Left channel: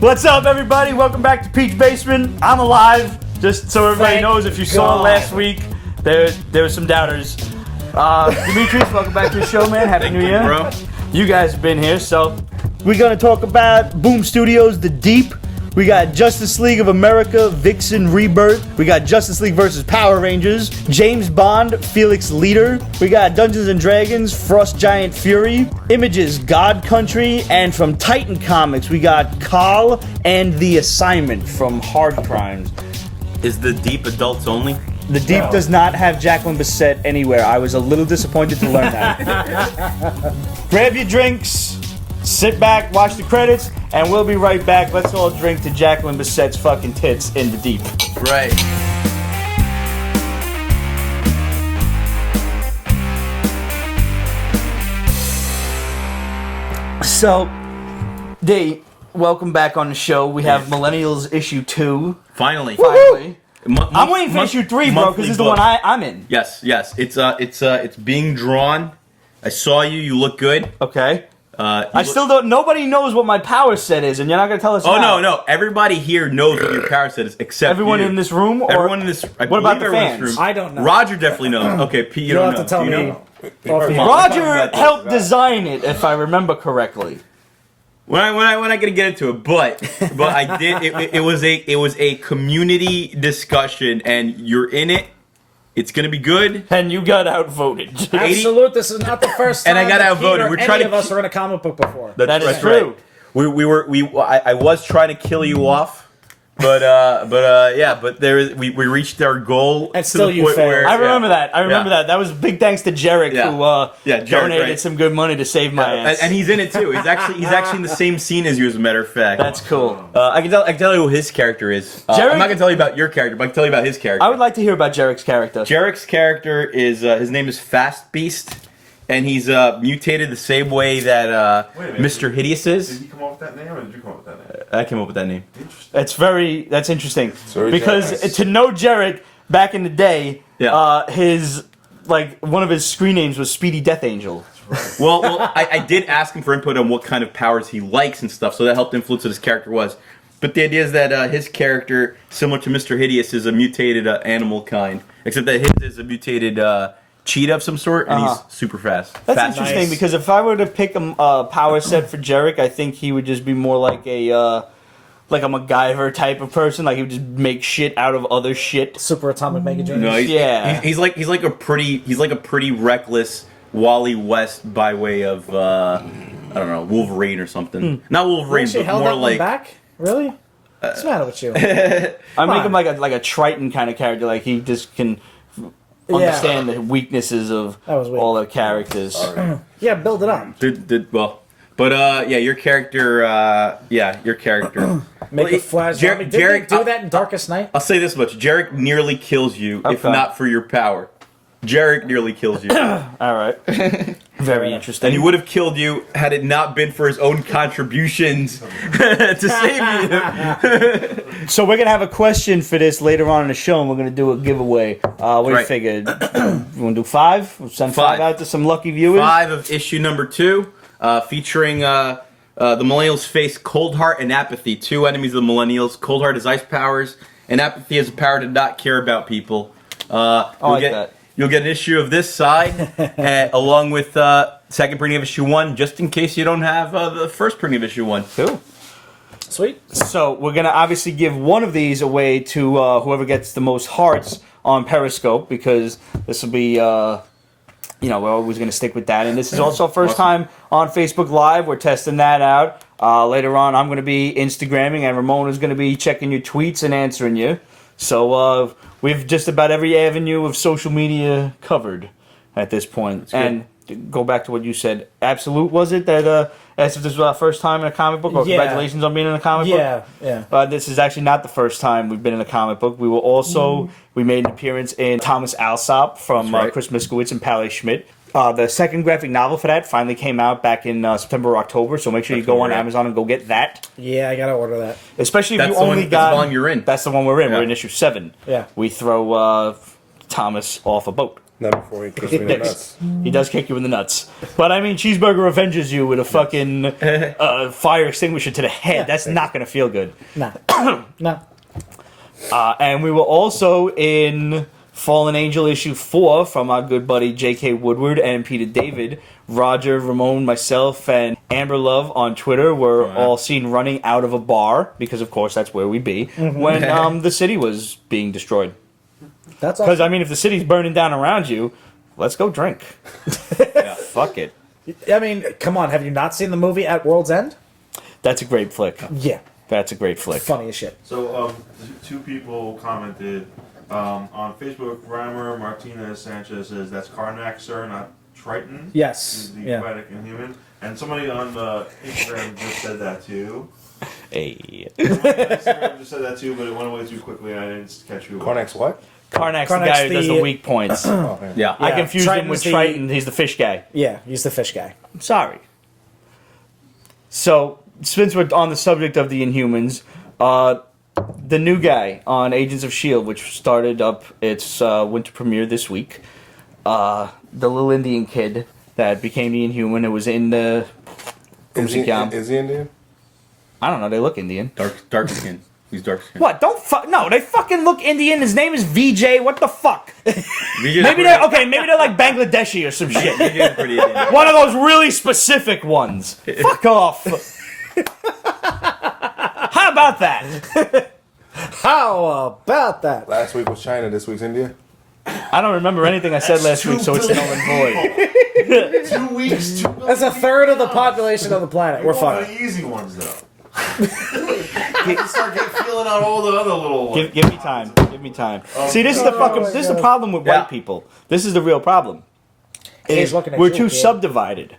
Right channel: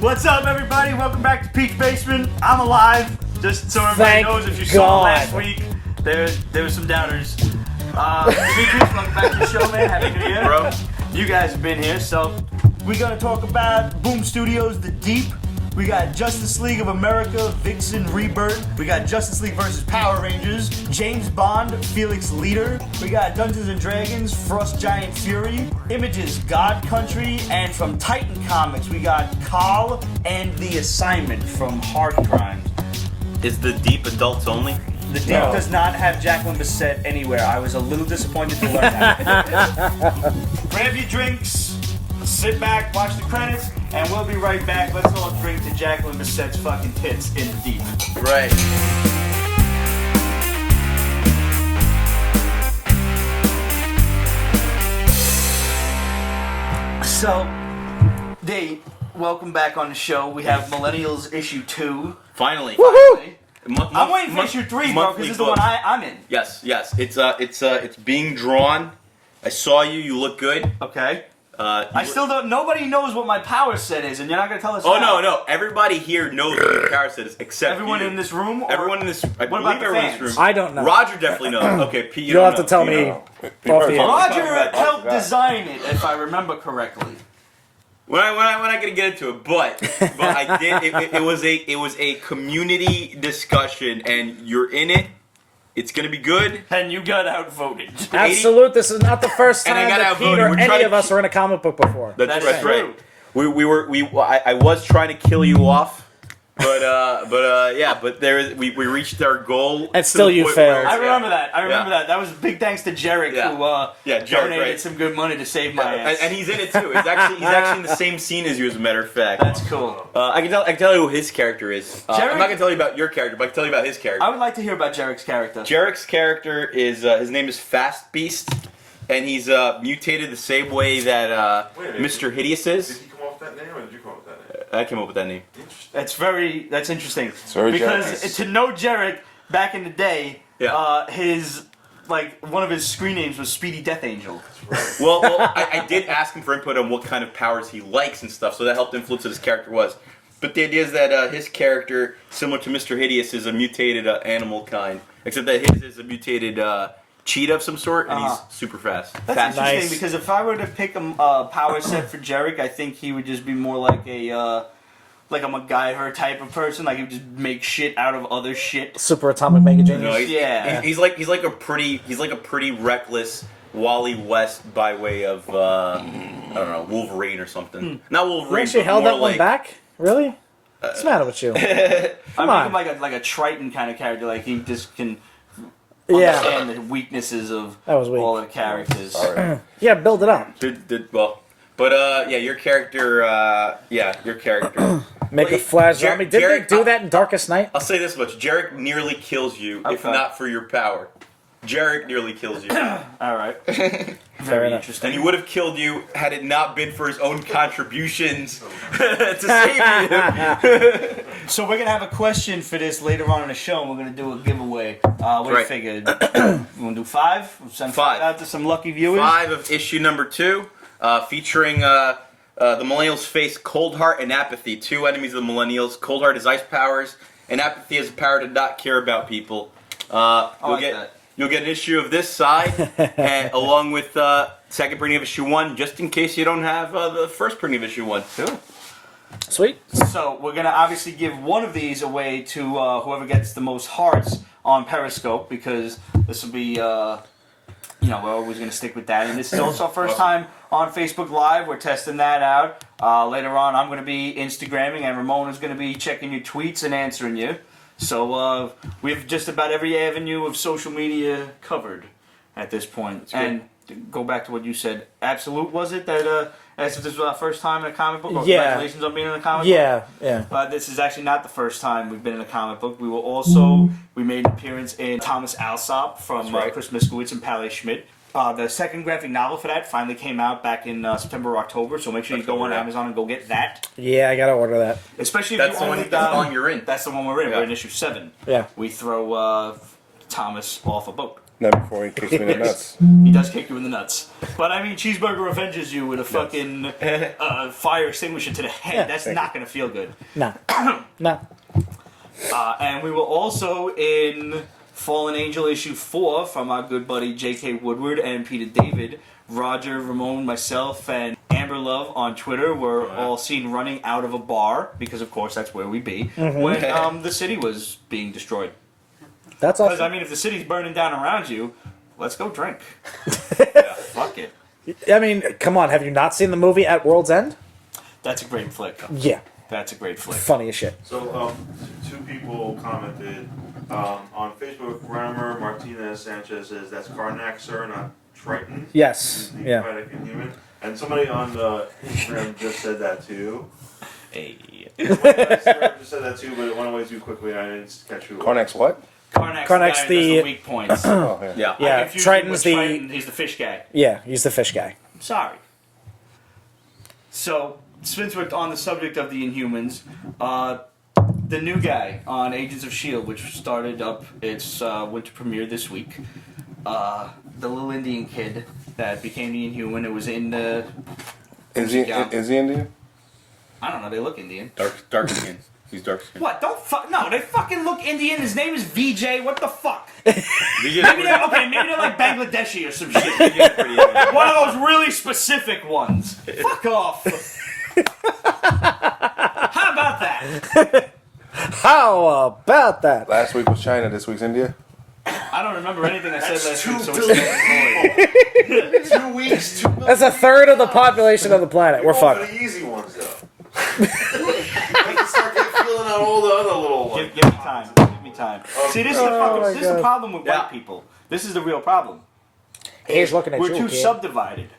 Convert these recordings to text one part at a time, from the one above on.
What's up, everybody? Welcome back to Pete's Basement. I'm alive. Just so everybody knows, if you saw last week, there were some doubters. Dimitrios, welcome back to the show, man. Happy New Year, bro. You guys have been here, so we're gonna talk about KaBOOM Studios, The Deep. We got Justice League of America, Vixen, Rebirth. We got Justice League versus Power Rangers, James Bond, Felix, Leiter. We got Dungeons and Dragons, Frost Giant Fury, Images, God Country, and from Titan Comics, we got Khaal and The Assignment from Hard Crimes. Is The Deep adults only? The Deep does not have Jacqueline Bisset anywhere. I was a little disappointed to learn that. Grab your drinks, sit back, watch the credits, and we'll be right back. Let's all drink to Jacqueline Bisset's fucking tits in The Deep. Right. So, Dave, welcome back on the show. We have Millennials issue 2. Finally. I'm waiting for issue 3, bro, because this is the one I'm in. Yes. It's being drawn. I saw you. You look good. Okay. I still don't. Nobody knows what my power set is, and you're not gonna tell us. Oh no! Everybody here knows what your power set is, except everyone you. in this room. Or everyone in this. I believe everyone in this room. I don't know. Roger definitely knows. Okay, Pete, you don't know. have to tell Do you me. know? Roger helped design it, if I remember correctly. We're not gonna get into it, but I did. It was a community discussion, and you're in it. It's gonna be good. And you got outvoted. Absolute. This is not the first time. And I got outvoted. We're trying to. Any of us were in a comic book before. That's true. right. I was trying to kill you off, but we reached our goal And to still the you point failed. where I remember that. That was big thanks to Jarek, who Jarek, donated right. some good money to save my ass. and he's in it too. He's actually in the same scene as you, as a matter of fact. That's cool. I can tell you who his character is. I'm not gonna tell you about your character, but I can tell you about his character. I would like to hear about Jarek's character. Jarek's character is his name is Fast Beast, and he's mutated the same way that Mr. Hideous is. Did you come up with that name, or did you come up with that name? I came up with that name. That's interesting. Sorry, because Jarek. to know Jarek back in the day, his one of his screen names was Speedy Death Angel. Well, I did ask him for input on what kind of powers he likes and stuff, so that helped influence what his character was. But the idea is that his character, similar to Mr. Hideous, is a mutated animal kind, except that his is a mutated cheetah of some sort, and he's super fast. That's interesting because if I were to pick a power set for Jarek, I think he would just be more like a MacGyver type of person. Like he would just make shit out of other shit. Super Atomic Mega Genius. No, he's like a pretty reckless Wally West by way of I don't know, Wolverine or something. Not Wolverine, Actually but held more that one like. back? Really? What's the matter with you? I make him like a Triton kind of character. Like he just can understand the weaknesses of all the characters. Yeah, build it up. Your character. Your character. Make a flash. Jarek, Did they do that in Darkest Night? I'll say this much: Jarek nearly kills you, if Okay. not for your power. Jarek nearly kills you. All right. Very interesting. And he would have killed you had it not been for his own contributions to save you. So we're gonna have a question for this later on in the show, and we're gonna do a giveaway. We figured you want to do 5? We'll send 5 out to some lucky viewers. 5 of issue number 2, featuring the Millennials face Cold Heart and Apathy, 2 enemies of the Millennials. Cold Heart has ice powers, and Apathy has a power to not care about people. You'll get an issue of this side, along with second printing of issue 1, just in case you don't have the first printing of issue 1. Cool. Sweet. So we're gonna obviously give one of these away to whoever gets the most hearts on Periscope, because this will be, we're always gonna stick with that. And this is also our first time on Facebook Live. We're testing that out. Later on, I'm gonna be Instagramming, and Ramona's gonna be checking your tweets and answering you. So we have just about every avenue of social media covered at this point. And go back to what you said. Absolute, was it that? As if this was our first time in a comic book? Or congratulations on being in a comic book? Yeah. This is actually not the first time we've been in a comic book. We were also, we made an appearance in Thomas Alsop from Chris Miskowitz and Pally Schmidt. The second graphic novel for that finally came out back in September or October, so make sure you go on Amazon and go get that. Yeah, I gotta order that. Especially if That's you the only one. got... That's the volume you're in. That's the one we're in. Yeah. We're in issue 7. Yeah. We throw Thomas off a boat. Not before he kicks me in the nuts. He does kick you in the nuts. But I mean, Cheeseburger avenges you with a fucking fire extinguisher to the head. That's not going to feel good. No. No. And we were also in Fallen Angel issue 4 from our good buddy J.K. Woodward and Peter David. Roger, Ramon, myself, and Amber Love on Twitter were all seen running out of a bar, because of course that's where we be, when the city was being destroyed. That's Because, awesome. I mean, if the city's burning down around you, let's go drink. Yeah. Fuck it. I mean, come on. Have you not seen the movie At World's End? That's a great flick. Yeah. That's a great flick. Funny as shit. So, two people commented on Facebook. Rammer Martinez Sanchez says that's Karnak, sir, not Triton. Yes. He's the Yeah. poetic Inhuman. And somebody on Instagram just said that too. Hey. Somebody on Instagram just said that too, but it went away too quickly and I didn't catch who. Karnak's what? Karnak's the Karnak's guy who does the the- weak points. Oh, yeah. Yeah. I Yeah, confused him with Triton's the- Triton. He's the fish guy. Yeah, he's the fish guy. I'm sorry. So, since we're on the subject of the Inhumans, the new guy on Agents of S.H.I.E.L.D., which started up its winter premiere this week, the little Indian kid that became the Inhuman, it was in the... Is he Indian? I don't know, they look Indian. Dark skin. He's dark skin. What? Don't fuck... No, they fucking look Indian. His name is VJ. What the fuck? Maybe Maybe they're like Bangladeshi or some shit. VJ's pretty Indian. One of those really specific ones. Fuck off. How about that? How about that? Last week was China, this week's India. I don't remember anything I said last week, so it's null and void. 2 weeks. 2 That's a third of the population of the planet. We're We're fine. the easy ones though. You can start feeling out all the other little. Give me time. Give me time. See, this is the problem with Yeah. white people. This is the real problem. He's Is looking at we're you, too yeah. subdivided.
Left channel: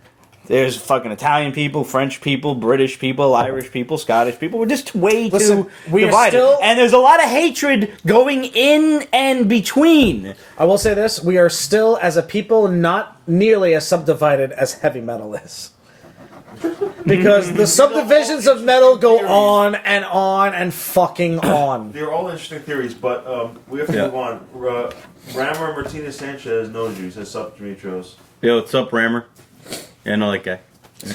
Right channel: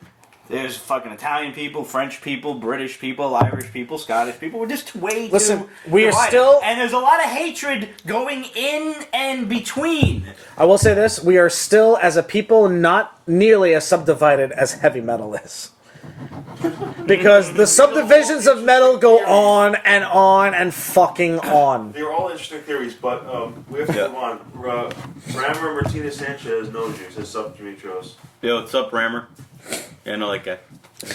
There's fucking Italian people, French people, British people, Irish people, Scottish people. We're just way Listen, too we are divided. still- And there's a lot of hatred going in and between. I will say this: we are still, as a people, not nearly as subdivided as heavy metal is. Because the subdivisions of metal go on and fucking on. They're all interesting theories, but we have to Yeah. move on. Rammer Martinez Sanchez knows you. Says sup, Dimitrios. Yo, what's up, Rammer? Yeah, I know that guy.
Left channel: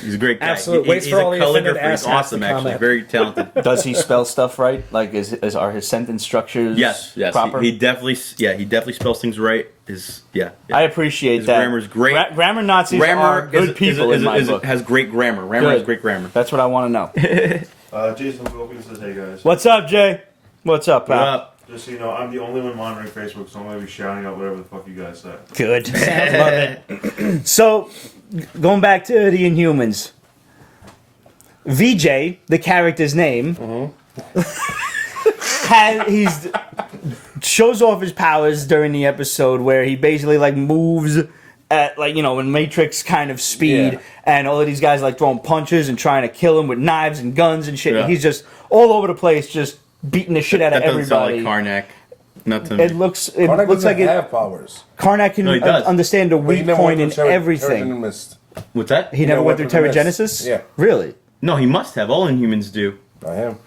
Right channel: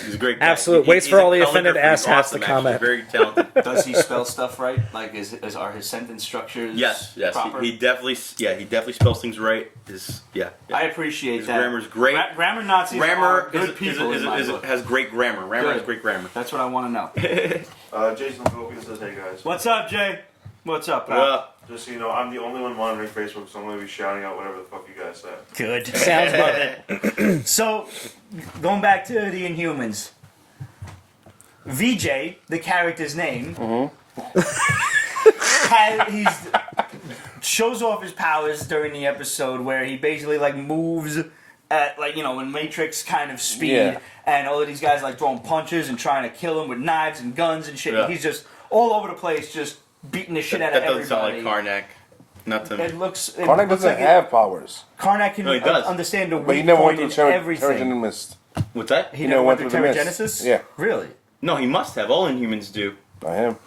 He's a great guy. Absolute waits He's for a all the calligrapher. offended He's asshats awesome, to actually. comment. Very talented. Does he spell stuff right? Like, are his sentence structures Yes. proper? He definitely spells things right. I appreciate His that. grammar's great. Grammar Nazis are Rammer good people in my book. has great grammar. Rammer Good. has great grammar. That's what I want to know. Jason Gopian says, "Hey guys, What's up, Jay? What's up, What pal? up? just so you know, I'm the only one monitoring Facebook, so I'm going to be shouting out whatever the fuck you guys say." Good. So, going back to the Inhumans. VJ, the character's name, shows off his powers during the episode where he basically like moves at in Matrix kind of speed, Yeah. and all of these guys like throwing punches and trying to kill him with knives and guns and shit. Yeah. And he's just all over the place, just beating the shit out That of doesn't everybody. sound like Karnak. Not to me. It looks. It Karnak looks doesn't like have powers. Karnak can No, he does. understand the But he weak never went point through in everything. Terrigenist. What's that? He never went through the mist. Terrigenesis? Yeah. Really? No, he must have. All Inhumans do. Not him.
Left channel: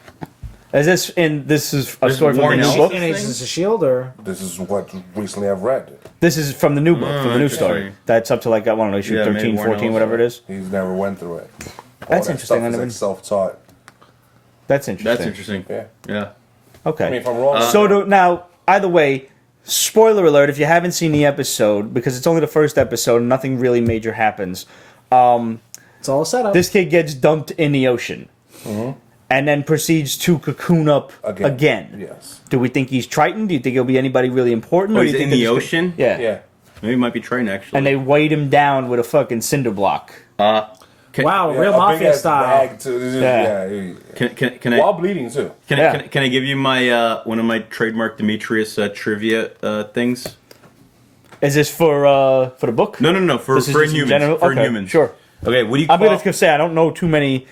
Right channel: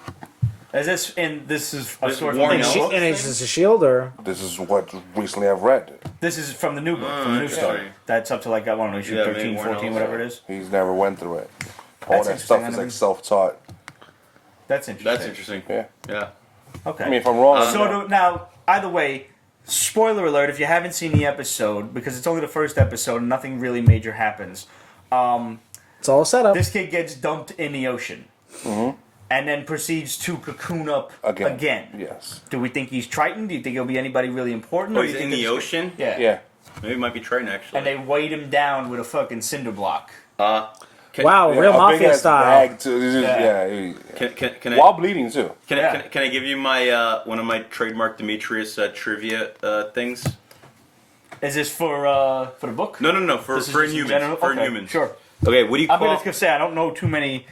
This is a This story is from Warren the new Ellis? book? In Agents of S.H.I.E.L.D. or... This is what recently I've read. This is from the new book, from the new story. interesting. That's up to like, I don't know, issue Yeah, 13, maybe Warren 14, Ellis. whatever it is. He's never went through it. All That's that stuff interesting. is like self-taught. That's interesting. That's interesting. Yeah. Yeah. Okay. I mean, if I'm wrong, Now, either way, spoiler alert, if you haven't seen the episode, because it's only the first episode, nothing really major happens. It's all a setup. This kid gets dumped in the ocean. And then proceeds to cocoon up again. Yes. Do we think he's Triton? Do you think he'll be anybody really important? Oh, Or do he's you think in the they're just- ocean? Yeah. Yeah. Maybe it might be Triton, actually. And they weighed him down with a fucking cinder block. wow, Yeah, real a big mafia ass style. bag too. This is, Yeah. Can I While bleeding too. can I give you my one of my trademark Dimitrios trivia things? Is this for the book? No. For This is for just in Inhumans. general? For Okay, Inhumans. Sure. Okay. What do you I'm call? just gonna say I don't know too many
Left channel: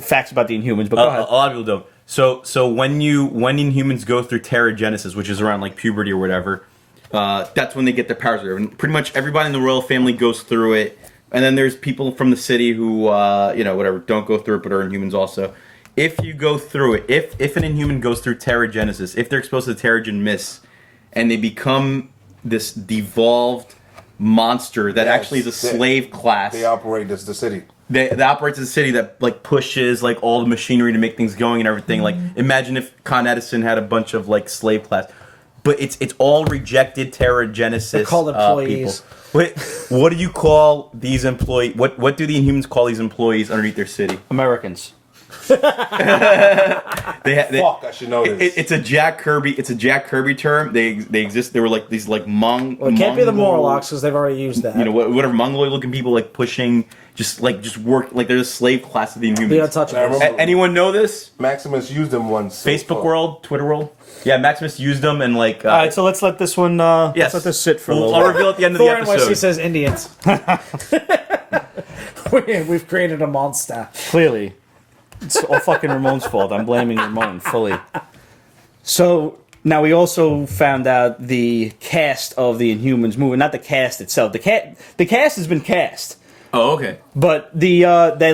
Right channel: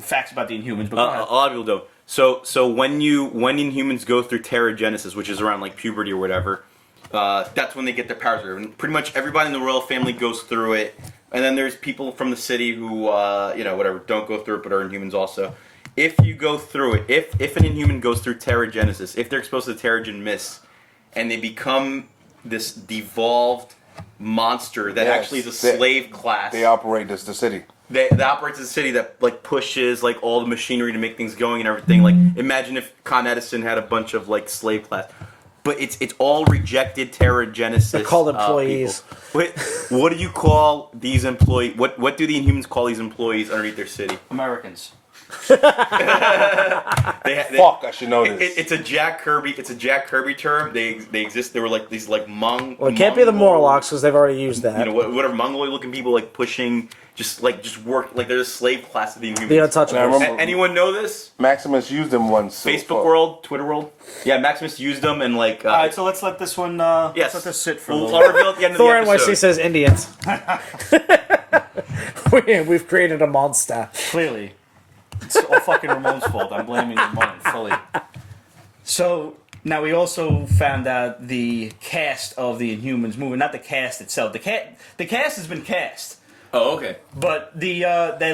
facts about the Inhumans, but A lot of people don't. So when Inhumans go through Terrigenesis, which is around like puberty or whatever, that's when they get their powers. And pretty much everybody in the royal family goes through it. And then there's people from the city who, whatever, don't go through it, but are Inhumans also. If you go through it, if an Inhuman goes through Terrigenesis, if they're exposed to the Terrigen Mist, and they become this devolved monster that Yes, actually is a slave class. They operate as the city. That operates as a city that like pushes like all the machinery to make things going and everything. Like imagine if Con Edison had a bunch of like slave class, but it's all rejected Terra Genesis called employees. people. What do you call these employees? What do the Inhumans call these employees underneath their city? Americans. They Fuck, I should know this. It's a Jack Kirby. It's a Jack Kirby term. They exist. They were like these like Well, it can't be the Morlocks because they've already used that. you know whatever Mongoloid looking people like pushing just work like they're a slave class of the You gotta Inhumans. touch And I on remember Anyone know this? Maximus used them once. so Facebook fuck. world, Twitter world. Yeah, Maximus used them and like. All right, so let's let this one. Yes, Let's let this sit for a I'll little bit. reveal at the end of the Before NYCC episode. says Indians. We've created a monster. Clearly, it's all fucking Ramon's fault. I'm blaming Ramon fully. So now we also found out the cast of the Inhumans movie. Not the cast itself. The cast has been cast. Oh, okay. But the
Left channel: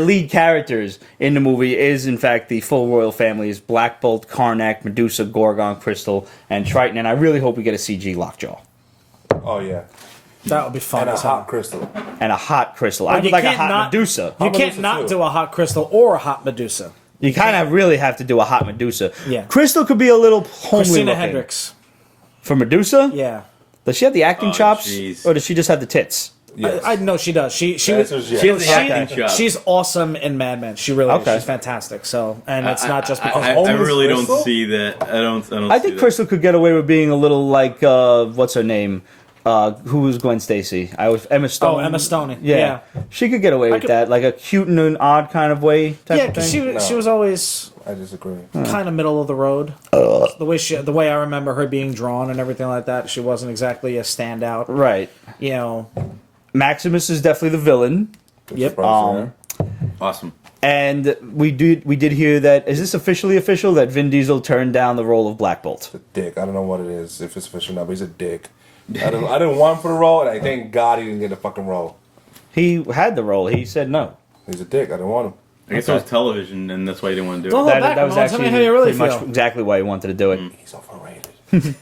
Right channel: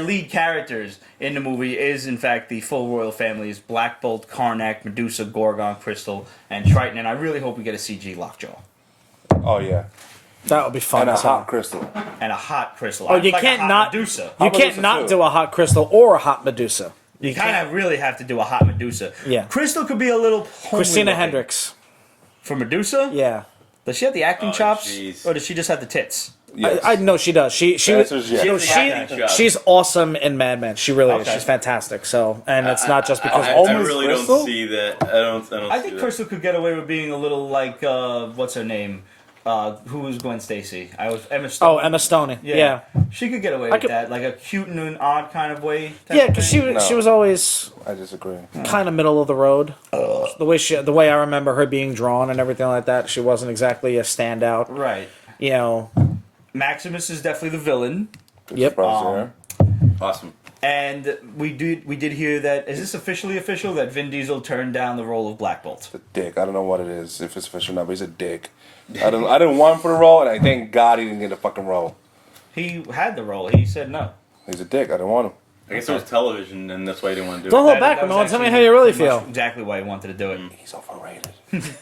lead characters in the movie is in fact the full royal family is Black Bolt, Karnak, Medusa, Gorgon, Crystal, and Triton. And I really hope we get a CG Lockjaw Oh yeah, That would be fun. and a hot crystal. and a hot Crystal. I would you like a can't hot not- Medusa. You Hot can't Medusa not too. do a hot crystal or a hot Medusa. You kind of really have to do a hot Medusa. Yeah. Crystal could be a little homely Christina looking. Hendricks. For Medusa. Yeah. Does she have the acting Oh, chops, jeez. or does she just have the tits? Yes. I know she does. She The answer is yes. She has the acting job. She's awesome in Mad Men. She really Okay. is. She's fantastic. So, and it's not just I, because I homeless really Crystal? don't see that. I don't I see think that. Crystal could get away with being a little like what's her name? Who was Gwen Stacy? I was Emma Stone. Oh, Emma Stone. Yeah. She could get away with could- that, like a cute and an odd kind of way type Yeah, of because thing. No. she was always I disagree. kind of middle of the road. The way I remember her being drawn and everything like that, she wasn't exactly a standout. Right. You know, Maximus is definitely the villain, Good Yep. surprise there. Awesome. and we did hear that. Is this officially official that Vin Diesel turned down the role of Black Bolt? The dick. I don't know what it is, if it's official or not, but he's a dick. I didn't want him for the role, and I thank God he didn't get the fucking role. He had the role. He said no. He's a dick. I didn't want him. I guess it was television, and that's why you didn't want to do Don't it. look That, back. that was Well, tell me actually how you really pretty much feel. exactly why he wanted to do it. He's overrated.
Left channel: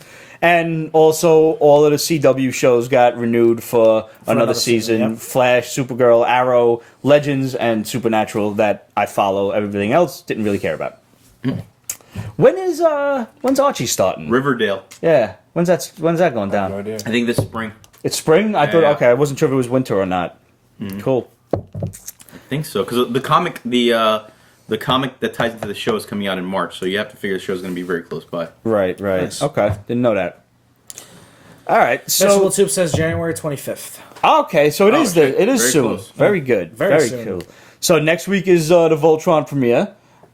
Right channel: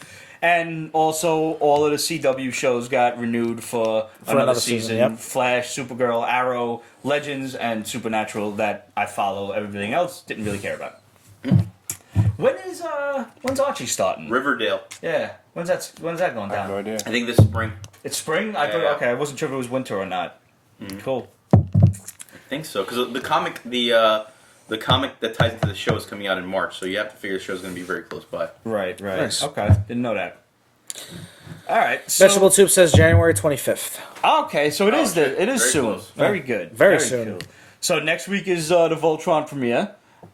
And also, all of the CW shows got renewed for another season. season, yep. Flash, Supergirl, Arrow, Legends, and Supernatural that I follow. Everything else didn't really care about. When's Archie starting? Riverdale. Yeah, when's that going I have no down? idea. I think this spring. It's spring. I thought Yeah. okay. I wasn't sure if it was winter or not. Cool. I think so because the comic that ties into the show is coming out in March, so you have to figure the show's going to be very close by. Right. Nice. Okay, didn't know that. All right. Vegetable So Soup says January 25th. okay, so it Oh, is shit. it is Very soon. close. Very good. Very soon. cool. So next week is the Voltron premiere,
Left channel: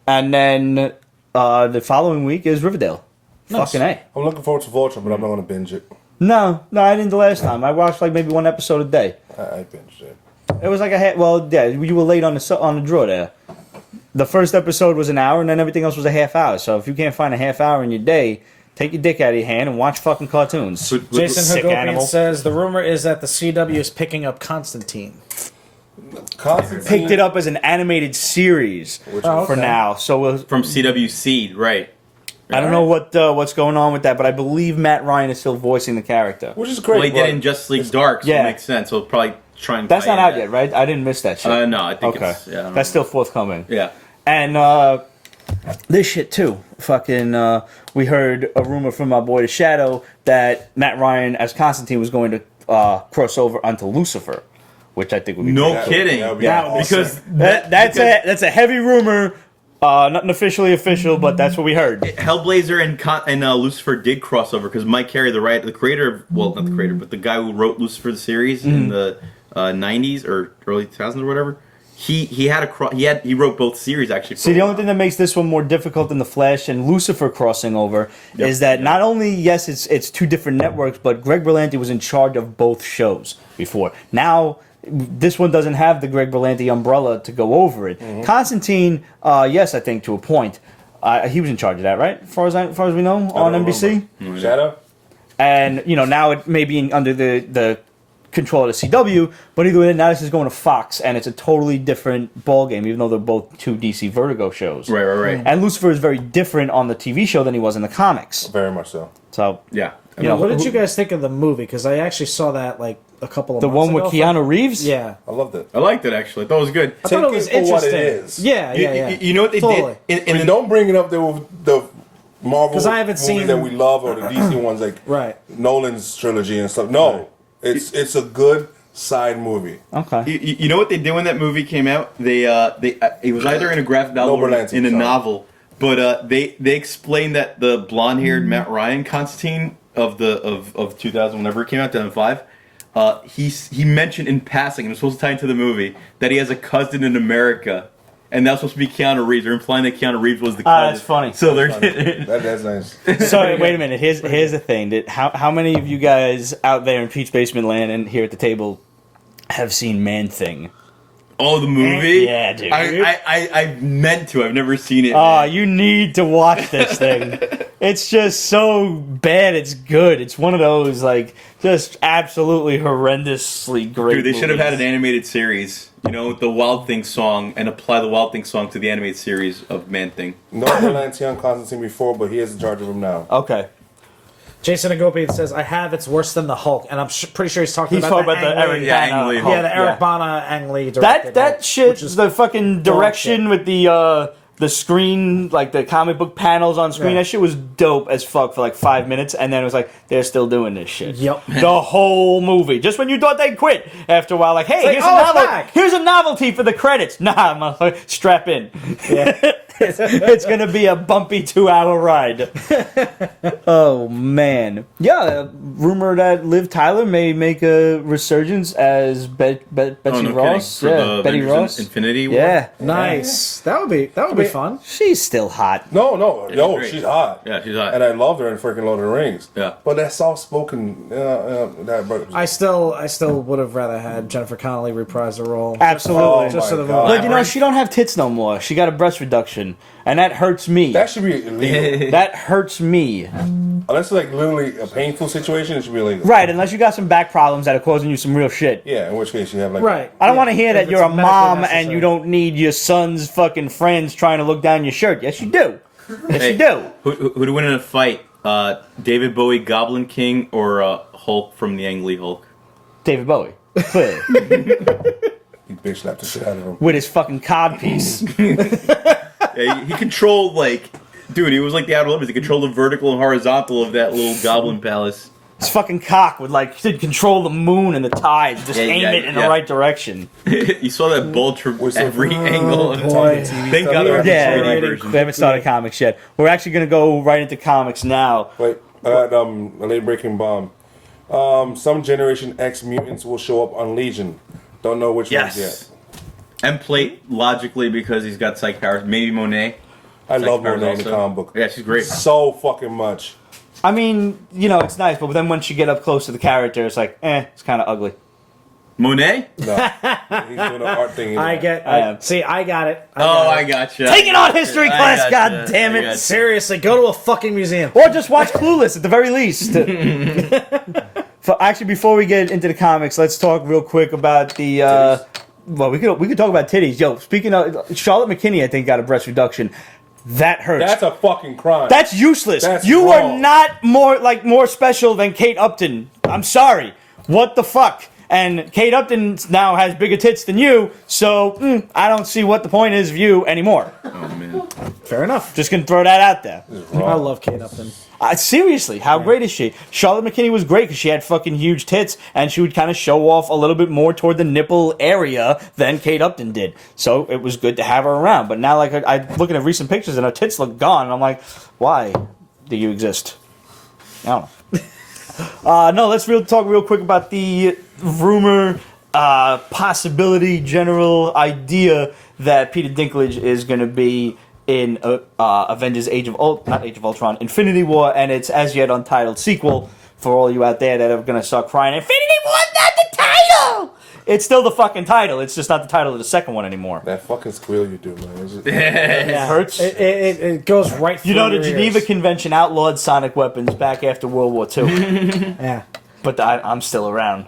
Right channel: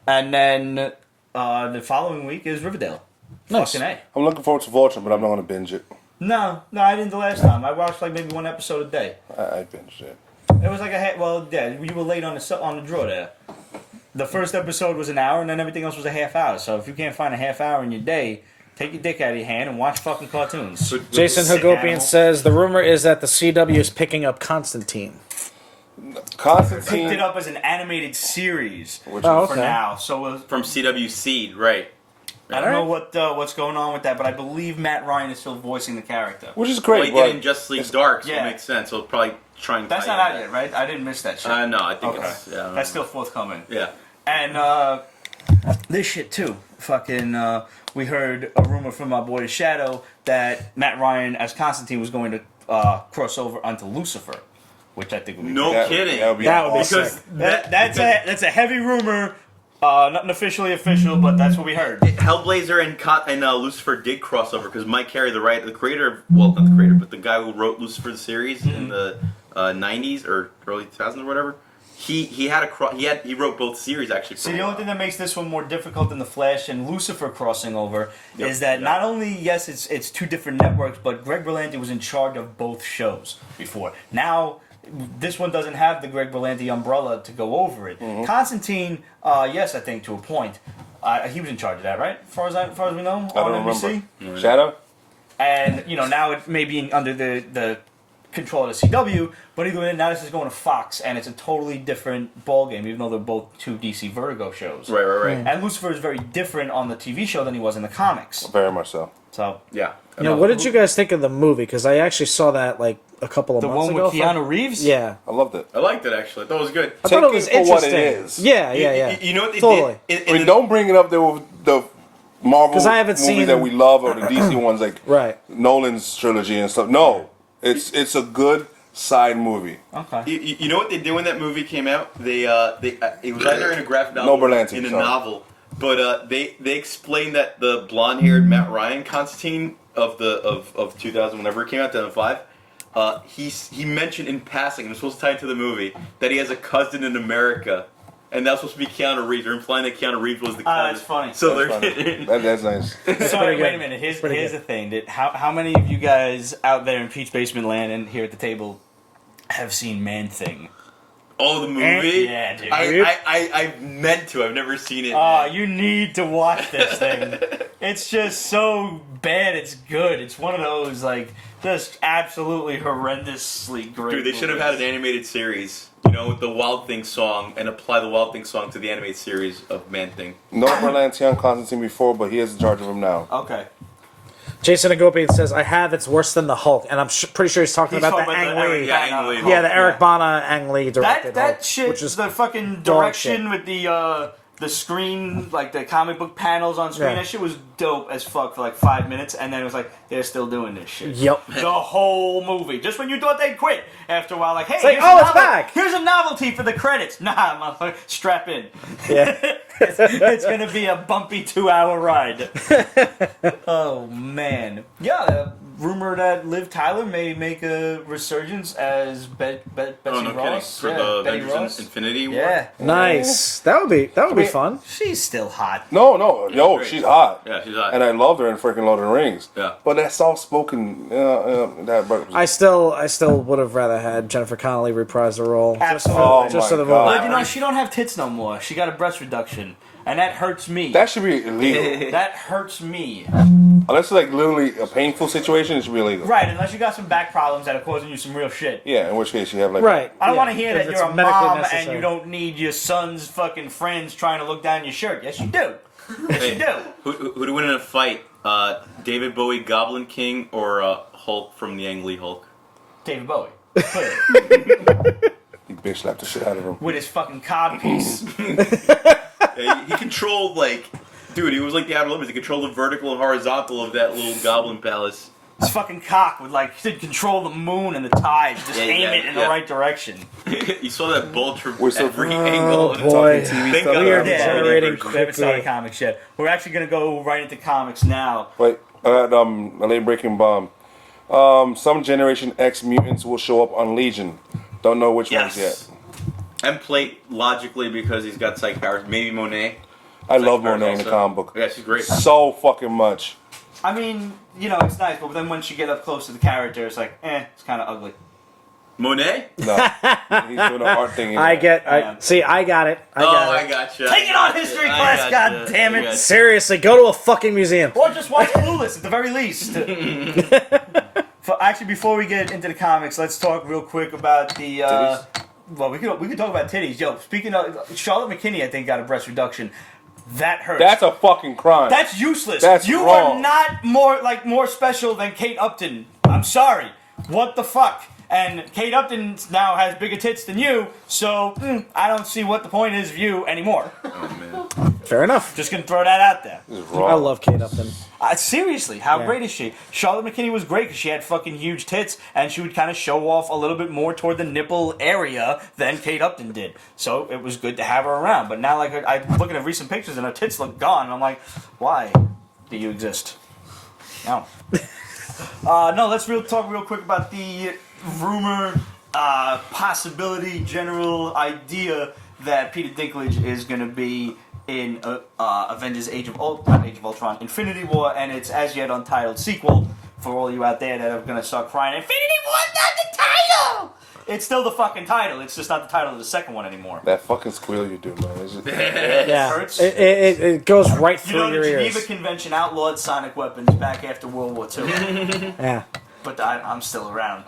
and then the following week is Riverdale. Nice. Fucking A. I'm looking forward to Vulture, but I'm not going to binge it. No, I didn't the last time. I watched like maybe one episode a day. I binged it. It was like you were late on the draw there. The first episode was an hour, and then everything else was a half hour. So if you can't find a half hour in your day, take your dick out of your hand and watch fucking cartoons. Jason Sick Hagopian animal. says the rumor is that the CW is picking up Constantine. Constantine. Picked it up as an animated series Which Oh. is, for now. So From CW Seed, right? I don't know what's going on with that, but I believe Matt Ryan is still voicing the character. which is great. Well, he but did in Justice League Dark, so yeah. it makes sense. So probably try and. That's tie not in out that. yet, right? I didn't miss that shit. No, I think Okay. it's. Yeah, I don't That's know. still forthcoming. Yeah. And this shit too. Fucking, we heard a rumor from my boy The Shadow that Matt Ryan as Constantine was going to cross over onto Lucifer, which I think would be No That- kidding. that would be Yeah, awesome. Because that's a heavy rumor. Nothing officially official, but that's what we heard. Hellblazer and Lucifer did cross over because Mike Carey, the creator of, well, not the creator, but the guy who wrote Lucifer the series in the 90s or early 2000s or whatever, he wrote both series actually. For See, a the while. only thing that makes this one more difficult than the Flash and Lucifer crossing over Yep. is that Yep. not only yes, it's two different networks, but Greg Berlanti was in charge of both shows before. Now this one doesn't have the Greg Berlanti umbrella to go over it. Constantine, yes, I think to a point, he was in charge of that, right? As far as we know, I on don't NBC. remember. Shadow? And now it may be under the control of the CW, but either way, now this is going to Fox, and it's a totally different ballgame, even though they're both two DC Vertigo shows. Right. And Lucifer is very different on the TV show than he was in the comics. Very much so. So Yeah. What did you guys think of the movie? Because I actually saw that like a couple of the months one with ago. Keanu Reeves? Yeah. I loved it. I liked it, actually. I thought it was good. Take thought it it was for what it interesting. is. Yeah. You know what they Totally. did? I mean, don't bring it up the Marvel 'Cause I haven't movies seen- that we love or the DC ones like Right. Nolan's trilogy and stuff. No, it's a good side movie. Okay. You know what they did when that movie came out? They it was either in a graphic novel or Berlanti, in a sorry. novel, but they explained that the blonde-haired Matt Ryan Constantine of 2000, whenever it came out, 2005. He mentioned in passing, and it's supposed to tie into the movie, that he has a cousin in America, and that's supposed to be Keanu Reeves. They're implying that Keanu Reeves was the cousin. That's funny. So That's they're funny. That's nice. So wait a minute. Here's the thing. How many of you guys out there in Peach Basement Land and here at the table have seen Man Thing? Oh, the movie? Yeah, dude. I meant to. I've never seen it. Oh, man. you need to watch this thing. It's just so bad. It's good. It's one of those like just absolutely horrendously great. Dude, they should have had an movies. animated series, you know, with the Wild Thing song, and apply the Wild Thing song to the animated series of Man Thing. No Berlanti on Constantine before, but he is in charge of him now. Okay. Jason Agopian says, I have, it's worse than the Hulk. And I'm pretty sure he's talking He's about talking the about the Ang Eric Lee. Yeah, Ang Lee Hulk. Yeah, the Eric Bana Ang Lee directed That Hulk, shit, which is the fucking direction shit. with the screen, like the comic book panels on screen, Yeah. that shit was dope as fuck for like 5 minutes, and then it was like, they're still doing this shit. Yep. The whole movie. Just when you thought they'd quit, after a while, like, hey, like, here's a novelty for the credits. Nah, motherfucker, strap in. It's gonna be a bumpy 2-hour ride. Oh, man. Yeah, rumor that Liv Tyler may make a resurgence as Betsy Oh, no Ross. kidding. For the Betty Avengers Ross. Infinity War? Yeah. Nice. That would be mean, fun. She's still hot. No, yo, great. she's hot. Yeah, she's hot. And I loved her in freaking Lord of the Rings. Yeah. But that soft-spoken, that broke. I still would have rather had Jennifer Connelly reprise the role. Absolutely. Oh Just my so the- God. But you know, she don't have tits no more. She got a breast reduction, and that hurts me. That should be illegal. That hurts me. Unless it's like literally a painful situation, it should be illegal. Right, unless you got some back problems that are causing you some real shit. Yeah, in which case you have like Right. I don't want to hear that If you're a it's medically mom necessary. and you don't need your son's fucking friends trying to look down your shirt. Yes, you do. Yes, Hey, you do. who'd win in a fight? David Bowie, Goblin King, or Hulk from the Ang Lee Hulk? David Bowie. Clearly. you bitch slapped the shit out of him. With his fucking cob piece. Yeah, he controlled, like, dude, he was like the Outer Limits. He controlled the vertical and horizontal of that little goblin palace. His fucking cock would, like, he'd control the moon and the tides. Just aim it in the right direction. You saw that bulge from We're so- every angle. Talking TV Thank stuff. God there was a Yeah, 3D version. we haven't started comics yet. We're actually going to go right into comics now. Wait, a late breaking bomb. Some Generation X mutants will show up on Legion. Don't know which ones yet. Yes. And Plate, logically, because he's got psych powers. Maybe Monet. I Psych love powers Monet in the also. comic book. Yeah, she's great. So fucking much. I mean, you know, it's nice, but then once you get up close to the character, it's like, it's kind of ugly. Monet? No, he's doing an art thing in there. I get. I am. See, I got it. Oh, I gotcha. Take it on history I class, gotcha. God damn it. I gotcha. Seriously, go to a fucking museum. Or just watch Clueless at the very least. Actually, before we get into the comics, let's talk real quick about the. Well, we could talk about titties. Yo, speaking of Charlotte McKinney, I think got a breast reduction. That hurts. That's a fucking crime. That's useless. That's you wrong. are not more special than Kate Upton. I'm sorry. What the fuck? And Kate Upton now has bigger tits than you, so I don't see what the point is of you anymore. Oh, man. Fair enough. Just gonna throw that out there. This is I wrong. love Kate Upton. Seriously, how great is she? Charlotte McKinney was great because she had fucking huge tits, and she would kind of show off a little bit more toward the nipple area than Kate Upton did. So it was good to have her around. But now, like, I'm looking at recent pictures, and her tits look gone, and I'm like, why do you exist? No. No, let's talk real quick about the rumor, possibility, general idea that Peter Dinklage is going to be in Avengers Age of Ultron, Infinity War, and its as yet untitled sequel. For all you out there that are going to start crying, Infinity War's not the title! It's still the fucking title, it's just not the title of the second one anymore. That fucking squeal you do, man. It's just, It hurts. It goes right through You know, the your Geneva ears. Convention outlawed sonic weapons back after World War II. Yeah. But I'm still around.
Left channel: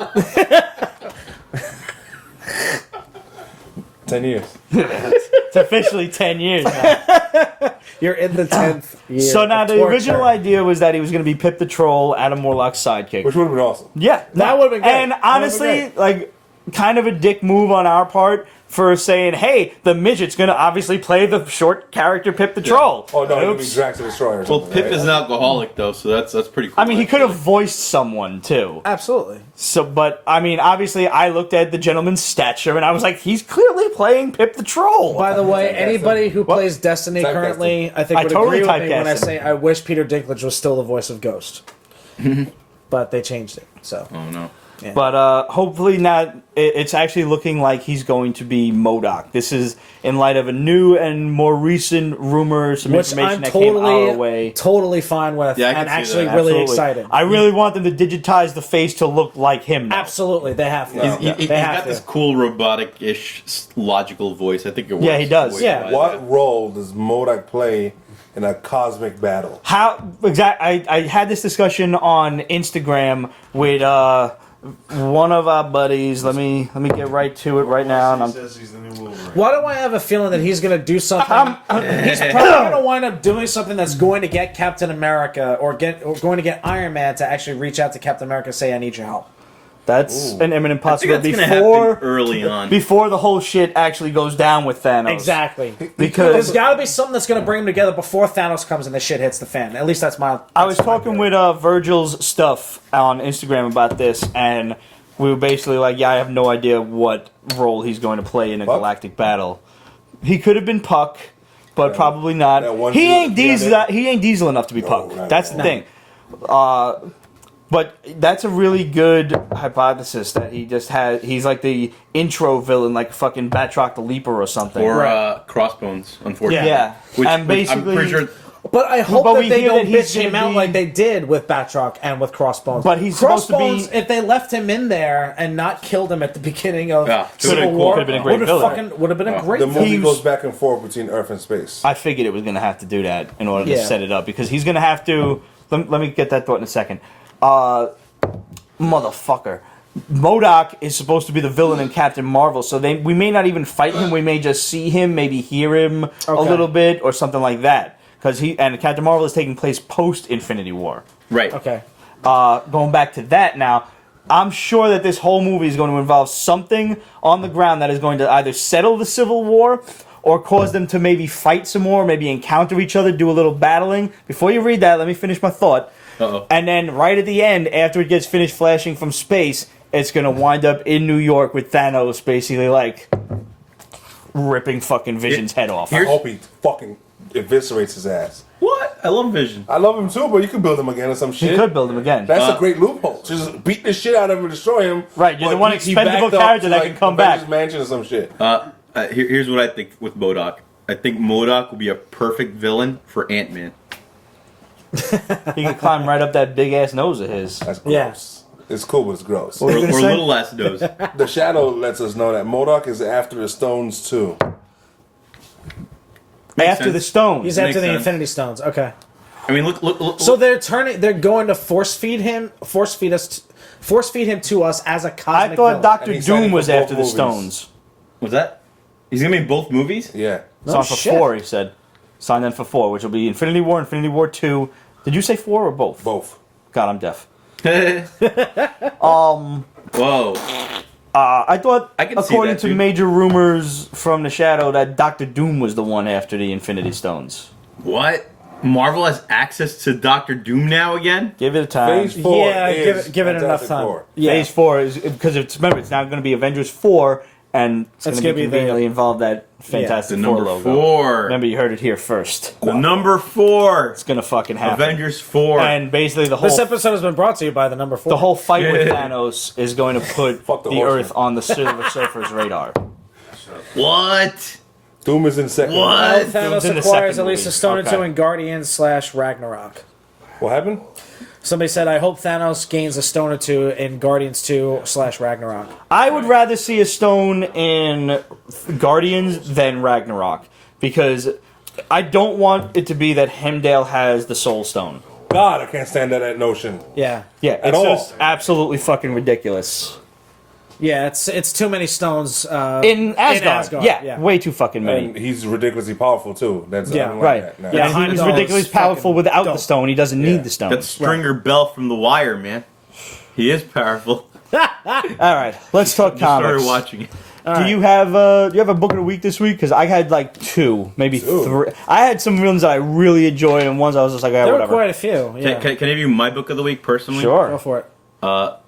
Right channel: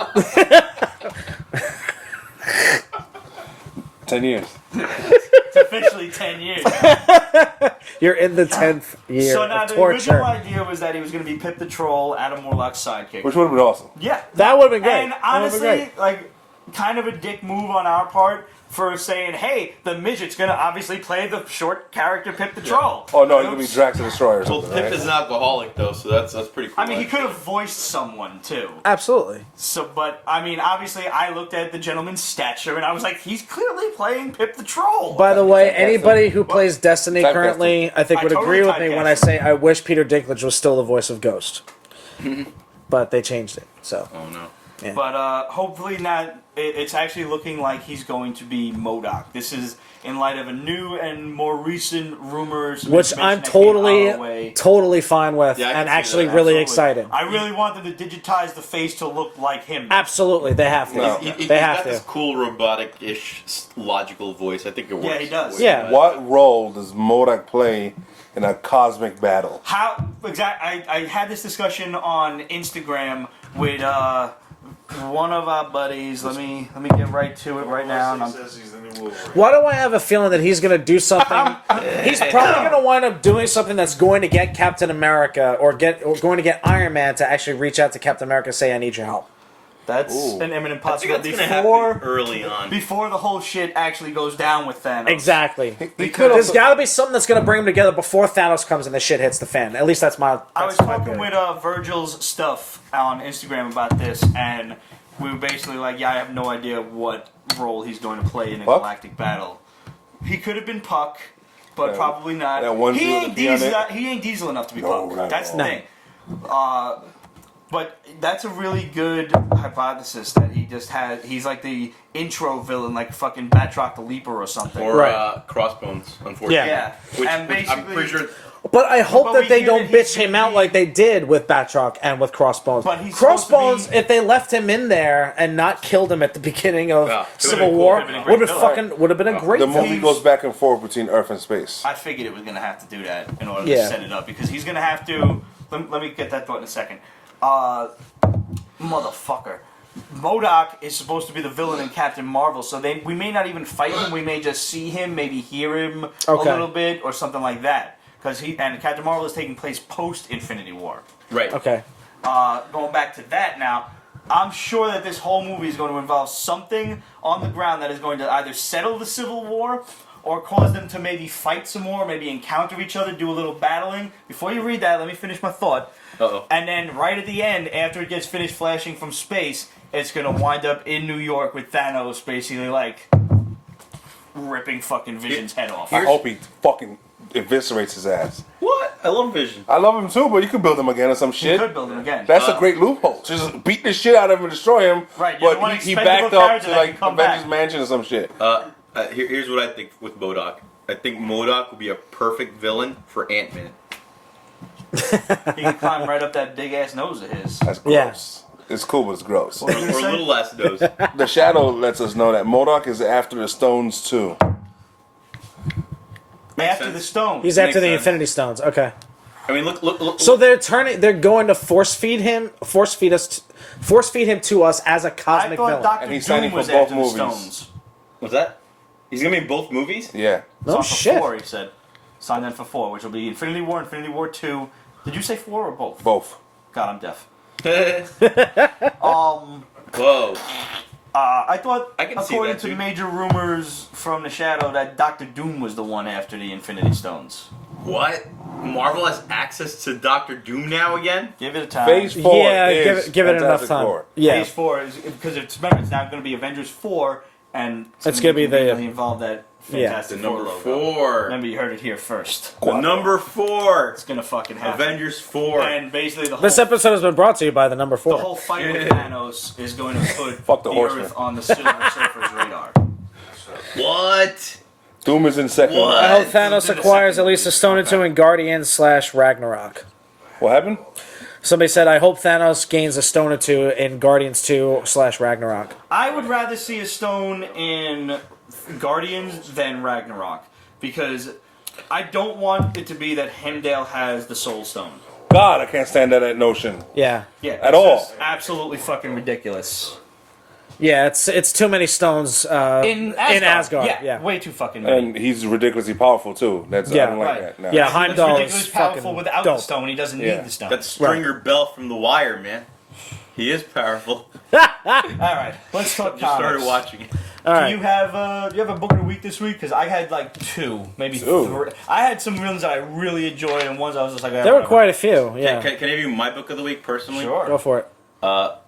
10 years. It's officially 10 years now. You're in the 10th year. So now of the torture. original idea was that he was going to be Pip the Troll, Adam Warlock's sidekick. Which would have been awesome. Yeah, That would've been great. And That would've honestly, been like, kind of a dick move on our part for saying, "Hey, the midget's going to obviously play the short character Pip the Troll." Oh, no, he could be Oops. Drax the Destroyer or Well, something. Pip right? is an alcoholic though, so that's pretty cool. I mean, he could have actually. voiced someone too. Absolutely. So, but I mean, obviously, I looked at the gentleman's stature and I was like, he's clearly playing Pip the Troll. By the way, Typecasting. anybody who plays Destiny Typecasting. currently, I think I would totally agree with me when I typecasted. say I wish Peter Dinklage was still the voice of Ghost. But they changed it, so. Oh no. But hopefully not. It's actually looking like he's going to be MODOK. This is in light of a new and more recent rumor, some Which information I'm that came our way. totally fine with, Yeah, I and can see actually that. really Absolutely. excited. I really want them to digitize the face to look like him. Absolutely, they have to. No. He's They have got to. this cool robotic-ish logical voice. I think it works. Yeah, he does. voice-wise. Yeah. What role does MODOK play in a cosmic battle? How exactly? I had this discussion on Instagram with one of our buddies. Let me get right to it right now. And He I'm, says he's the new Wolverine. Why do I have a feeling that he's going to do something? He's probably going to wind up doing something that's going to get Captain America or going to get Iron Man to actually reach out to Captain America and say, "I need your help." that's Ooh. an imminent I think possibility. that's gonna happen early on. Before the whole shit actually goes down with Thanos. Exactly. He Because- could There's also, got to be something that's going to bring them together before Thanos comes and the shit hits the fan. At least that's my. I was talking with Virgil's stuff on Instagram about this, and we were basically like, "Yeah, I have no idea what role he's going to play in a Puck? galactic battle. He could have been Puck, but That- probably not. that one He dude ain't with the diesel. on it? He ain't diesel enough to be No, Puck. not That's at the all. thing. But that's a really good hypothesis that he just has. He's like the intro villain, like fucking Batroc the Leaper or something. Or Crossbones, unfortunately. yeah, Which, and which I'm basically, pretty sure. But I hope But that we they hear don't that he's bitch him gonna out be- like they did with Batroc and with Crossbones. But he's supposed to be- Crossbones, if they left him in there and not killed him at the beginning of Yeah, it would've Civil been cool. War, Would've been a great would've villain. would have been a great the movie He's- goes back and forth between Earth and space. I figured it was going to have to do that in order to Yeah. set it up because he's going to have to. Let me get that thought in a second. Motherfucker. MODOK is supposed to be the villain in Captain Marvel, so we may not even fight him. We may just see him, maybe hear him a Okay. little bit or something like that. Because Captain Marvel is taking place post Infinity War. Right. Okay. Going back to that now, I'm sure that this whole movie is going to involve something on the ground that is going to either settle the Civil War or cause them to maybe fight some more, maybe encounter each other, do a little battling. Before you read that, let me finish my thought. Uh-oh. And then right at the end, after it gets finished flashing from space, it's going to wind up in New York with Thanos basically like ripping fucking Vision's head off. I hope he fucking eviscerates his ass. What? I love Vision. I love him too, but you could build him again or some You shit. could build him again. That's a great loophole. Just beat the shit out of him and destroy him. Right, you're But the one he expendable backed up character to that like can come Avengers back. Mansion or some shit. Here's what I think with MODOK. I think MODOK will be a perfect villain for Ant-Man. He can climb right up that big ass nose of his. That's gross. It's cool, but it's gross. What Or were you gonna say? Little Last Dose. The Shadow lets us know that MODOK is after the Stones too. After sense. the Stones. He's That after makes the sense. Infinity Stones. Okay. I mean, look. So they're going to force feed him to us as a cosmic I thought villain. And Doctor he's signing Doom was for both after the movies. Stones. What's that? He's gonna be in both movies? Yeah. It's on for shit. 4, he said. Signed in for 4, which will be Infinity War 2. Did you say 4 or both? Both. God, I'm deaf. Whoa. I thought, I can see according that, to dude. major rumors from the Shadow, that Doctor Doom was the one after the Infinity Stones. What? Marvel has access to Doctor Doom now again? Give it a time. Phase 4 Yeah, is give it enough Fantastic time. Four. Yeah. Phase 4 is because it's now going to be Avengers 4, and it's going to gonna be be conveniently involved that The Fantastic number Four logo. 4. Remember, you heard it here first. The number 4. It's going to fucking happen. Avengers 4. And basically This episode has been brought to you by the number 4. the whole fight with Yeah. Thanos is going to put Fuck the horseman. Earth on the Silver Surfer's radar. What? Doom is in second. What? Doom's Thanos in the acquires second at least a movie. stone or two Okay. in Guardians / Ragnarok. What happened? Somebody said, I hope Thanos gains a stone or two in Guardians 2 / Ragnarok. I would rather see a stone in Guardians than Ragnarok because I don't want it to be that Heimdall has the Soul Stone. God, I can't stand that notion. Yeah. Yeah, At it's all. just absolutely fucking ridiculous. Yeah, it's too many stones in Asgard. Yeah, way too fucking many. And he's ridiculously powerful too. That's I don't like right. that. No. Yeah. And he's Heimdall ridiculously is powerful fucking without dope. the stone. He doesn't need the stone. That's Stringer Bell from The Wire, man. He is powerful. All right, let's talk Just comics. started watching it. Do you have a book of the week this week? Because I had like two, maybe three. I had some ones that I really enjoyed, and ones I was just like, There were whatever. quite a few. Yeah. Can I give you my book of the week personally? Sure. Go for it.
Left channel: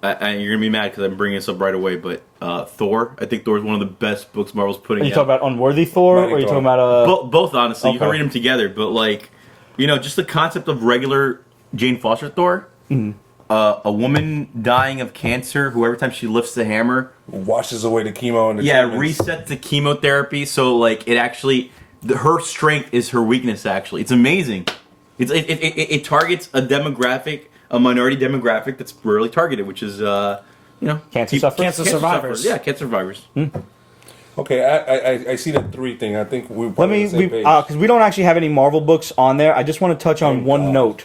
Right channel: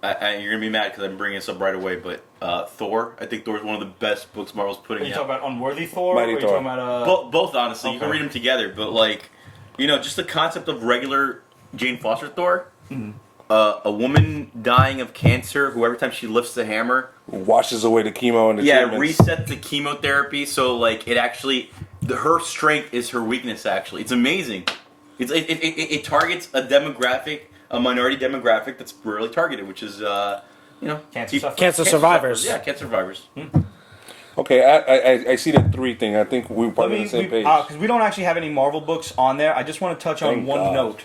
And you're gonna be mad because I'm bringing this up right away, but Thor. I think Thor is one of the best books Marvel's putting Are you out. talking about Unworthy Thor, Mighty or are you Thor. talking about Both, honestly, you can Okay. read them together. But like, just the concept of regular Jane Foster Thor. Mm-hmm. A woman dying of cancer who every time she lifts the hammer, Washes away the chemo and the treatments. resets the chemotherapy. So like, it actually, her strength is her weakness. Actually, it's amazing. It targets a demographic, a minority demographic that's rarely targeted, which is Cancer sufferers? Cancer survivors. Yeah, cancer survivors. Okay, I see the 3 thing. I think we're probably on the same page. Because we don't actually have any Marvel books on there. I just want to touch on Thank one God. note.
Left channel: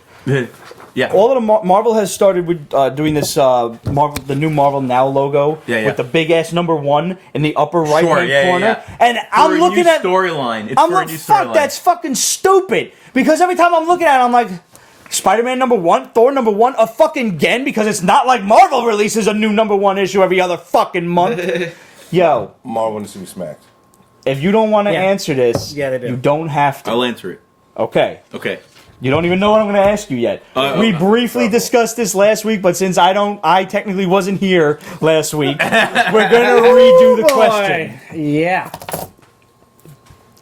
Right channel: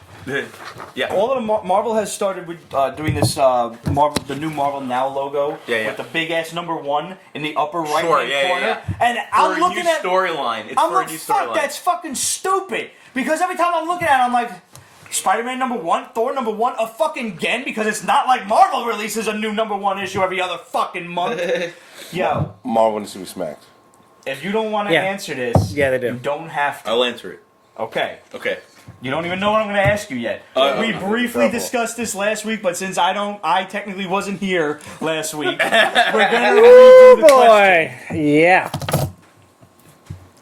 Yeah. All of the Marvel has started with doing this the new Marvel Now logo Yeah. with the big ass #1 in the upper right Sure, hand yeah, corner. yeah. And For I'm a looking new at storyline. It's I'm for like, a new fuck, storyline. that's fucking stupid. Because every time I'm looking at it, I'm like, Spider-Man #1, Thor #1, a fucking again, because it's not like Marvel releases a new #1 issue every other fucking month. Yo, Marvel needs to be smacked. if you don't want to Yeah. answer this, Yeah, they do. you don't have to. I'll answer it. Okay. Okay. You don't even know what I'm going to ask you yet. We briefly discussed this last week, but since I technically wasn't here last week, we're going to redo the question. Yeah.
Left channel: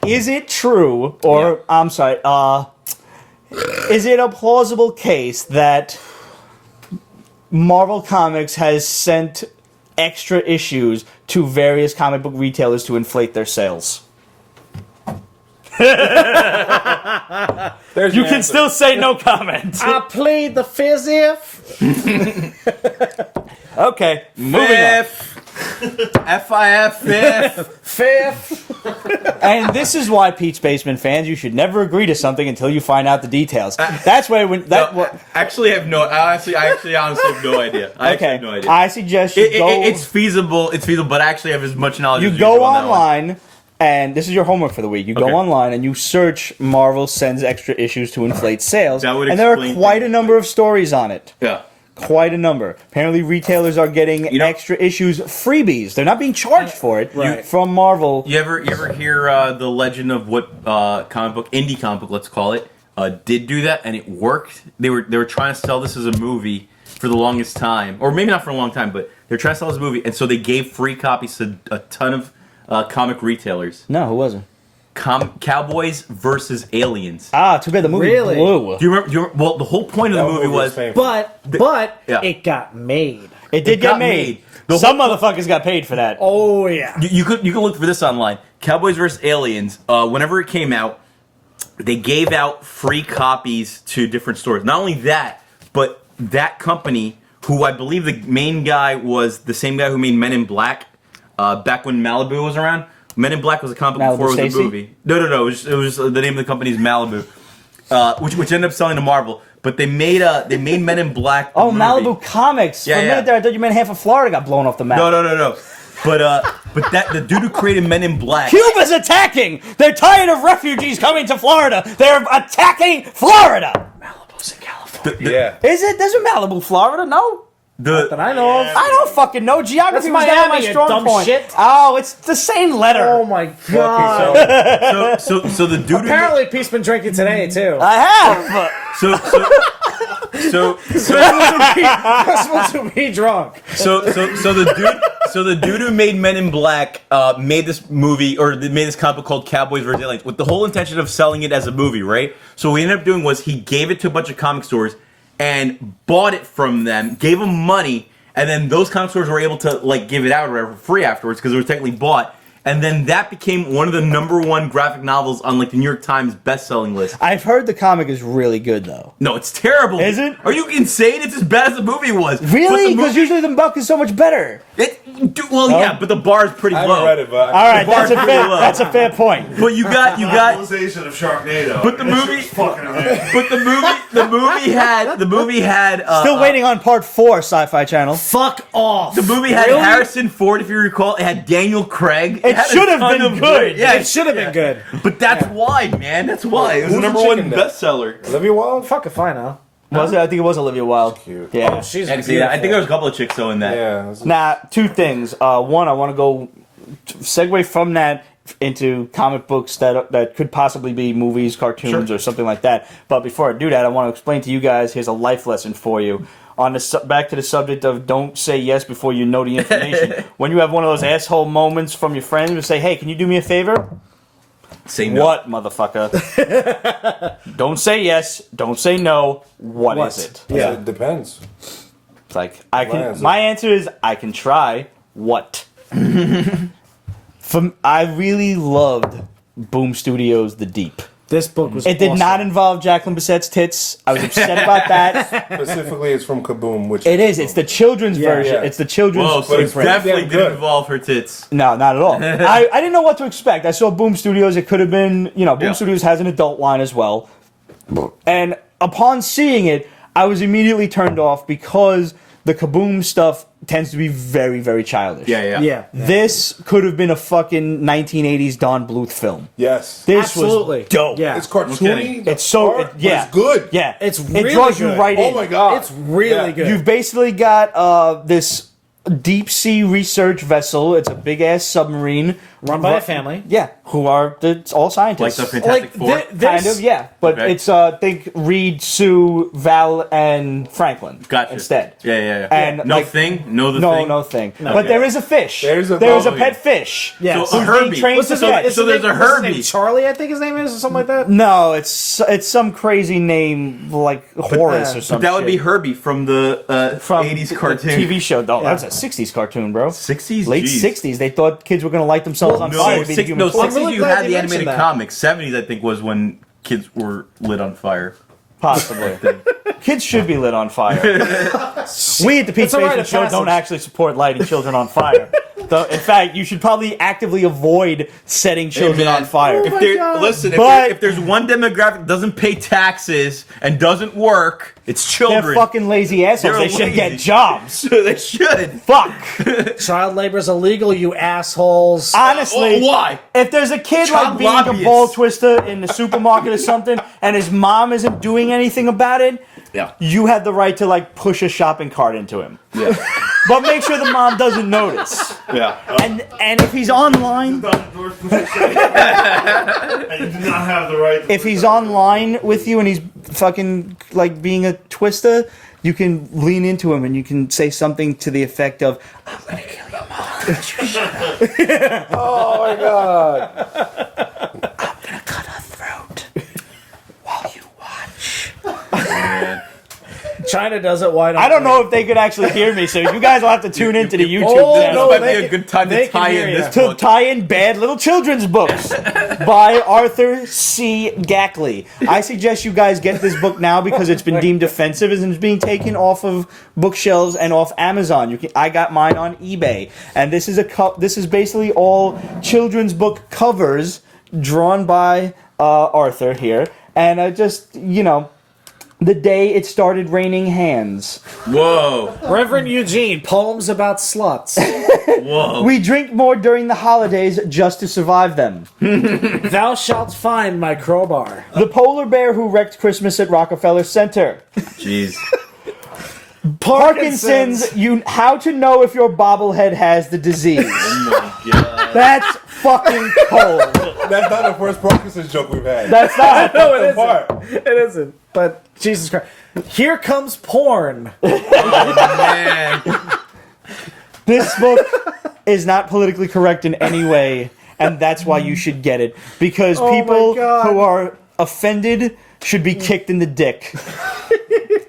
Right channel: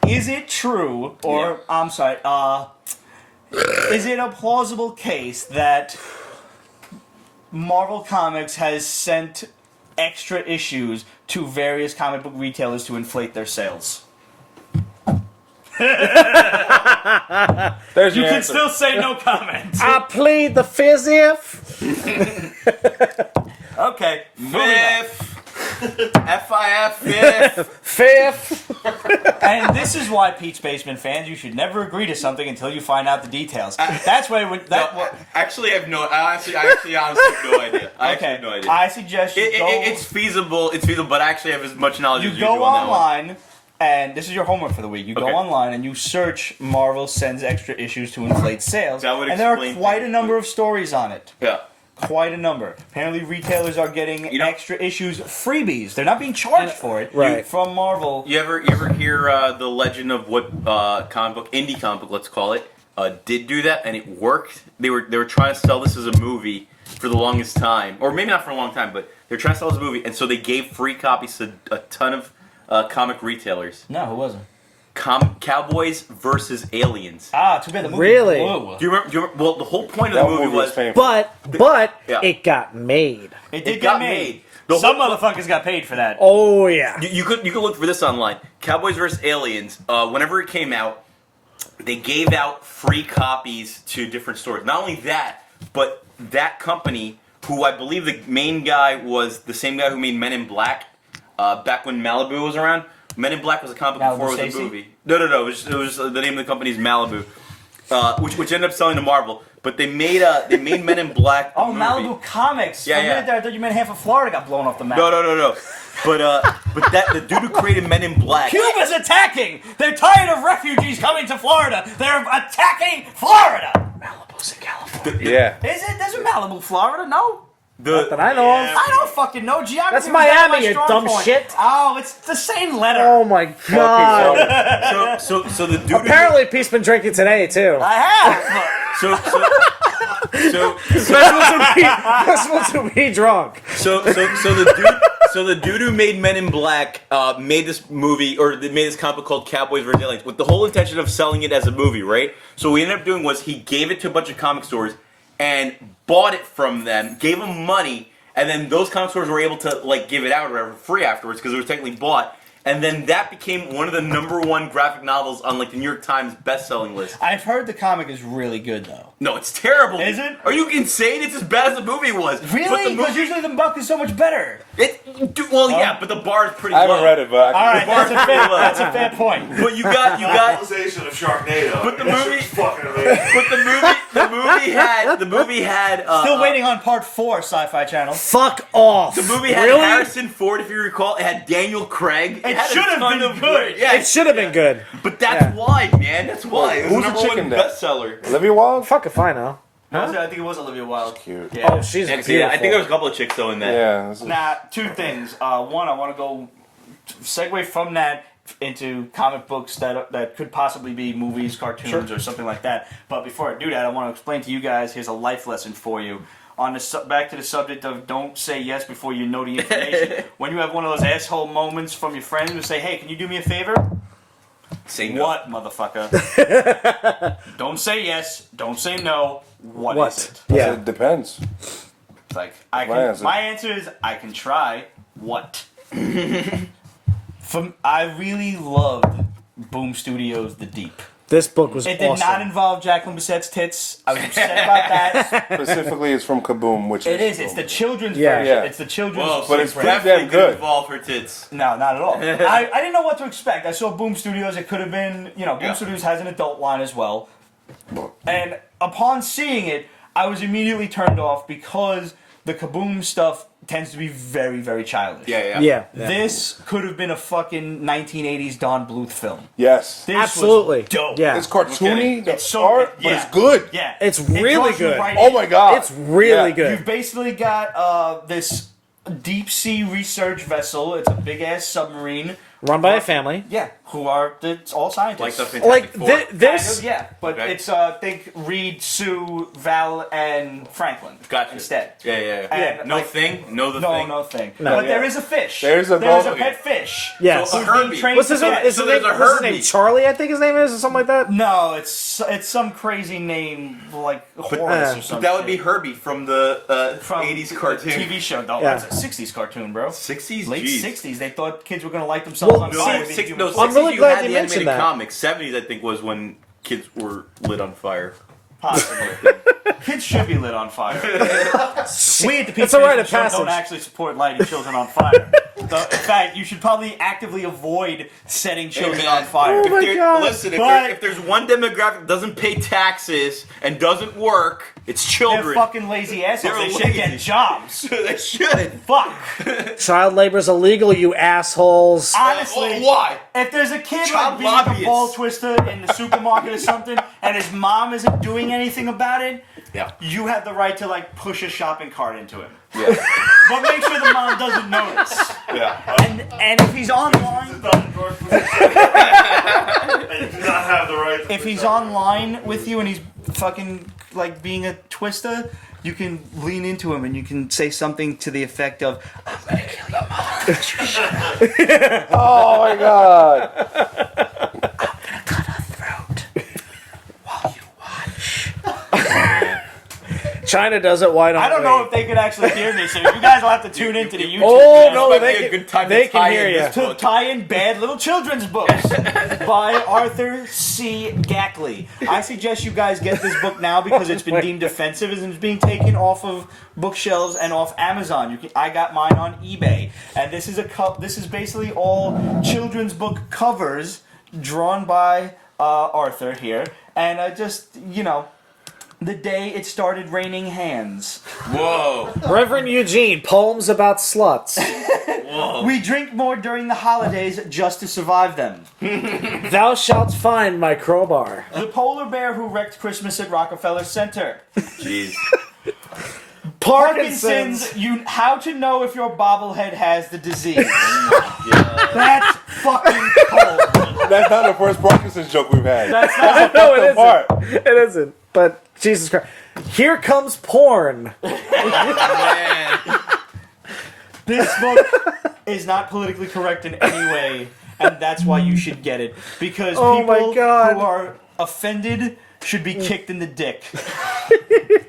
Is it true, or Yeah. I'm sorry, is it a plausible case that Marvel Comics has sent extra issues to various comic book retailers to inflate their sales? There's You your can answer. still say no comment. I plead the fifth. Okay. moving on. Fifth. And this is why, Pete's Basement fans, you should never agree to something until you find out the details. That's why when that. No, actually, I have no. I honestly have no idea. I actually have no idea. I suggest you go. It's feasible. It's feasible, but I actually have as much knowledge You as you go do on that one. online, and this is your homework for the week. You Okay. go online and you search Marvel sends extra issues to inflate sales. That would and there are explain quite a things, number but- of stories on it. Yeah. Quite a number. Apparently, retailers are getting You know- extra issues, freebies. They're not being charged for it Right. from Marvel. You ever hear the legend of what indie comic book, let's call it, did do that and it worked? They were trying to sell this as a movie for the longest time, or maybe not for a long time, but they're trying to sell this movie, and so they gave free copies to a ton of comic retailers. No, who wasn't? Cowboys versus Aliens. Ah, too bad the movie Really? blew. Do you remember? Well, the whole point of the movie was painful. But Yeah. it got made. It did it got get made. The Some whole- motherfuckers got paid for that. Oh yeah. You could look for this online. Cowboys vs. Aliens. Whenever it came out, they gave out free copies to different stores. Not only that, but that company, who I believe the main guy was the same guy who made Men in Black, back when Malibu was around. Men in Black was a comic book Malibu before it was Stacy? a movie. No. It was just the name of the company is Malibu, which ended up selling to Marvel. But they made Men in Black. The Oh, movie. Malibu Comics. Yeah, For a yeah. minute there, I thought you meant half of Florida got blown off the map. No. But that the dude who created Men in Black. Cuba's attacking! They're tired of refugees coming to Florida! They're attacking Florida! Yeah. Is it? There's a Malibu, Florida? No? The I know. I don't fucking know. Geography was That's never my Miami, you strong dumb point. shit. Oh, it's the same letter. Oh my Fucking god. so the dude who made, Apparently, Pete's been drinking today too. I have! so This one's to be drunk. the dude who made Men in Black made this movie or made this comic book called Cowboys vs. Aliens with the whole intention of selling it as a movie, right? So what he ended up doing was he gave it to a bunch of comic stores and bought it from them, gave them money, and then those comic stores were able to like give it out or whatever for free afterwards because it was technically bought. and then that became one of the #1 graphic novels on like the New York Times best-selling list. I've heard the comic is really good though. No, it's terrible. Is it? Are you insane? It's as bad as the movie was. But Really? the Because movie, usually the book is so much better. yeah, but the bar is pretty I low. haven't read it, but All right, bar's that's a, pretty fair, low. that's a fair point. But you got. Novelization of Sharknado. But the That shit movie- was fucking amazing. But the movie had. Still waiting on part 4, Sci-Fi Channel. Fuck off. The movie had Harrison Ford, if you recall. It had Daniel Craig. It had a should have ton been of good. Yeah, It should have been good. But that's why, man. That's why. It was Who's the the #1 chicken then? bestseller. Olivia Wilde? Fuck if I know. Was it? I think it was Olivia Wilde. Cute. Yeah. She's I can see that. I think there was a couple of chicks though in that. Yeah. this is- Now, 2 things. One, I want to go segue from that into comic books that could possibly be movies, cartoons, or something like that. But before I do that, I want to explain to you guys. Here's a life lesson for you. On the back to the subject of don't say yes before you know the information. When you have one of those asshole moments from your friend who say, "Hey, can you do me a favor?" Say no. What, motherfucker? Don't say yes. Don't say no. What is it? I said it depends. It's like my answer is I can try. What? I really loved Boom Studios' The Deep. This book was It did awesome. not involve Jacqueline Bissette's tits. I was upset about that. Specifically, it's from KaBOOM, which It is. It's the children's version. Yeah. It's the children's. Whoa, so But it it's pretty definitely damn didn't good. involve her tits. No, not at all. I didn't know what to expect. I saw Boom Studios. It could have been, Boom Yeah. Studios has an adult line as well. And upon seeing it, I was immediately turned off because the KaBOOM stuff tends to be very, very childish. Yeah. This could have been a fucking 1980s Don Bluth film. Yes. This Absolutely. was dope. Yeah. It's cartoony, the It's so art, yeah. but it's good. Yeah, It's it really draws you good. right Oh in. my god. It's really Yeah. good. You've basically got this deep sea research vessel. It's a big ass submarine. Run by a family. Yeah, who are it's all scientists. Like the Fantastic Four. Kind of, yeah. But Okay. it's think Reed, Sue, Val, and Franklin. Gotcha. Instead. Yeah. And no like, thing. No the no, thing. no thing. But yeah. there is a fish. There's a okay. pet fish. Yeah. So Who's a being Herbie. trained So, to pet. so there's a What's his name? Herbie. Charlie, I think his name is, or something like that. No, it's some crazy name like Horace or something. But that would be Herbie from the from 80s the cartoon. TV show. No, that's a 60s cartoon, bro. 60s? Late Jeez. 60s. They thought kids were going to light themselves on fire. No, being human 60s really you glad had you the animated mentioned that. comics. 70s I think was when kids were lit on fire. Possibly. Kids should be lit on fire. We at the Pete It's a rite Station of Show don't passage. actually support lighting children on fire. In fact, you should probably actively avoid setting children on fire. If my there, God. listen, But- if there's one demographic that doesn't pay taxes and doesn't work, it's They're children. fucking lazy assholes. They're They should lazy. get jobs. They should. Fuck. Child labor's illegal, you assholes. Honestly, Why? if there's a kid Child like being a lobbyists. ball twister in the supermarket or something, and his mom isn't doing anything about it, Yeah. you have the right to like push a shopping cart into him. Yeah. But make sure the mom doesn't notice. Yeah. And if he's online, Not endorsed what you said. And you do not have the right. if he's online with you and he's fucking like being a twister, you can lean into him and you can say something to the effect of, Oh my god. China does it, why not? I don't know if they could actually hear me, so you guys will have to tune into the YouTube Oh, This channel. might be a good time they to can tie hear in you. this To book. tie in bad little children's books by Arthur C. Gackley. I suggest you guys get this book now because it's been deemed offensive and it's being taken off of bookshelves and off Amazon. I got mine on eBay, and this is This is basically all children's book covers drawn by Arthur here, and the day it started raining hands. Whoa. Reverend Eugene, poems about sluts. Whoa. We drink more during the holidays just to survive them. Thou shalt find my crowbar. The polar bear who wrecked Christmas at Rockefeller Center. Jeez. Parkinson's, how to know if your bobblehead has the disease. Oh my god. That's fucking cold. That's not the first Parkinson's joke we've had. That's That's a not fucked up part. It isn't, but Jesus Christ. Here comes porn. Oh man. This book is not politically correct in any way, and that's why you should get it. Because people my God. who are offended should be kicked in the dick.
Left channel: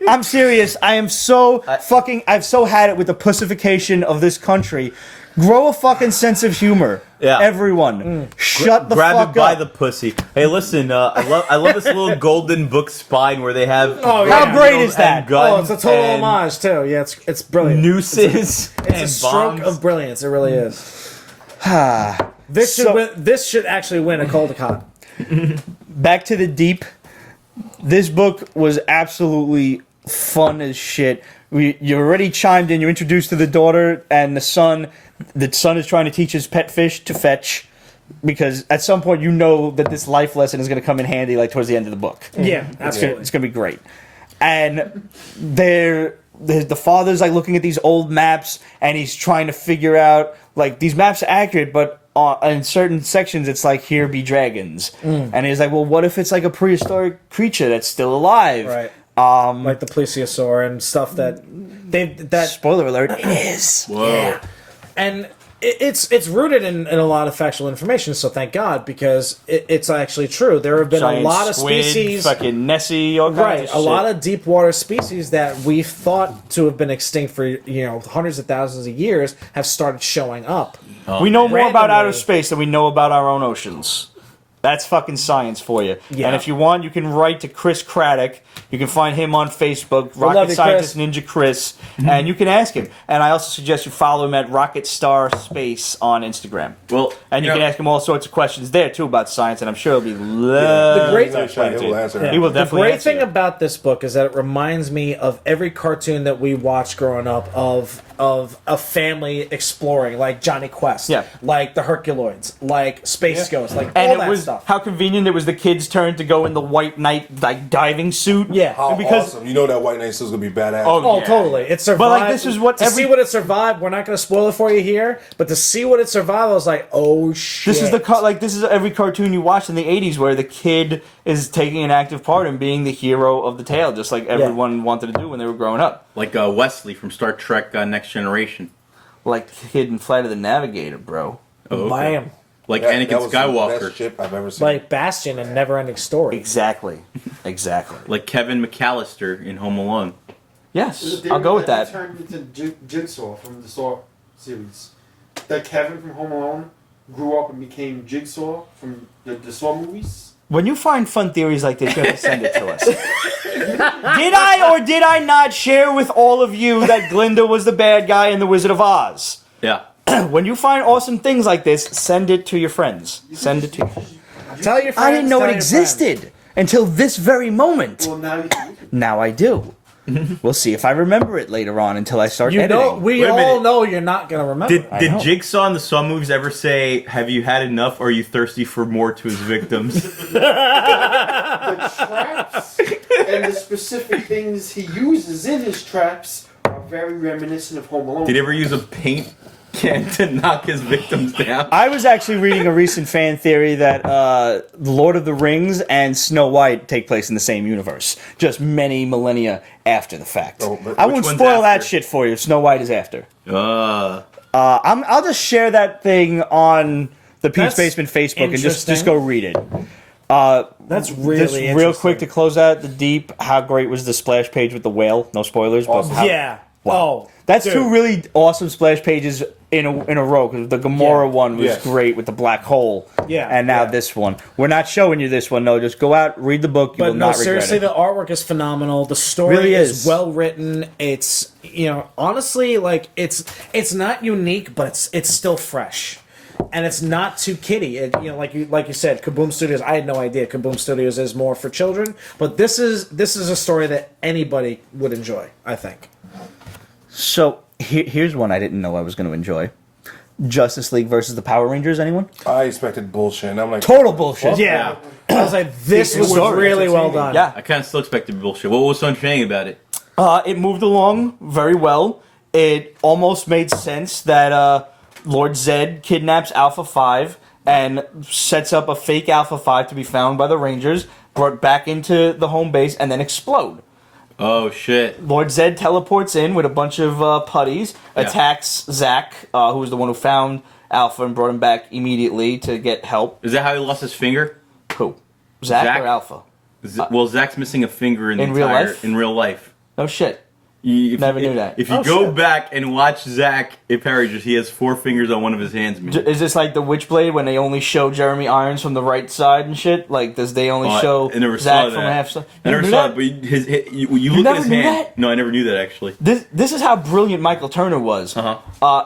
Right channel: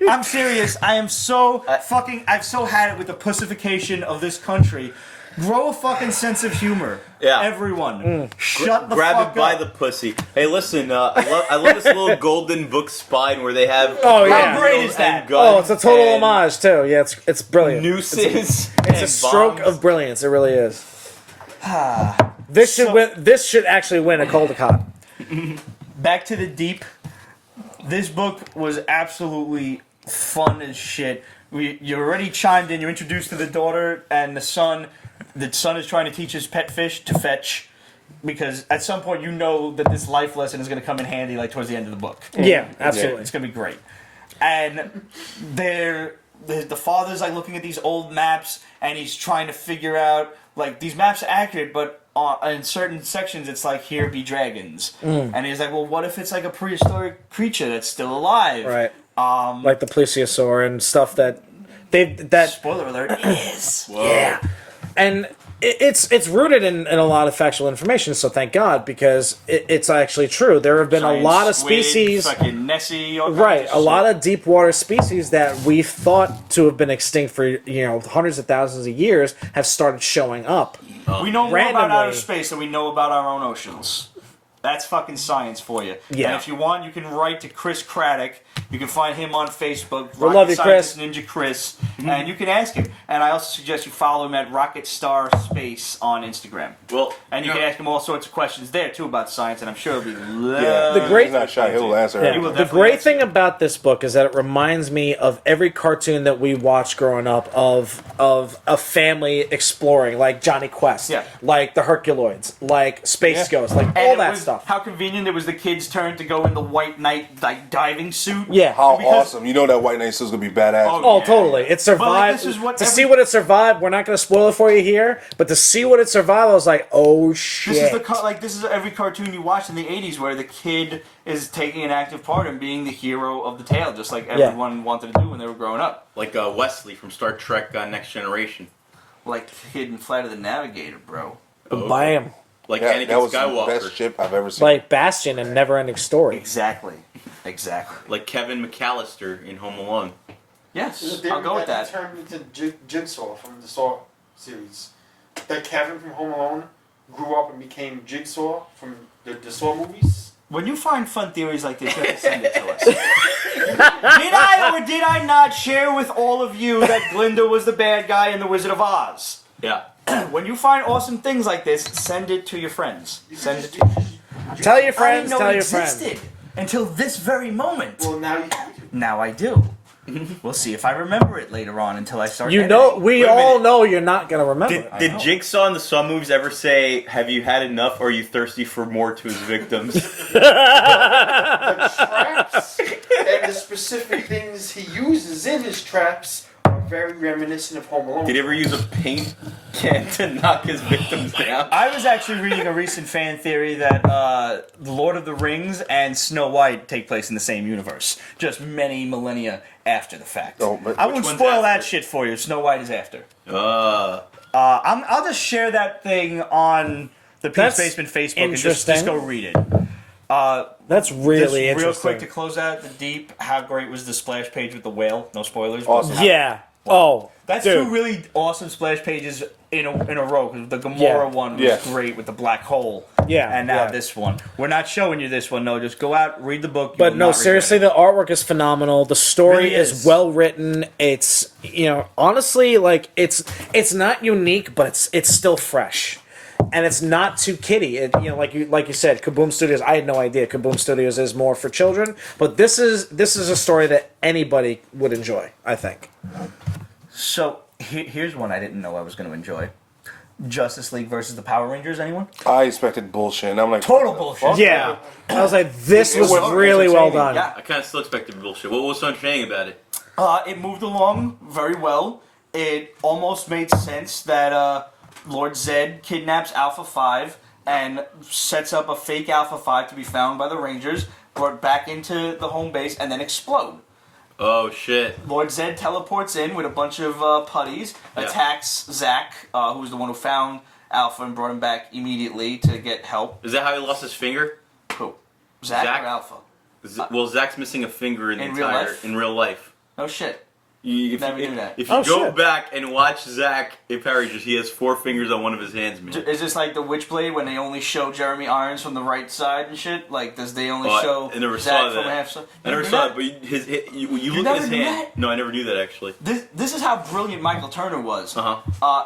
I'm serious. I am so I've so had it with the pussification of this country. Grow a fucking sense of humor. Yeah. Everyone, shut the Grab fuck it by up. the pussy. Hey, listen, I love this little golden book spine where they have yeah. drug How great needles is that? and guns it's a total and homage too. Yeah, it's brilliant. nooses and It's a stroke bombs. of brilliance. It really is. This should actually win a Caldecott. Back to the deep. This book was absolutely fun as shit. You already chimed in. You're introduced to the daughter and the son. The son is trying to teach his pet fish to fetch, because at some point you know that this life lesson is going to come in handy, like towards the end of the book. Yeah, absolutely. It's going to be great. And the father's like looking at these old maps, and he's trying to figure out, like, these maps are accurate, but in certain sections it's like, here be dragons. And he's like, well, what if it's like a prehistoric creature that's still alive? Right. Um, Like the plesiosaur and stuff that spoiler alert, is. Whoa. Yeah. And it's rooted in a lot of factual information, so thank God, because it's actually true. There have been Giant a lot of squid, species, fucking Nessie, all kinds right? of A shit. lot of deep water species that we thought to have been extinct for hundreds of thousands of years have started showing up. We know more about Randomly. outer space than we know about our own oceans. That's fucking science for you. Yeah. And if you want, you can write to Chris Craddock. You can find him on Facebook, love Rocket you, Scientist Ninja Chris, and you can ask him. And I also suggest you follow him at Rocket Star Space on Instagram. Well, And you can ask him all sorts of questions there too about science, and I'm sure he'll be He's not shy. He'll answer He will everything. The definitely great answer thing you. about this book is that it reminds me of every cartoon that we watched growing up of a family exploring, like Johnny Quest, Yeah. like the Herculoids, like Space Ghost, like And all it that was stuff. how convenient it was the kid's turn to go in the white knight like diving suit. Yeah. How Because- awesome. You know that White Knight Suit's going to be badass. Oh, Yeah, totally. yeah. It survived. But, like, this is what to every- see what it survived. We're not going to spoil it for you here, but to see what it survived, I was like, oh shit. This is this is every cartoon you watched in the 80s where the kid is taking an active part in being the hero of the tale, just like everyone wanted to do when they were growing up. like Wesley from Star Trek Next Generation. Like Kid in Flight of the Navigator, bro. Oh, okay. Bam. Like Yeah, Anakin that was the Skywalker. best ship I've ever seen. Like Bastion and Neverending Story. Exactly. Exactly. Like Kevin McAllister in Home Alone. Yes, I'll go with that. Turned into Jigsaw from the Saw series. That Kevin from Home Alone grew up and became Jigsaw from the Saw movies. When you find fun theories like this, you have to send it to us. Did I or did I not share with all of you that Glinda was the bad guy in The Wizard of Oz? Yeah. When you find awesome things like this, send it to your friends. Send it to. Tell your friends. I didn't know tell it your existed until this very moment. Well, now you can. Now I do. We'll see if I remember it later on until I start friends. editing. We Wait a all minute. know you're not going to remember. Did I did know. Jigsaw in the Saw movies ever say, "Have you had enough? Or are you thirsty for more?" to his victims? The traps and the specific things he uses in his traps are very reminiscent of Home Alone. Did he ever use a paint can to knock his victims down? I was actually reading a recent fan theory that Lord of the Rings and Snow White take place in the same universe, just many millennia after the fact. Oh, but I which won't one's spoil that after? shit for you. Snow White is after. I'll I'll just share that thing on the Pete's That's Basement Facebook and just interesting. go read it. That's really Just interesting. real quick to close out the deep. How great was the splash page with the whale? No spoilers. but Awesome. how- Yeah. Wow. Oh. That's dude. two really awesome splash pages in a row. Because the Gamora Yeah. one was Yeah. great with the black hole. Yeah. And now Yeah. this one. We're not showing you this one though. Just go out, read the book. You will But no, not regret seriously, it. the artwork is phenomenal. The story Really is is. well written. It's honestly, like it's not unique, but it's still fresh, and it's not too kiddie. Like you said, KaBOOM Studios. I had no idea KaBOOM Studios is more for children, but this is a story that anybody would enjoy. I think. So here's one I didn't know I was going to enjoy. Justice League versus the Power Rangers. Anyone? I expected bullshit, and I'm like, Total what the bullshit. fuck? Yeah, I was like, this It was was really well entertaining. done. Yeah. I kind of still expected bullshit. What was so entertaining about it? It moved along very well. It almost made sense that Lord Zed kidnaps Alpha 5 and sets up a fake Alpha 5 to be found by the Rangers, brought back into the home base, and then explode. Oh shit! Lord Zed teleports in with a bunch of putties, Yeah. attacks Zack, who was the one who found Alpha and brought him back immediately to get help. Is that how he lost his finger? Who? Zack Zack? or Alpha? Well, Zach's missing a finger in the In real entire life? in real life. No shit. Never knew that. If you go back and watch Zack in Power Rangers, he has 4 fingers on one of his hands, man. Is this like the Witchblade when they only show Jeremy Irons from the right side and shit? Like, does they only show I never Zack saw from that. half side? I never saw it, but you look at his never knew hand. that? No, I never knew that actually. This is how brilliant Michael Turner was.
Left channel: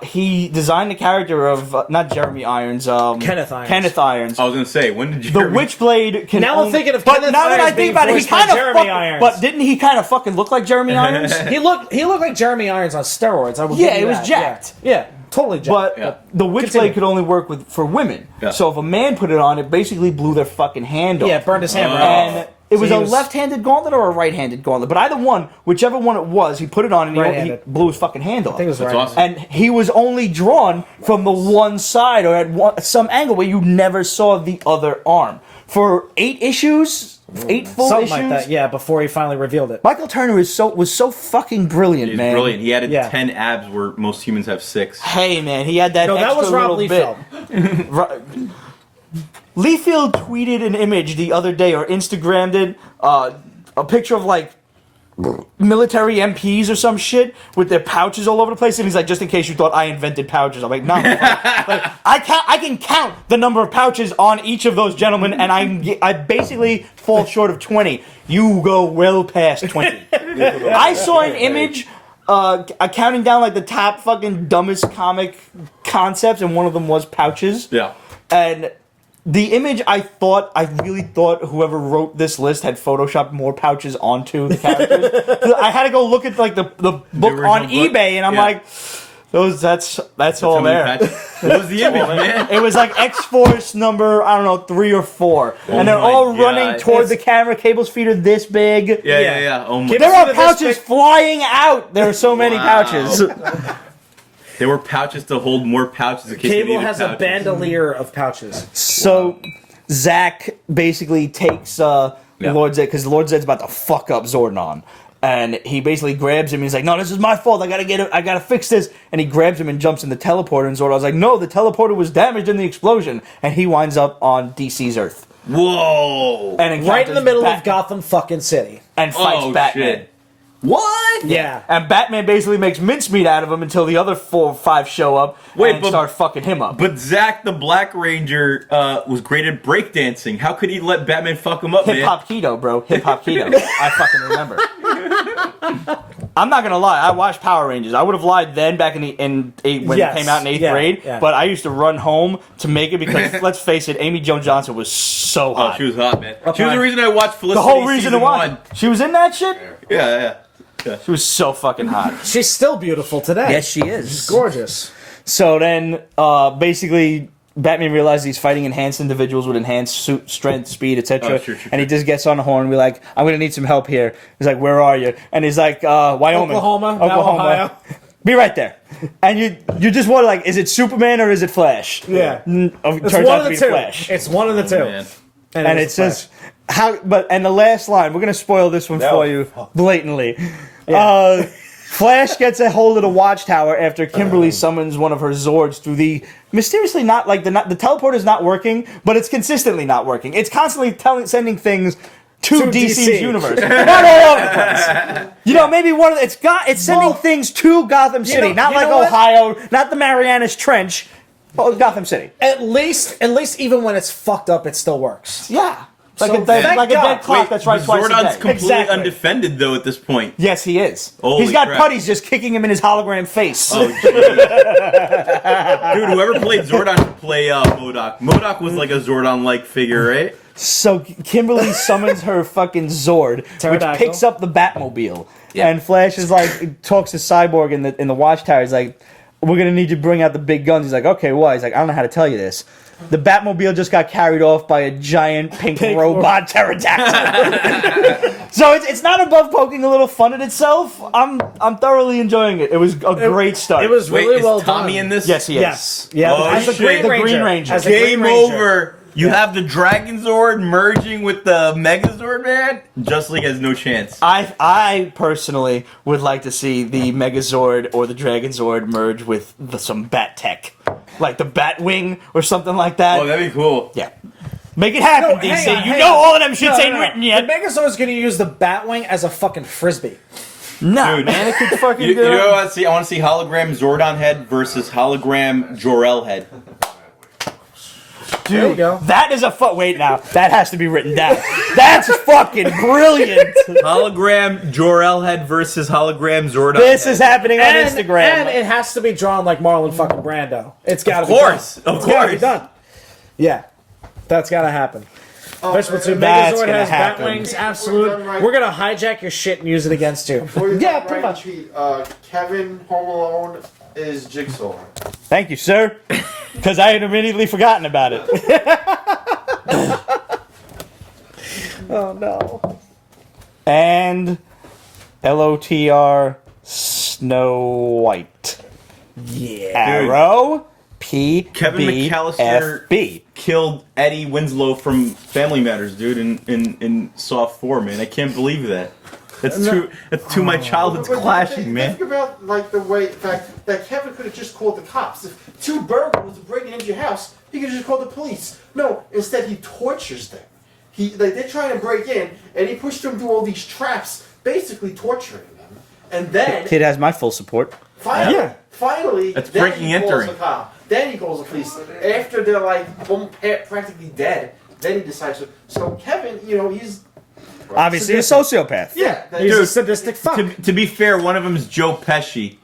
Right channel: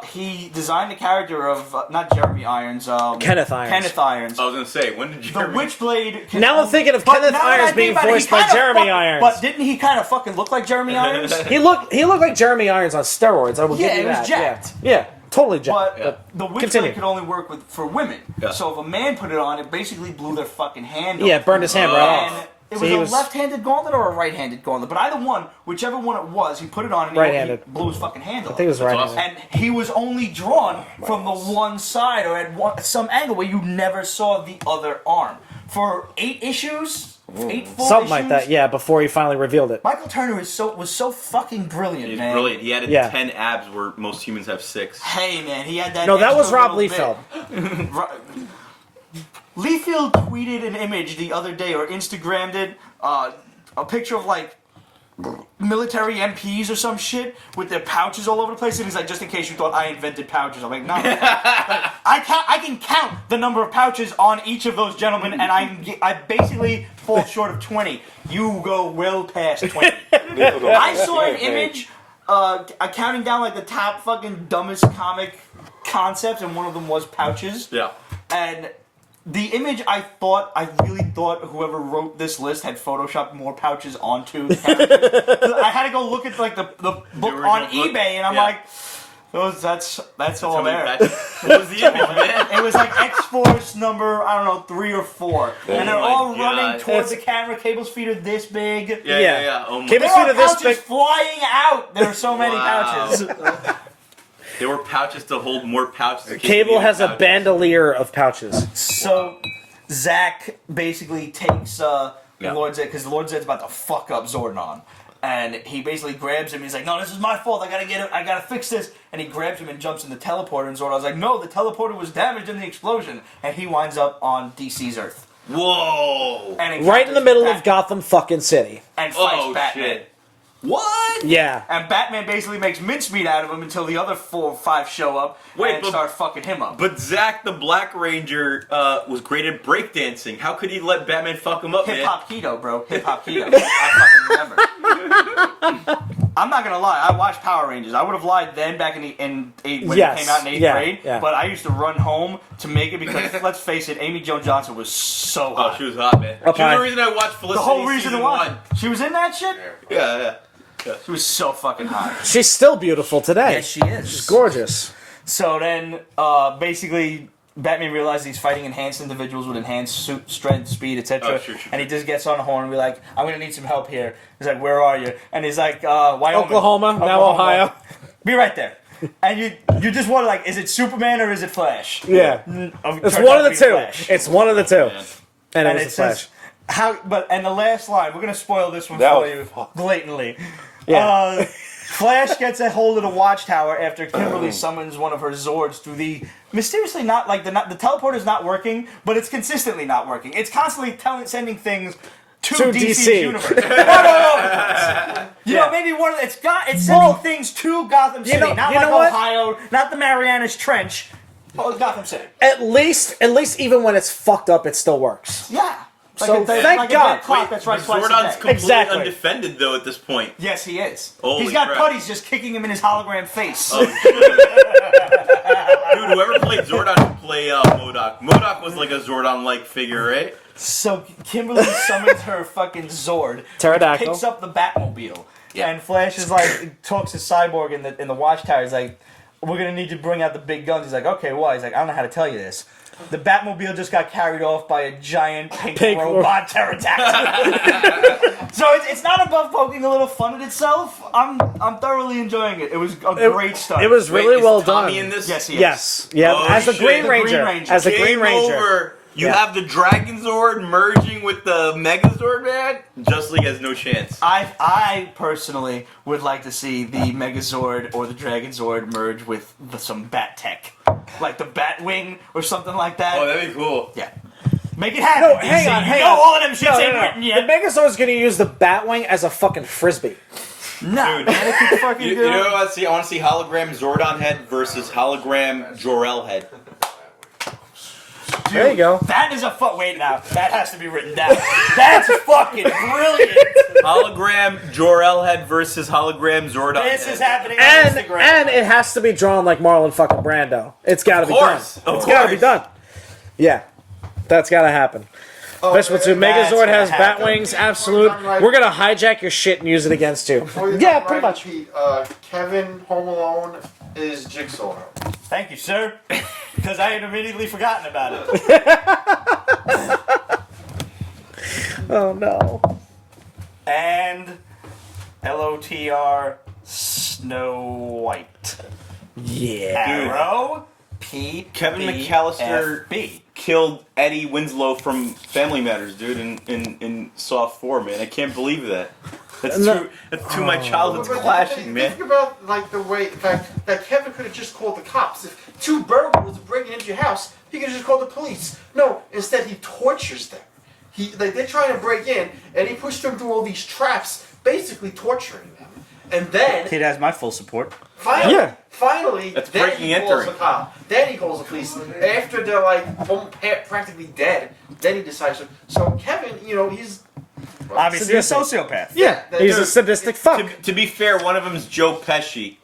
He designed the character of not Jeremy Irons, Kenneth Irons. Kenneth Irons. I was gonna say, when did you? The Witchblade can. Now I'm thinking of but Kenneth now that I Irons think being about it, he voiced by kind of Jeremy fucking. Irons. But didn't he kind of fucking look like Jeremy Irons? He looked like Jeremy Irons on steroids. I will Yeah, give you it was that. jacked. Yeah, totally jacked. But Yeah. the Witchblade could only work for women. Yeah. So if a man put it on, it basically blew their fucking hand off. yeah, burned his hand. And it was So a he was- left-handed gauntlet or a right-handed gauntlet. But either one, whichever one it was, he put it on and he Right-handed. blew his fucking hand off. I think it was That's right. awesome. And he was only drawn from the one side or at some angle where you never saw the other arm. For 8 issues, 8 full Something issues. like that. Yeah, before he finally revealed it. Michael Turner was so fucking brilliant, He's man. brilliant. He added Yeah. 10 abs where most humans have 6. Hey, man, he had that No, that extra was Rob little bit. Liefeld. Liefeld tweeted an image the other day, or Instagrammed it, a picture of like military MPs or some shit with their pouches all over the place, and he's like, just in case you thought I invented pouches. I'm like, no, like, I can count the number of pouches on each of those gentlemen, and I basically fall short of 20. You go well past 20. I saw an image. Counting down like the top fucking dumbest comic concepts, and one of them was pouches. Yeah. And the image, I really thought whoever wrote this list had photoshopped more pouches onto the characters. I had to go look at like the book original on book? eBay, and I'm Yeah. like, that's all How many there. patches? What was the image, man? It was like X-Force number, I don't know, 3 or 4. And they're my all God. running toward the camera. Cable's feet are this big. Yeah. Oh my. There Feet are are this pouches big. flying out. There were so many Wow. pouches. There were pouches to hold more pouches in case they Cable needed has pouches. a bandolier of pouches. So Zack basically takes Yeah. Lord Zed, because Lord Zed's about to fuck up Zordon. And he basically grabs him and he's like, no, this is my fault, I gotta fix this. And he grabs him and jumps in the teleporter, and Zordon's like, no, the teleporter was damaged in the explosion. And he winds up on DC's Earth. Whoa! And encounters Right in the middle of Batman Gotham fucking City. and fights Oh Batman. shit! What? Yeah. And Batman basically makes mincemeat out of him until the other 4 or 5 show up Wait, and but- start fucking him up. But Zack the Black Ranger was great at breakdancing. How could he let Batman fuck him up, Hip man? hop keto, bro. Hip hop keto. I fucking remember. I'm not gonna lie. I watched Power Rangers. I would have lied then, back when Yes. it came out in 8th Yeah, grade. yeah. But I used to run home to make it because, let's face it, Amy Jo Johnson was so Oh, hot. she was hot, man. She was the high. reason I watched the Felicity whole reason season to watch. 1. She was in that shit. Yeah. She was so fucking hot. She's still beautiful today. Yes, she is. She's gorgeous. So then, basically, Batman realizes he's fighting enhanced individuals with enhanced strength, speed, etc. Oh, sure. And he just gets on the horn and we're like, I'm going to need some help here. He's like, where are you? And he's like, Wyoming. Oklahoma, now Ohio. Be right there. And you just wonder, like, is it Superman or is it Flash? Yeah. It's Turns one out to of be the two. Flash. It's one of the two. Man. And it says, and the last line, we're going to spoil this one That for was you fucked. blatantly. Flash gets a hold of the Watchtower after Kimberly summons one of her Zords through the mysteriously the teleporter's not working, but it's consistently not working. It's constantly sending things to DC's DC. universe. You know, maybe one of it's sending things to Gotham City, not you like know what? Ohio, not the Marianas Trench, but Gotham City. At least even when it's fucked up, it still works. Yeah. Like So a thank dead God. clock Wait, that's but right twice a Zordon's day. completely Exactly. undefended though at this point. Yes, he is. Holy He's got crap. putties just kicking him in his hologram face. Oh, geez. Dude, whoever played Zordon should play MODOK. MODOK was like a Zordon-like figure, right? So Kimberly summons her fucking Zord, which Pterodactyl. picks up the Batmobile. Yeah. And Flash is like, talks to Cyborg in the Watchtower. He's like, we're going to need you to bring out the big guns. He's like, okay, why? He's like, I don't know how to tell you this. The Batmobile just got carried off by a giant pink robot pterodactyl. So it's not above poking a little fun at itself. I'm thoroughly enjoying it. It was a great start. It was Wait, really is well Tommy done. in this? Yes, he is. Yes. Yeah. Oh, As a shit. Green The Green Ranger. As a Green Game Ranger. over. You have the Dragon Zord merging with the Megazord, man? Just League has no chance. I personally would like to see the Megazord or the Dragon Zord merge with some bat tech, like the Batwing or something like that. Oh, that'd be cool. Yeah, make it happen, No, hang DC. on, You hang know on. all of them shits No, ain't no. written The yet. Megazord's going to use the Batwing as a fucking frisbee. No, Dude. man, it could fucking You do know what I want to see? I want to see hologram Zordon head versus hologram Jor-El head. There you go. That is a wait now. That has to be written down. That's fucking brilliant. Hologram Jor-El head versus hologram Zordon This head. is happening on Instagram. And it has to be drawn like Marlon fucking Brando. It's got Of course. Of It's gotta be course. done. Yeah. That's gotta happen. Oh, Special 2 that's Megazord gonna has happen. Batwings, Before absolute. you're done right- We're gonna hijack your shit and use it against you. Before you're Yeah, done pretty right, much. Pete, Kevin Home Alone is Jigsaw. Thank you, sir. Because I had immediately forgotten about it. Oh no. And LOTR Snow White. Yeah. Arrow P. Kevin McAllister B. killed Eddie Winslow from Family Matters, dude, in Saw 4, man. I can't believe that. That's too my childhood's But clashing, man. Think about like the fact that Kevin could have just called the cops. If two burglars are breaking into your house, he could have just called the police. No, instead he tortures them. They're trying to break in, and he pushed them through all these traps, basically torturing them. And then Kid has my full support. finally, That's then breaking he and calls entering. the cop. Then he calls the police. After they're like practically dead, then he decides to. So Kevin, he's Obviously a sociopath. yeah, He's Dude, a sadistic fuck. To be fair, one of them is Joe Pesci.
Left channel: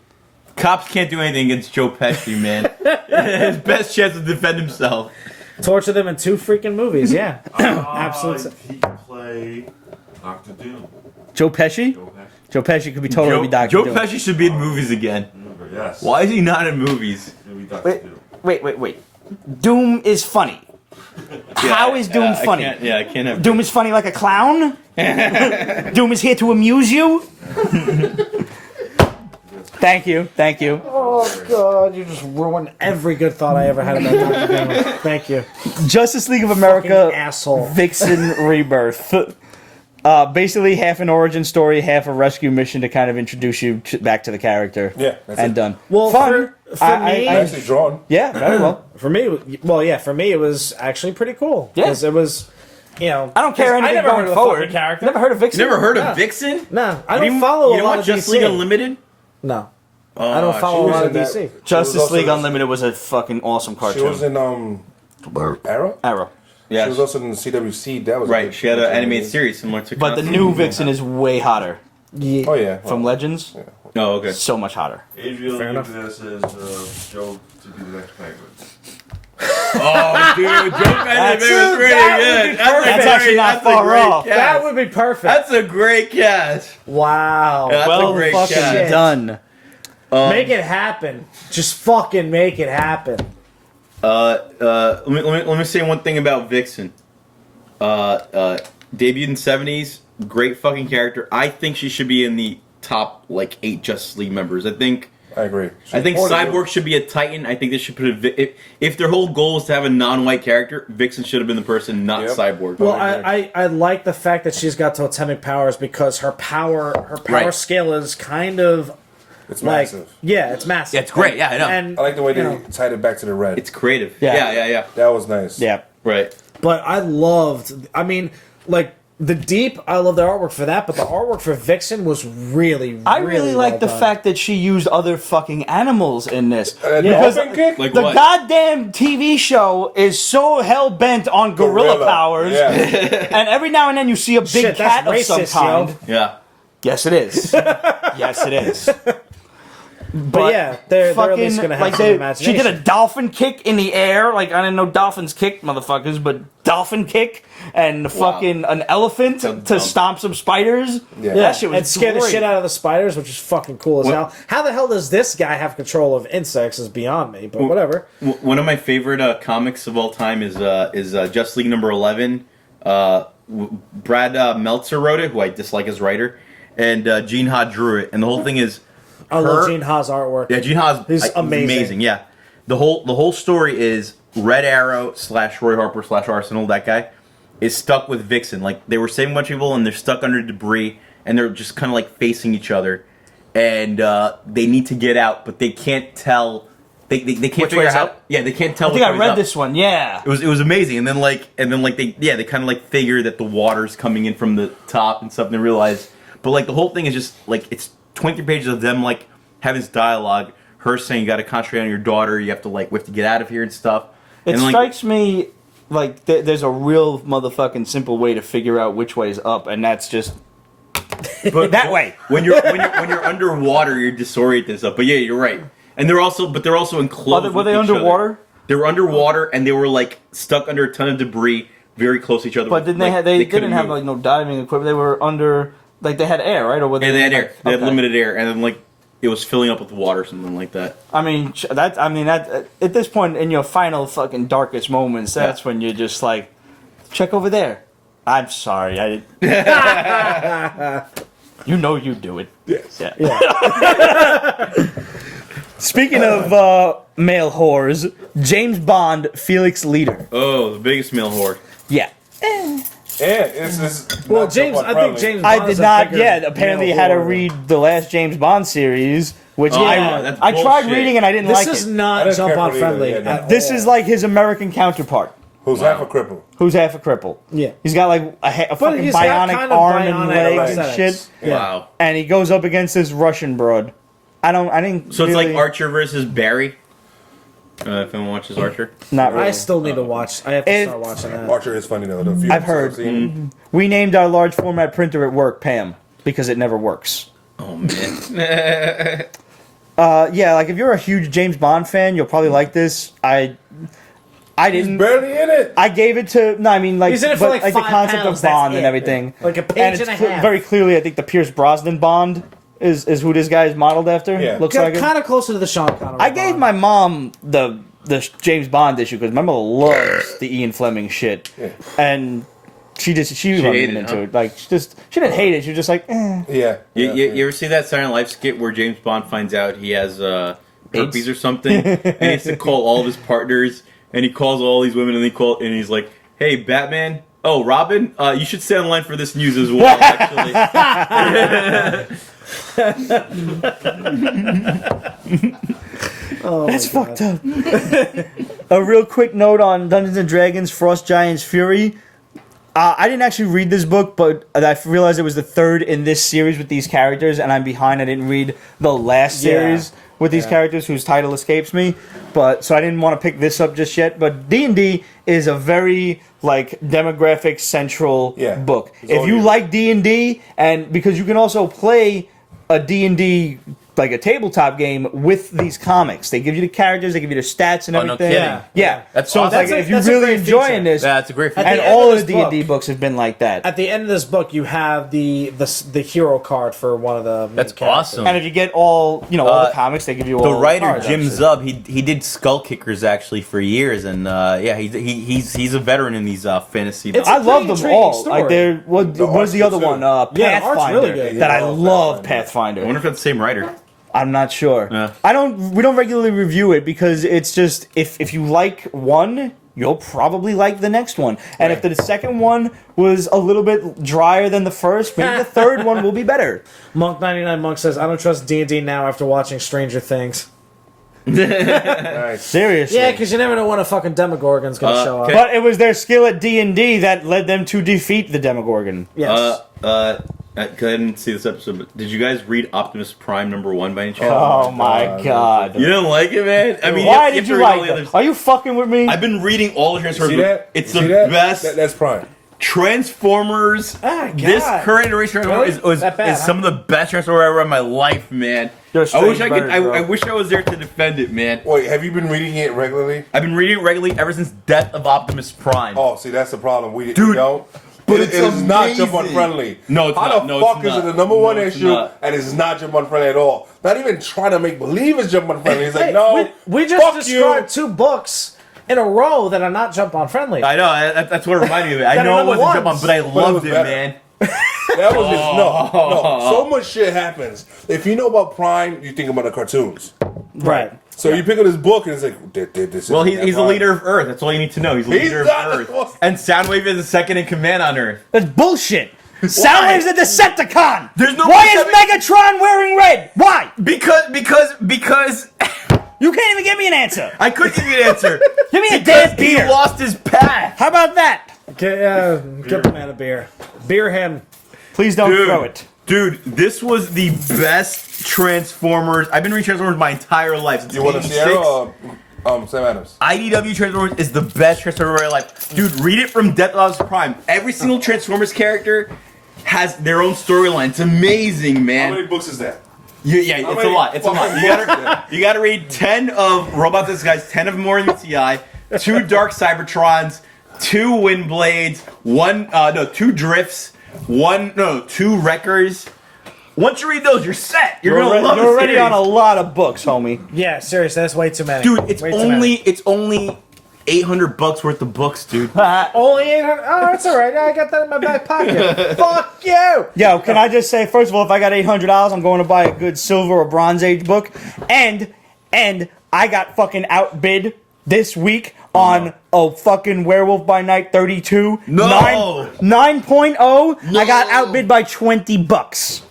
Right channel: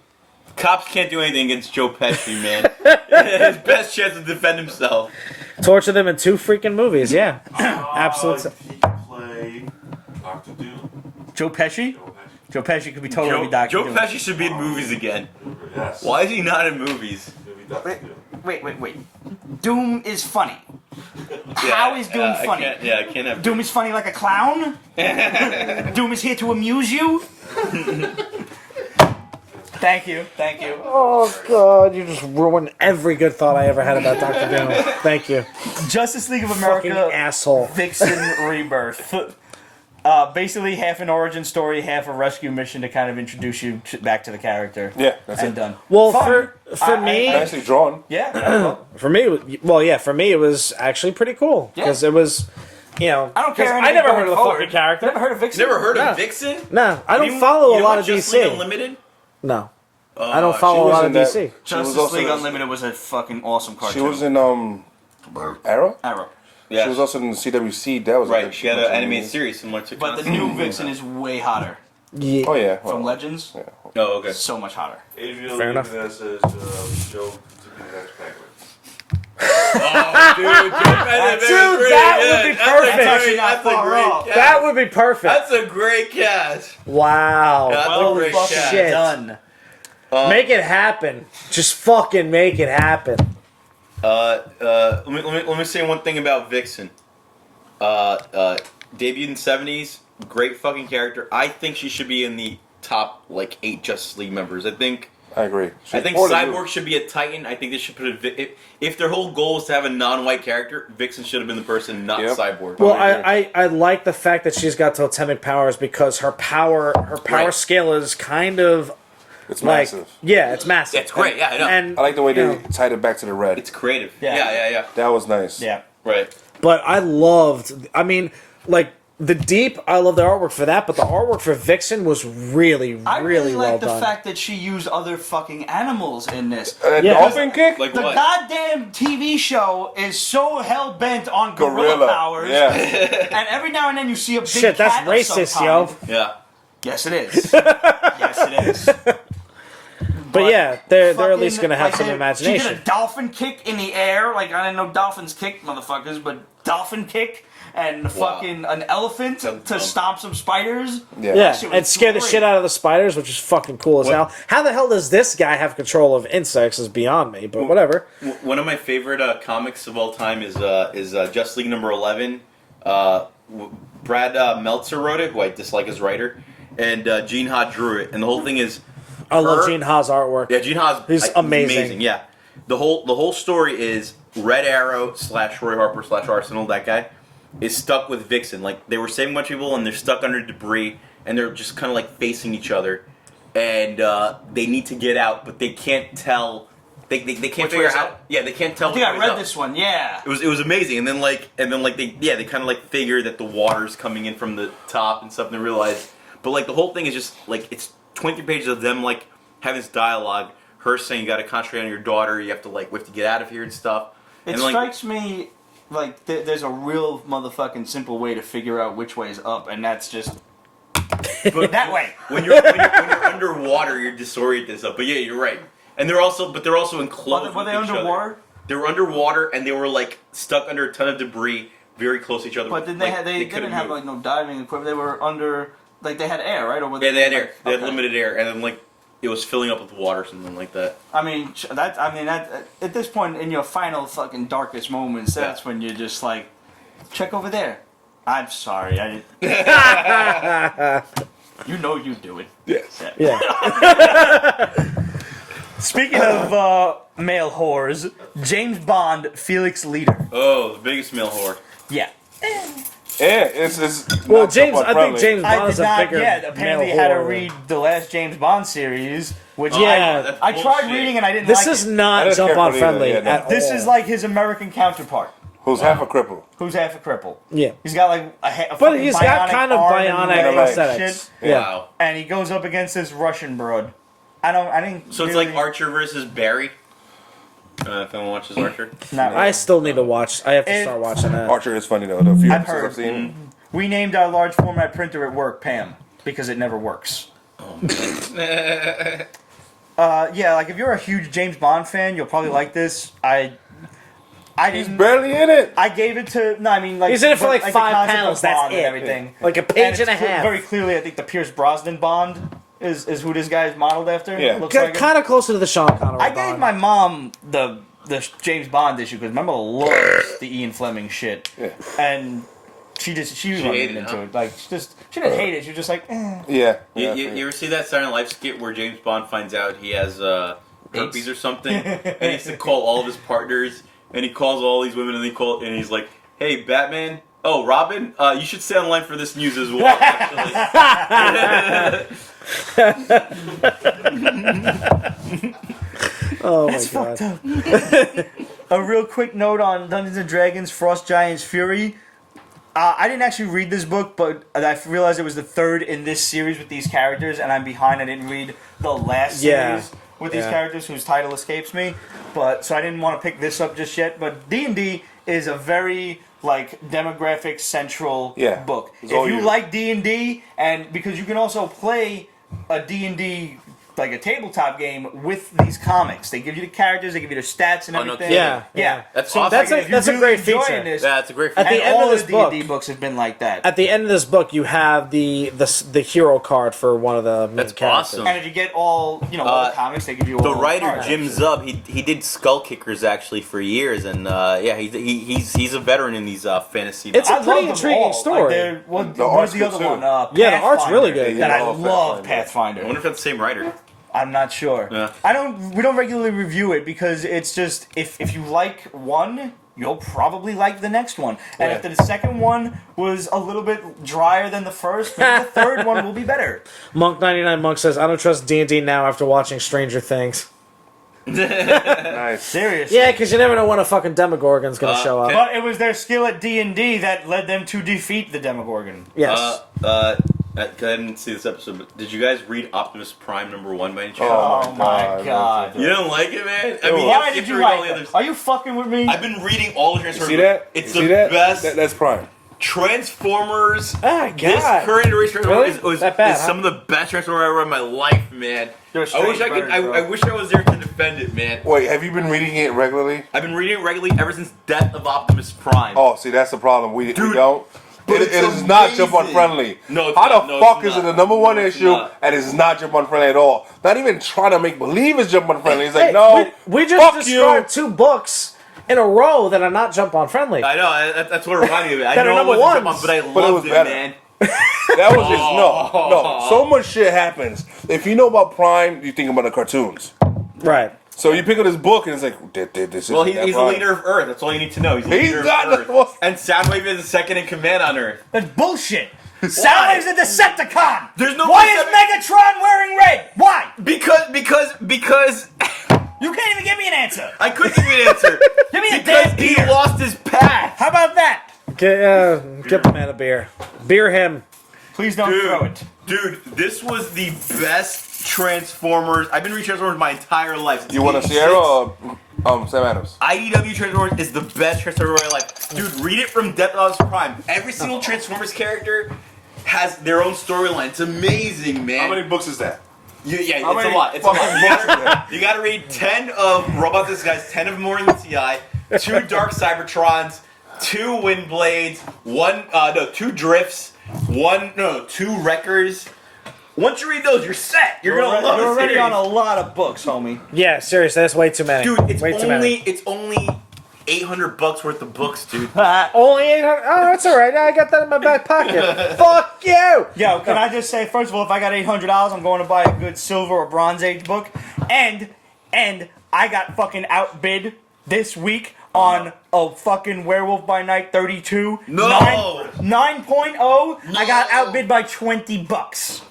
Cops can't do anything against Joe Pesci, man. His best chance to defend himself. Torture them in 2 freaking movies, yeah. Absolutely. He can play Doctor Doom. Joe Pesci? Joe Pesci. Joe Pesci could be totally Dr. Joe Doom. Pesci should be in movies again. Yes. Why is he not in movies? He'll be Doctor Wait. Doom. Wait. Doom is funny. How is Doom funny? I can't have Doom is funny like a clown? Doom is here to amuse you? Thank you. Oh god, you just ruined every good thought I ever had about Dr. Doom. Thank you. Justice League of America Fucking asshole. Vixen Rebirth. Basically half an origin story, half a rescue mission to kind of introduce you back to the character. Yeah, that's And it. done. Well, Fun. for me, Nicely drawn. Yeah, very well. for me, it was actually pretty cool. Yeah. Because it was, I don't care 'cause anything I never going heard of the forward. fucking character. Never heard of Vixen. You never heard of Vixen? Nah, I You don't follow you a don't lot watch of Just DC. League Unlimited? No. I don't follow She a was lot in of that. DC. She was Justice also League in- Unlimited was a fucking awesome cartoon. She was in Arrow. Arrow. Yeah. She was also in the CWC. That was a Right, good she had an cartoon animated movie. series similar to But the Constantine. new Vixen is way hotter. Yeah. Oh yeah. From well, Legends, yeah. Oh, okay. so much hotter. Adriel Fair enough. Levinas says Joe to be the next Penguin. Oh, dude, Joe Pesci was pretty good. That's a great That cast. would be perfect. That's a great cast. Wow. Yeah, that's Well, a great fucking cast. done. Make it happen. Just fucking make it happen. Let me say one thing about Vixen. Debuted in the 70s, great fucking character. I think she should be in the top 8 Justice League members. I think I agree. I think She's Cyborg should be a Titan. I think they should put if their whole goal is to have a non-white character, Vixen should have been the person, not Yep. Cyborg. Well, Totally I like the fact that she's got totemic powers because her power Right. scale is kind of It's like- massive. Yeah, it's massive. Yeah, it's great. Yeah, I know. And, I like the way you they know, tied it back to the red. It's creative. Yeah. Yeah. That was nice. Yeah. Right. but I loved. I mean, the Deep. I love the artwork for that, but the artwork for Vixen was really. I really like well the done. fact that she used other fucking animals in this. Dolphin kick. Like The what? goddamn TV show is so hell bent on gorilla powers, Yeah. and every now and then you see a big Shit, cat that's of some racist, kind. yo. Yeah. Yes, it is. Yes, it is. But yeah, they're at Fucking least gonna have like some she imagination. did a dolphin kick in the air. Like I didn't know dolphins kick, motherfuckers, but dolphin kick and Wow. fucking an elephant Sounds to dumb. stomp some spiders. Yeah. That shit was and scare the great. shit out of the spiders, which is fucking cool as What- hell. How the hell does this guy have control of insects? Is beyond me, but whatever. One of my favorite comics of all time is Justice League number 11. Brad Meltzer wrote it, who I dislike as writer, and Gene Ha drew it. And the whole thing is I her. love Gene Ha's artwork. Yeah, Gene Ha's He's amazing. Yeah, the whole story is Red Arrow / Roy Harper / Arsenal. That guy is stuck with Vixen. Like they were saving a bunch of people, and they're stuck under debris, and they're just kind of like facing each other, and they need to get out, but they can't tell. They can't figure out way's how. up? Yeah, they can't tell. I think which I way's read up. this one. Yeah. It was amazing, and then they kind of figure that the water's coming in from the top and stuff, and they realize, but the whole thing is just it's 23 pages of them like having this dialogue. Her saying you got to concentrate on your daughter. You have to we have to get out of here and stuff. It And like, strikes me like there's a real motherfucking simple way to figure out which way is up, and that's just but that way. When you're underwater, you're disoriented and stuff. But yeah, you're right. And they're also enclosed. Were they with each underwater? Other. They were underwater, and they were like stuck under a ton of debris, very close to each other. But didn't like, they couldn't didn't have move. like no diving equipment. They were under like they had air, right? Or were Yeah, they had air. like- They had okay. limited air, and then like it was filling up with water, or something like that. I mean that at this point in your final fucking darkest moments, that's when you're just like, check over there. I'm sorry, I didn't. You know you do it. Yes. Yeah. Speaking of male whores, James Bond, Felix Leiter. Oh, the biggest male whore. Yeah. And it's not jump on friendly. I did not yet. Apparently, had to read the last James Bond series, which Oh, I that's tried bullshit. reading and I didn't This like is it. I not didn't jump care on for it either, friendly. yeah, no. at This all. is like his American counterpart, Who's half a cripple? who's half a cripple. Yeah. He's got like a But fucking he's got bionic kind of arm bionic and legs and legs. shit, Yeah. Wow. and he goes up against this Russian broad. I didn't. So it's like really- Archer versus Barry. If anyone watches Archer. Not I really. still need to watch. I have to It- start watching that. Archer is funny though. The few I've episodes heard. I've seen. We named our large format printer at work Pam because it never works. Oh man. Yeah, like if you're a huge James Bond fan, you'll probably like this. I He's didn't. barely in it. I gave it to. No, I mean like, He's in it for but, like the 5 concept panels, of that's Bond and it. everything. Like a And page it's and a half. very clearly, I think the Pierce Brosnan Bond is who this guy is modeled after. Yeah. Looks like it. Kind of closer to the Sean Connery. I gave my mom the James Bond issue because my mother loves the Ian Fleming shit, Yeah. and she hated hated it, into huh? it. Like she didn't hate it. She was just like, eh. Yeah. You ever see that Silent Life skit where James Bond finds out he has herpes AIDS? or something, and he has to call all of his partners, and he calls all these women, and he's like, "Hey, Batman. Oh, Robin. You should stay online for this news as well. Actually, That's fucked up. A real quick note on Dungeons and Dragons: Frost Giants Fury. I didn't actually read this book, but I realized it was the third in this series with these characters, and I'm behind. I didn't read the last series with these characters, whose title escapes me. But so I didn't want to pick this up just yet. But D&D is a very like demographic central book. It's If all you you. like D&D, and because you can also play a D&D like a tabletop game with these comics. They give you the characters, they give you the stats and Oh, no everything. kidding. Yeah. That's so awesome. It's like, if you're That's a really great enjoying feature. this, that's a great feature. and the all end of the of this D&D book- books have been like that. At the end of this book, you have the hero card for one of the. main That's characters. awesome. And if you get all all the comics, they give you all The writer cards. Jim Zub, he did Skull Kickers actually for years, and he's a veteran in these fantasy. It's I a love pretty them all. intriguing story. Like they're what The was art's the good other too. one? Yeah, the art's Pathfinder. really good. That I love love Pathfinder. Pathfinder. I wonder if that's the same writer. I'm not sure. Yeah. We don't regularly review it because it's just if you like one, you'll probably like the next one. And if the second one was a little bit drier than the first, maybe the third one will be better. Monk99 Monk says, I don't trust D&D now after watching Stranger Things. Nice. Seriously. Yeah, because you never know when a fucking Demogorgon's going to show up. okay. But it was their skill at D&D that led them to defeat the Demogorgon. Yes. I didn't see this episode, but did you guys read Optimus Prime #1 by any chance? Oh my god. You don't like it, man? I mean, Why you have did to you read all like the it? others. Are you fucking with me? I've been reading all the Transformers. See that? It's You the see that? best. That's Prime. Transformers. God. This current iteration Transformers Really? That bad, is some of the best Transformers I ever read in my life, man. They're I wish I strange could. birds, bro. I wish I was there to defend it, man. Wait, have you been reading it regularly? I've been reading it regularly ever since Death of Optimus Prime. Oh, see, that's the problem. We Dude, don't. but It it's is not jump on amazing. friendly. No, it's How not. the No, fuck it's is it not. the number one No, it's issue not. and it's not jump on friendly at all? Not even trying to make believe it's jump on friendly. It's like, no, we just fuck you. described 2 books in a row that are not jump on friendly. I know. That's what reminded me of it. I They're know it number wasn't jump on, ones. but I it loved was it, better. man. That was just no. So much shit happens. If you know about Prime, you think about the cartoons. Right. So you pick up this book and it's like, this Well, isn't that he's the Prime. leader of Earth. That's all you need to know. He's the He's leader not of the Earth. one- And Soundwave is second in command on Earth. That's bullshit. Soundwave's a Decepticon. There's no Why is Decepticon- Megatron wearing red? Why? Because You can't even give me an answer. I couldn't give you an answer. Give me a Because damn he beer. lost his path. How about that? Get the man a beer. Beer him. Please don't Dude. throw it. Dude, this was the best Transformers. I've been reading Transformers my entire life. Since You want a 86. Sierra or Sam Adams? IDW Transformers is the best Transformers of my life. Dude, read it from Death of Prime. Every single Transformers character has their own storyline. It's amazing, How man. many books is that? Yeah, How it's a many lot. It's a lot. fucking books is that? You gotta read 10 of Robot This Guys, 10 of More in the TI, 2 Dark Cybertrons, 2 Windblades, 2 Drifts, 2 Wreckers. Once you read those, you're set. You're gonna love the You're already series. on a lot of books, homie. Yeah, seriously, that's way too many. Dude, it's Way too many. only $800 worth of books, dude. Only 800. Oh, that's all right. I got that in my back pocket. Fuck you. Yo, can I just say, first of all, if I got $800, I'm going to buy a good Silver or Bronze Age book, and I got fucking outbid this week on a fucking Werewolf by Night 32. No! 9.0. No. I got outbid by $20.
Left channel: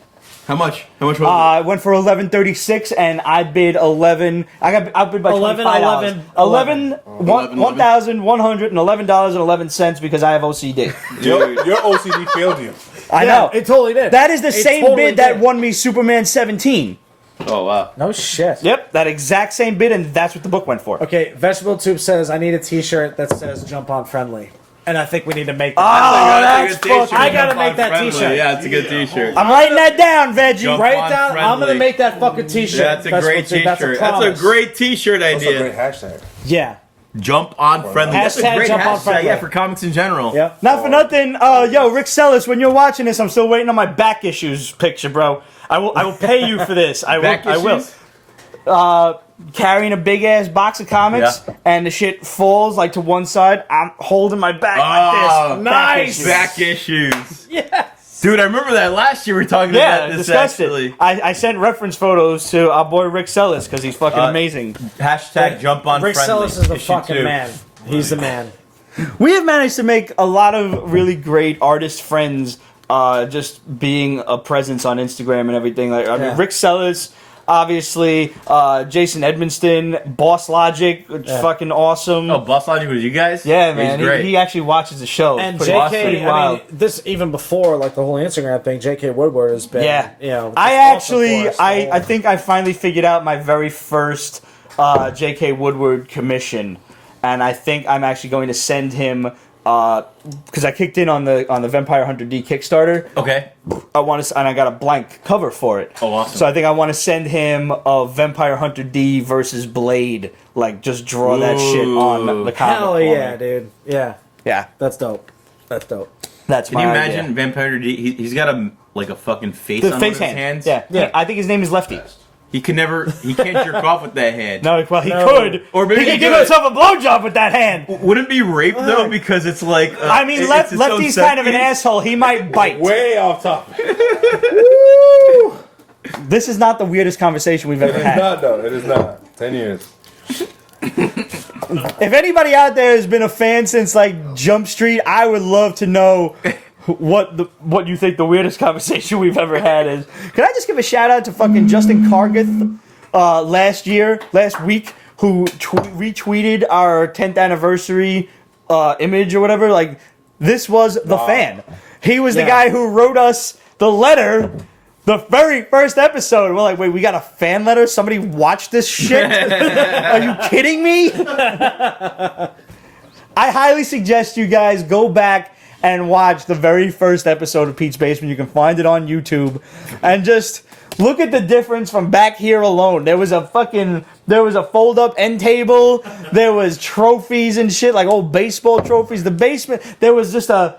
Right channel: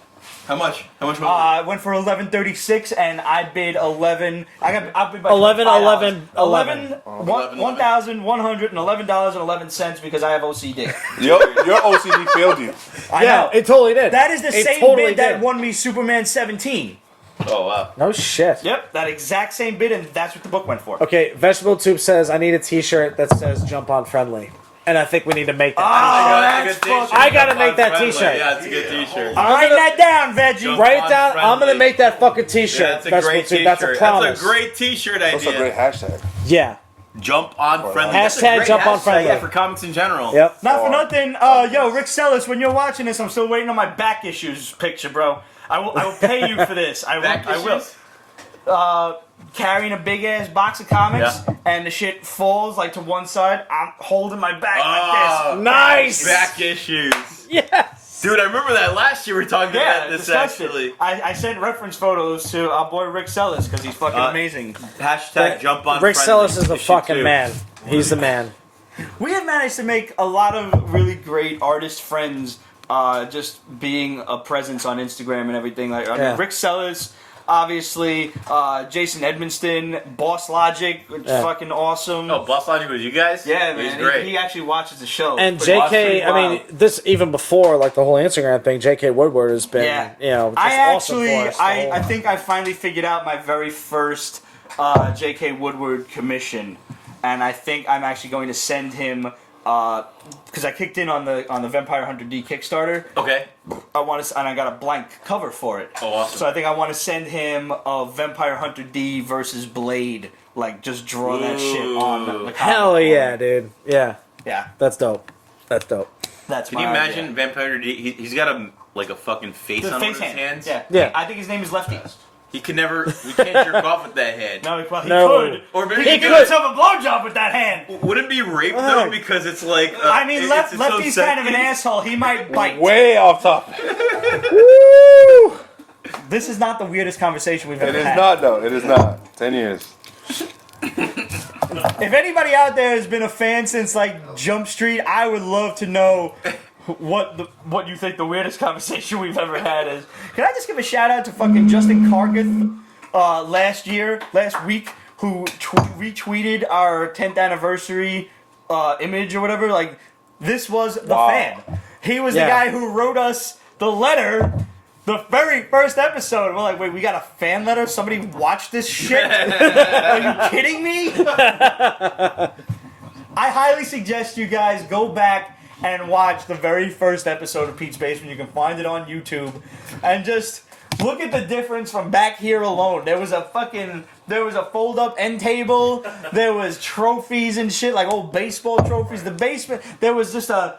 How much? How much was I went for 11.36, and I bid 11. I got outbid by $25. 1,111.11 because I have OCD. Your OCD failed you. I know. It totally did. That is the It same totally bid that did. won me Superman 17. it? Oh, wow. No shit. Yep, that exact same bid, and that's what the book went for. Okay, Vegetable Tube says, I need a t-shirt that says Jump On Friendly. And I think we need to make that. That's a good I t-shirt. gotta Jump on make that friendly. t-shirt. Yeah, it's a good t-shirt. I'm writing that down, Veggie. Jump Write on down, I'm friendly. gonna make that fucking t-shirt. Yeah, that's a Vegetable great Tube, t-shirt. That's a promise. great t-shirt That's a great idea. hashtag. Yeah. Jump on friendly. That's a Hashtag great jump on hashtag. friendly. Yeah, for comics in general. Yep. Not for nothing. Yo, Rick Sellis, when you're watching this, I'm still waiting on my back issues picture, bro. I will pay you for this. I will. Back I will. issues? Carrying a big ass box of comics, Yeah. and the shit falls like to one side. I'm holding my back Oh, like this. nice. Back issues. Yes. Dude, I remember that last year we were talking Yeah, about this discussed it. actually. I sent reference photos to our boy Rick Sellis because he's fucking amazing. Hashtag jump on Rick friendly. Sellis is the Issue fucking 2. man. He's the man. We have managed to make a lot of really great artist friends, just being a presence on Instagram and everything. Like I mean, Yeah. Rick Sellis, obviously, Jason Edmonston, Boss Logic, which is fucking awesome. Oh, Boss Logic was you guys? yeah, man, He's great. He actually watches the show. And Pretty JK, pretty I wild. mean, this even before like the whole Instagram thing, JK Woodward has been, Yeah. you know. I awesome actually, for us. I think I finally figured out my very first J.K. Woodward commission, and I think I'm actually going to send him because I kicked in on the Vampire Hunter D Kickstarter. Okay. I want to, and I got a blank cover for it. Oh, awesome. So I think I want to send him a Vampire Hunter D versus Blade, like just draw that shit on the comic. Hell for yeah, me. dude. Yeah, Yeah, that's dope. That's dope. that's. Can you imagine Vampire D? He's got a fucking face the on face one of his hand? hands. Yeah. Yeah. I think his name is Lefty. He can't jerk off with that hand. No, well, he No. could, Or maybe he he could give could. himself a blowjob with that hand. Wouldn't it be rape though? Because it's like I mean, it's its own Lefty's kind of an sentence. asshole. He might bite. Way off topic. Woo! This is not the weirdest conversation we've It ever is had. not though. It is not. 10 years. If anybody out there has been a fan since like Jump Street, I would love to know what you think the weirdest conversation we've ever had is. Can I just give a shout out to fucking Justin Cargith last week, who retweeted our 10th anniversary image or whatever? Like, this was the Wow. fan. He was the Yeah. guy who wrote us the letter. The very first episode, we're like, wait, we got a fan letter? Somebody watched this shit? Are you kidding me? I highly suggest you guys go back and watch the very first episode of Pete's Basement. You can find it on YouTube. And just look at the difference from back here alone. There was a fold-up end table. There was trophies and shit, like old baseball trophies. The basement, there was just a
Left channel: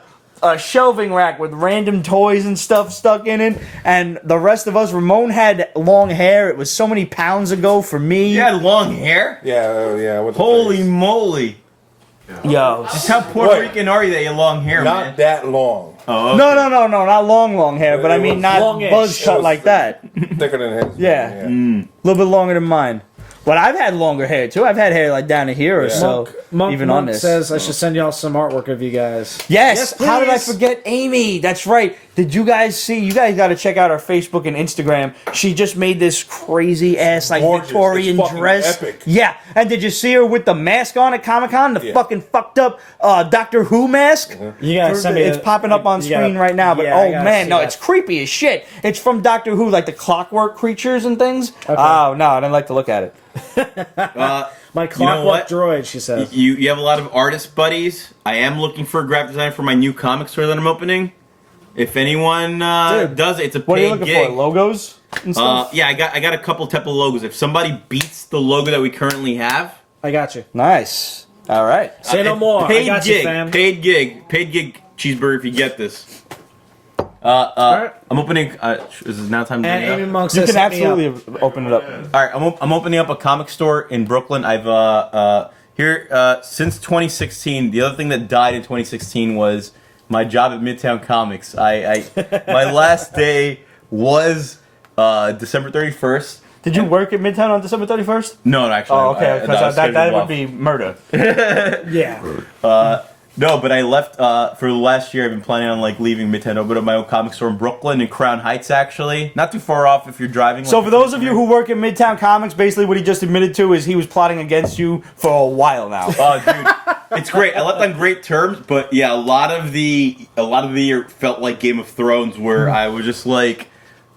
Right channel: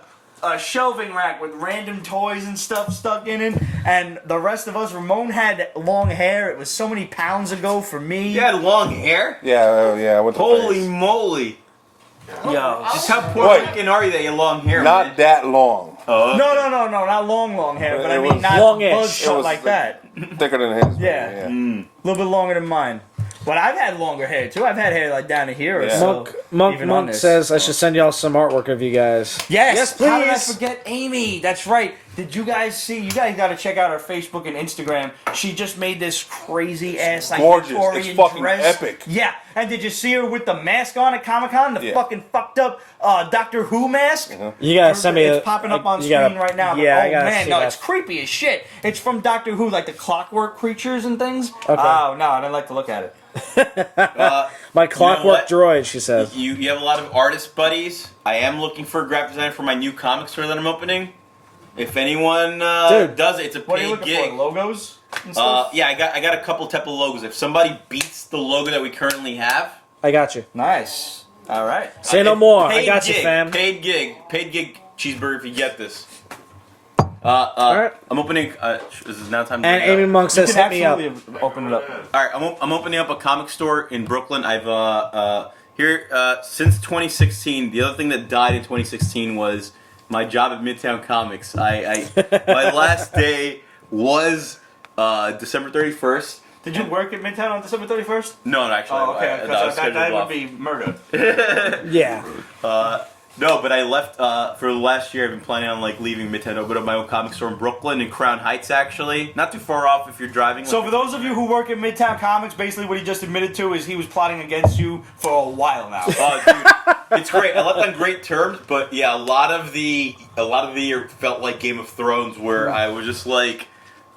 shelving rack with random toys and stuff stuck in it, and the rest of us, Ramon had long hair. It was so many pounds ago for me. You had long hair. Yeah. I went to Holy face. moly! Yo. Just how Puerto Wait. Rican are you that you have long hair, Not man? that long. Oh, okay. No, not long hair, but I It mean was- not Longish. buzz It cut was like that. Thicker than his. Yeah. man, A little bit longer than mine. But I've had longer hair too. I've had hair like down to here or Yeah. so. Monk, even on Monk this. says I should send y'all some artwork of you guys. Yes. Yes, How did I please. forget Amy? That's right. Did you guys see? You guys got to check out our Facebook and Instagram. She just made this crazy ass like gorgeous. Victorian It's fucking dress. epic. Yeah, and did you see her with the mask on at Comic-Con? The Yeah. fucking fucked up Doctor Who mask. You gotta send me It's popping up on screen right now, but yeah, I oh gotta man, see no, that. it's creepy as shit. It's from Doctor Who, like the clockwork creatures and things. Oh no, I didn't like to look at it. My You know what? clockwork droid, she said. You have a lot of artist buddies. I am looking for a graphic design for my new comic store that I'm opening. If anyone does it, it's a What are you paid looking gig. for? Logos and stuff. Yeah, I got a couple type of logos. If somebody beats the logo that we currently have, I got you. Nice. All right. Say no more. I Paid got you, gig, fam. paid gig cheeseburger. If you get this, Alright. I'm opening. Is it now time to bring it up? And amongst You us, can hit me up. absolutely open it up. All right, I'm opening up a comic store in Brooklyn. I've since 2016. The other thing that died in 2016 was my job at Midtown Comics. My last day was December 31st. Did you work at Midtown on December 31st? No, actually, Oh, okay. I 'Cause was that scheduled would off. be murder. Yeah. No, but I left for the last year. I've been planning on like leaving Midtown, open up my own comic store in Brooklyn in Crown Heights. Actually, not too far off if you're driving. So like, for those of you who work at Midtown Comics, basically what he just admitted to is he was plotting against you for a while now. Oh, dude, it's great. I left on great terms, but yeah, a lot of the year felt like Game of Thrones, where I was just like,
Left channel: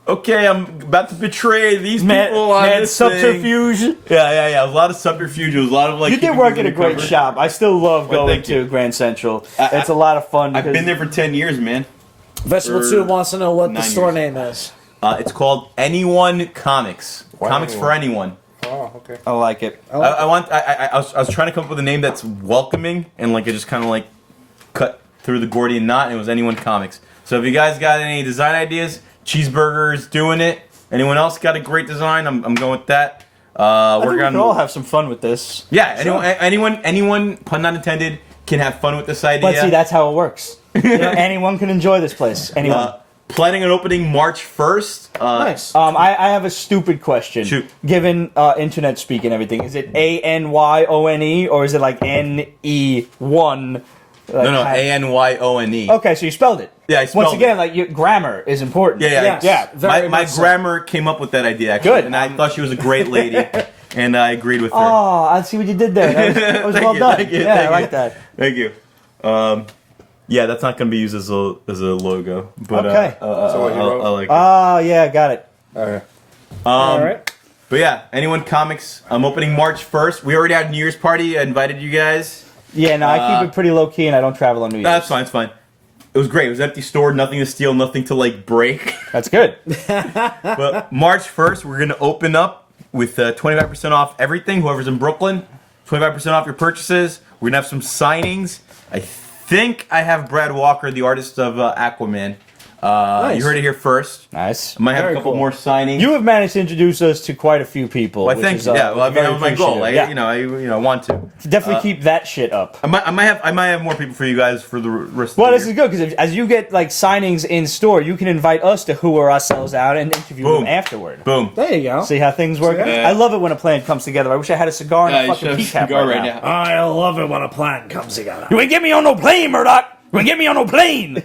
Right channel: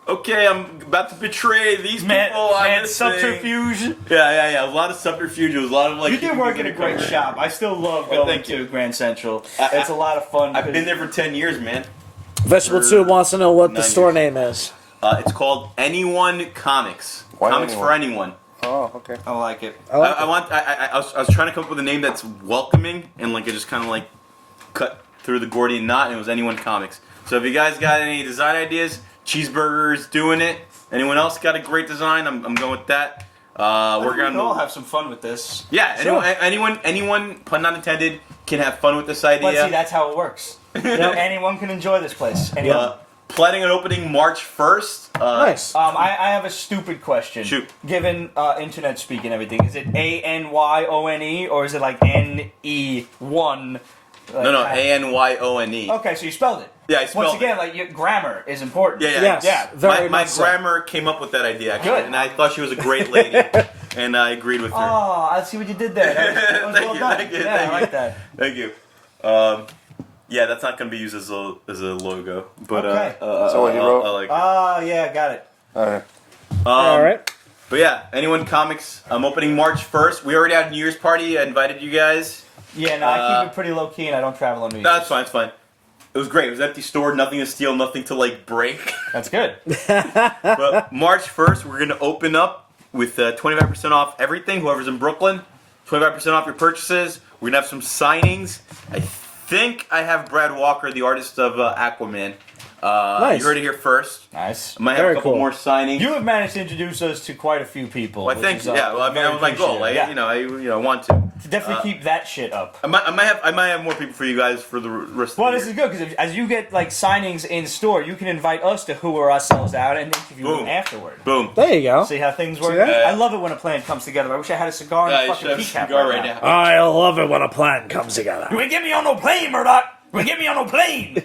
okay, I'm about to betray these people on this thing. subterfuge. Yeah. A lot of subterfuge. It was a lot of like. You did keeping work things at a great undercover. shop. I still love Well, going thank you. to Grand Central. I- It's a lot of fun. I've because- been there for 10 years, man. Vegetable For 2 wants to know what the 9 store years. name is. It's called Anyone Comics. Why Comics anyone? for anyone. Oh, okay. I like it. I was trying to come up with a name that's welcoming and like it just kind of like cut through the Gordian knot, and it was Anyone Comics. So if you guys got any design ideas, Cheeseburger's doing it. Anyone else got a great design? I'm going with that. I think We're we can all gonna have some fun with this. yeah. Anyone, pun not intended, can have fun with this idea. But see, that's how it works. Anyone can enjoy this place. Anyone. Planning on opening March 1st. Nice. I have a stupid question. Shoot. Given internet speak and everything, is it ANYONE or is it like NE1? No, ANYONE. Okay, so you spelled it. Yeah, I spelled Once again, it. like your grammar is important. Yeah. Yes. Very My much so. grammar came up with that idea actually, Good. and I thought she was a great lady, and I agreed with her. Oh, I see what you did there. That was Thank well you, done. thank you, yeah, thank I you. like that. Thank you. Yeah, that's not going to be used as a logo, but Okay. So what he wrote? I like it. Oh, yeah, got it. Okay. All right. But yeah, Anyone Comics. I'm opening March 1st. We already had New Year's party. I invited you guys. Yeah, no, I keep it pretty low key and I don't travel on New Year's. No, that's fine. It's fine. It was great. It was an empty store. Nothing to steal. Nothing to like break. That's good. But March 1st, we're going to open up with 25% off everything. Whoever's in Brooklyn, 25% off your purchases. We're going to have some signings. I think I have Brad Walker, the artist of Aquaman. You heard it here first. Nice. I might have Very a couple cool. more signings. You have managed to introduce us to quite a few people. Well, I which think, is, yeah. Well, I mean, that very was my goal. appreciative. I want to. Definitely keep that shit up. I might have more people for you guys for the rest Well, of this the is year. good because as you get like signings in store, you can invite us to hooer ourselves out and interview Boom. them afterward. Boom. There you go. See how things work. that? I love it when a plan comes together. I wish I had a cigar. Yeah, and you a should have a fucking cigar right now. I love it when a plan comes together. You ain't get me on no plane, Murdoch. You ain't get me on no plane.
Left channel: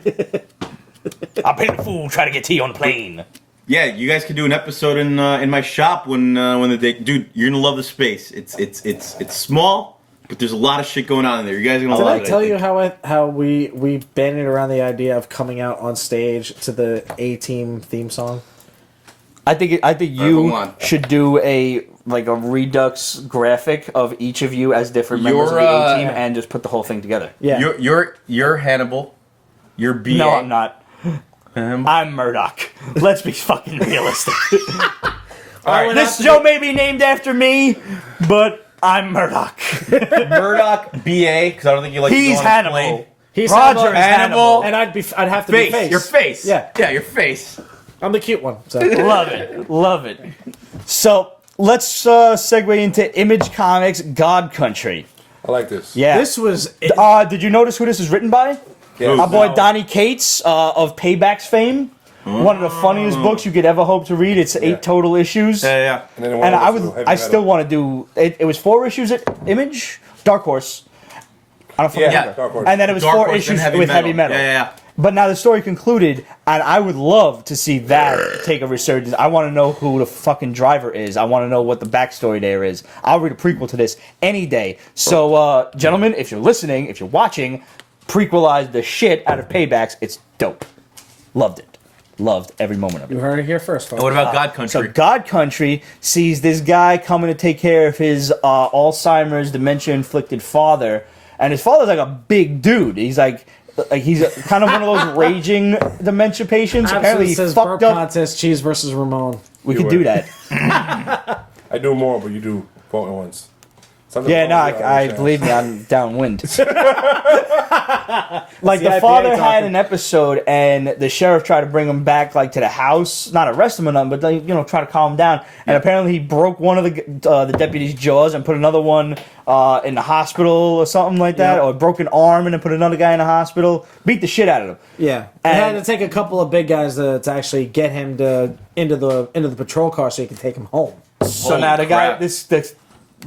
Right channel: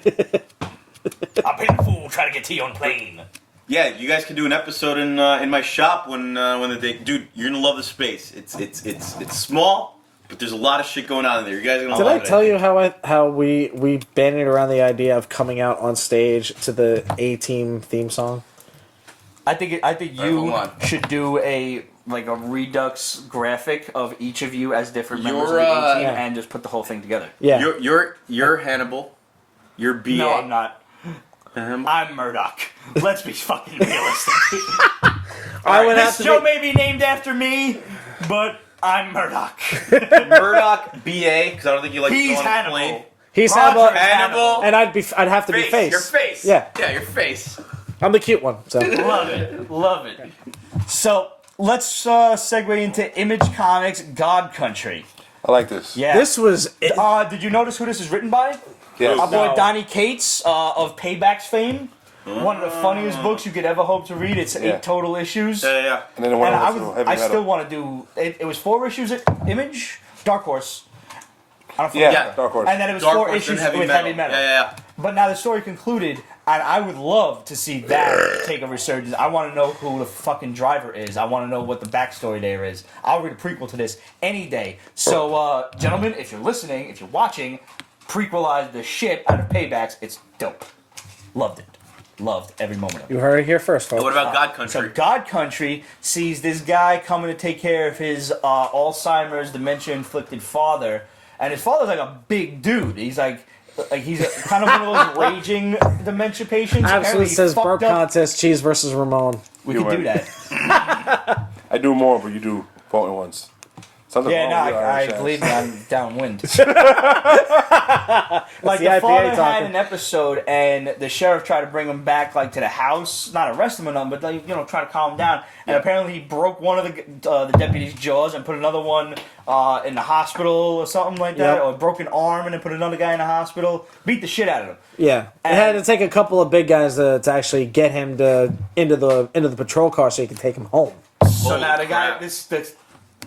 I'll pay the fool try to get tea on plane. Yeah, you guys can do an episode in my shop when the day. Dude, you're gonna love the space. It's small, but there's a lot of shit going on in there. You guys are gonna Did love I it. tell I you think. how we bandied around the idea of coming out on stage to the A-Team theme song? I think hold you on. should do a redux graphic of each of you as different members You're, of the A-Team and just put the whole thing together. Yeah. You're Hannibal. You're BA. No, I'm not. Um, I'm Murdoch. Let's be fucking realistic. all right, This show may be named after me, but I'm Murdoch. Murdoch BA because I don't think you like to He's go on a Hannibal. plane. He's Roger Hannibal. and I'd have to be Face, face. your face. Yeah. your face. I'm the cute one. So. Love it. Love it. So let's segue into Image Comics God Country. I like this. Yeah. This was Did you notice who this is written by? Yes. Our boy Donny Cates of Paybacks fame. One of the funniest books you could ever hope to read. It's 8 total issues. Yeah. And then it went And over to heavy I metal. still want to do. It was 4 issues at Image, Dark Horse. I don't Yeah, Yeah. Dark Horse. And then it was Dark 4 Horse issues and heavy with metal. heavy metal. Yeah. But now the story concluded, and I would love to see that take a resurgence. I want to know who the fucking driver is. I want to know what the backstory there is. I'll read a prequel to this any day. So, gentlemen, if you're listening, if you're watching, prequelize the shit out of Paybacks. It's dope. Loved it. Loved every moment of it. You heard it here first. And what about God So Country? God Country sees this guy coming to take care of his Alzheimer's dementia-inflicted father, and his father's like a big dude. He's like he's kind of one of those raging dementia patients. Apparently, he says fucked burp up. contest, cheese versus Ramon. We You could do win. that. I do more, but you do both at once. Something Yeah, wrong no, with your I Irish ass. believe me, I'm downwind. Like The the IPA father had topic. an episode, and the sheriff tried to bring him back, like to the house, not arrest him or nothing, but like, try to calm him down. And apparently, he broke one of the deputy's jaws and put another one in the hospital or something like that, or broke an arm and then put another guy in the hospital. Beat the shit out of him. Yeah, And- and it had to take a couple of big guys to actually get him into the patrol car so he can take him home. So Holy now the guy, crap.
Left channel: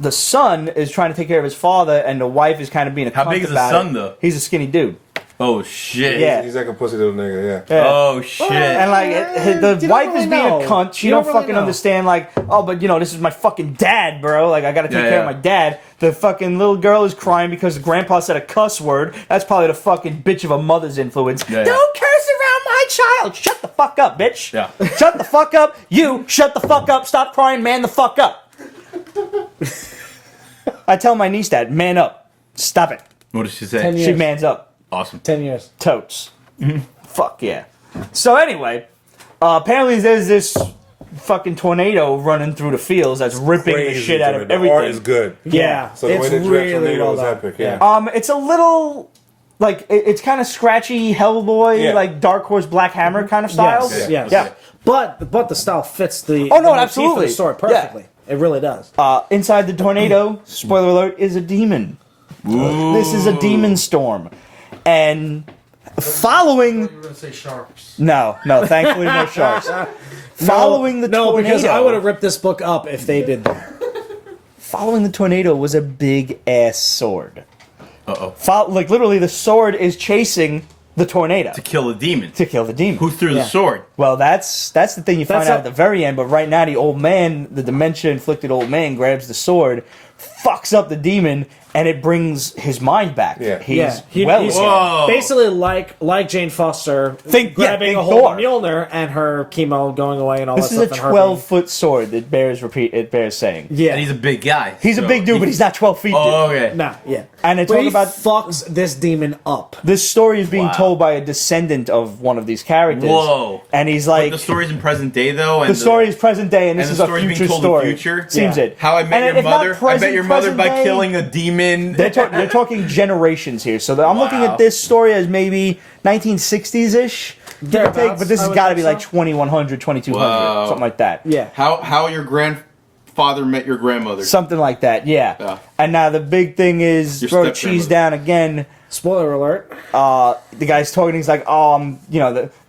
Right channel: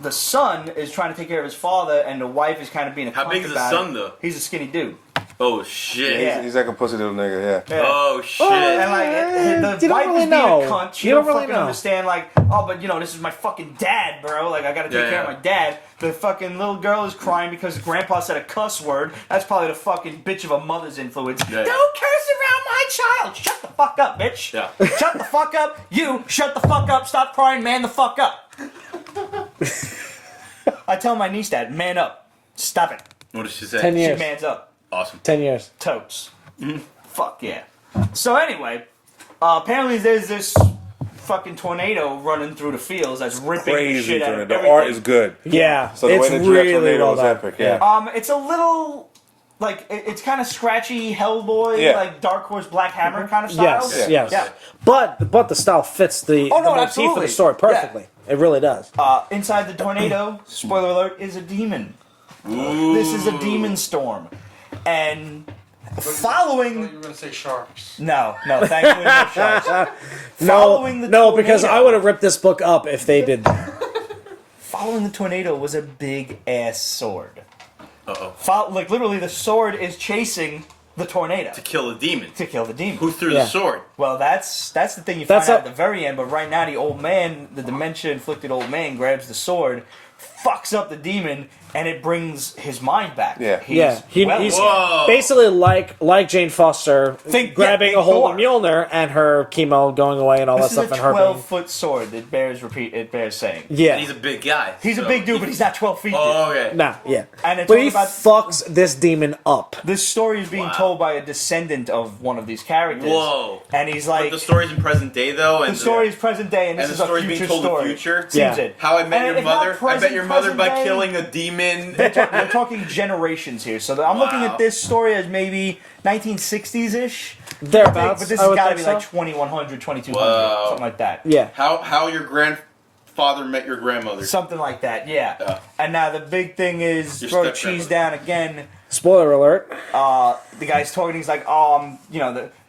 the son is trying to take care of his father, and the wife is kind of being a How cunt big is the about son, it. though? He's a skinny dude. Oh shit! Yeah. He's like a pussy little nigga, yeah. Yeah. Oh shit! And like the You wife don't is really being know. a cunt. She You don't don't really fucking know. understand. Like, oh, but this is my fucking dad, bro. Like, I gotta take Yeah, care yeah. of my dad. The fucking little girl is crying because grandpa said a cuss word. That's probably the fucking bitch of a mother's influence. Yeah, yeah. Don't curse around my child. Shut the fuck up, bitch. Yeah. Shut the fuck up. You shut the fuck up. Stop crying. Man the fuck up. I tell my niece that. Man up. Stop it. What did she 10 say? years. She mans up. Awesome. 10 years. Totes. Fuck yeah. So anyway, apparently there's this fucking tornado running through the fields that's ripping the Crazy shit out tornado. of The everything. art is good. Yeah. So the way they it's drew that really tornado well was done. epic, yeah. It's a little like it's kind of scratchy Hellboy, Yeah. like Dark Horse Black Hammer kind of style. Yes, Yeah. yes. Yeah. But the style fits the Oh, no, the motif absolutely. of the story perfectly. It really does. Inside the tornado, spoiler alert, is a demon. Ooh. This is a demon storm, and following. You were going to say sharks. No, thankfully no sharks. Following the no, tornado. because I would have ripped this book up if they did that. Following the tornado was a big ass sword. Like literally, the sword is chasing the tornado To kill the demon. to kill the demon. Who threw the Yeah. sword? Well, that's the thing you find That's out how- at the very end. But right now, the old man, the dementia-inflicted old man, grabs the sword, fucks up the demon, and it brings his mind back. Yeah. He's He's Whoa. basically like Jane Foster Think grabbing a hold Thor. of Mjolnir and her chemo going away and all This that is a stuff. and her 12-foot sword. It bears saying. being- Yeah. And he's a big guy. He's a so big dude, he- but he's not 12 feet. Oh, okay. Nah, yeah. And it's But all he about fucks this demon up. this story is being Wow. told by a descendant of one of these characters. Whoa. And he's But like, the story's in present day though, and the story is present day, and this and is the a story's future being told story. in the future. Seems Yeah. it. How I Met And Your if not Mother. I Bet Your Mother by present day, killing a demon. They're talking generations here, so I'm looking Wow. at this story as maybe 1960s ish, give or take, Thereabouts, but this I has would got to be think like so. 2100, 2200, Wow. something like that. Yeah. How your grandfather met your grandmother. Something like that, yeah. Yeah. And now the big thing is, Your throw step-grandmother. cheese down again. Spoiler alert. The guy's talking. He's like,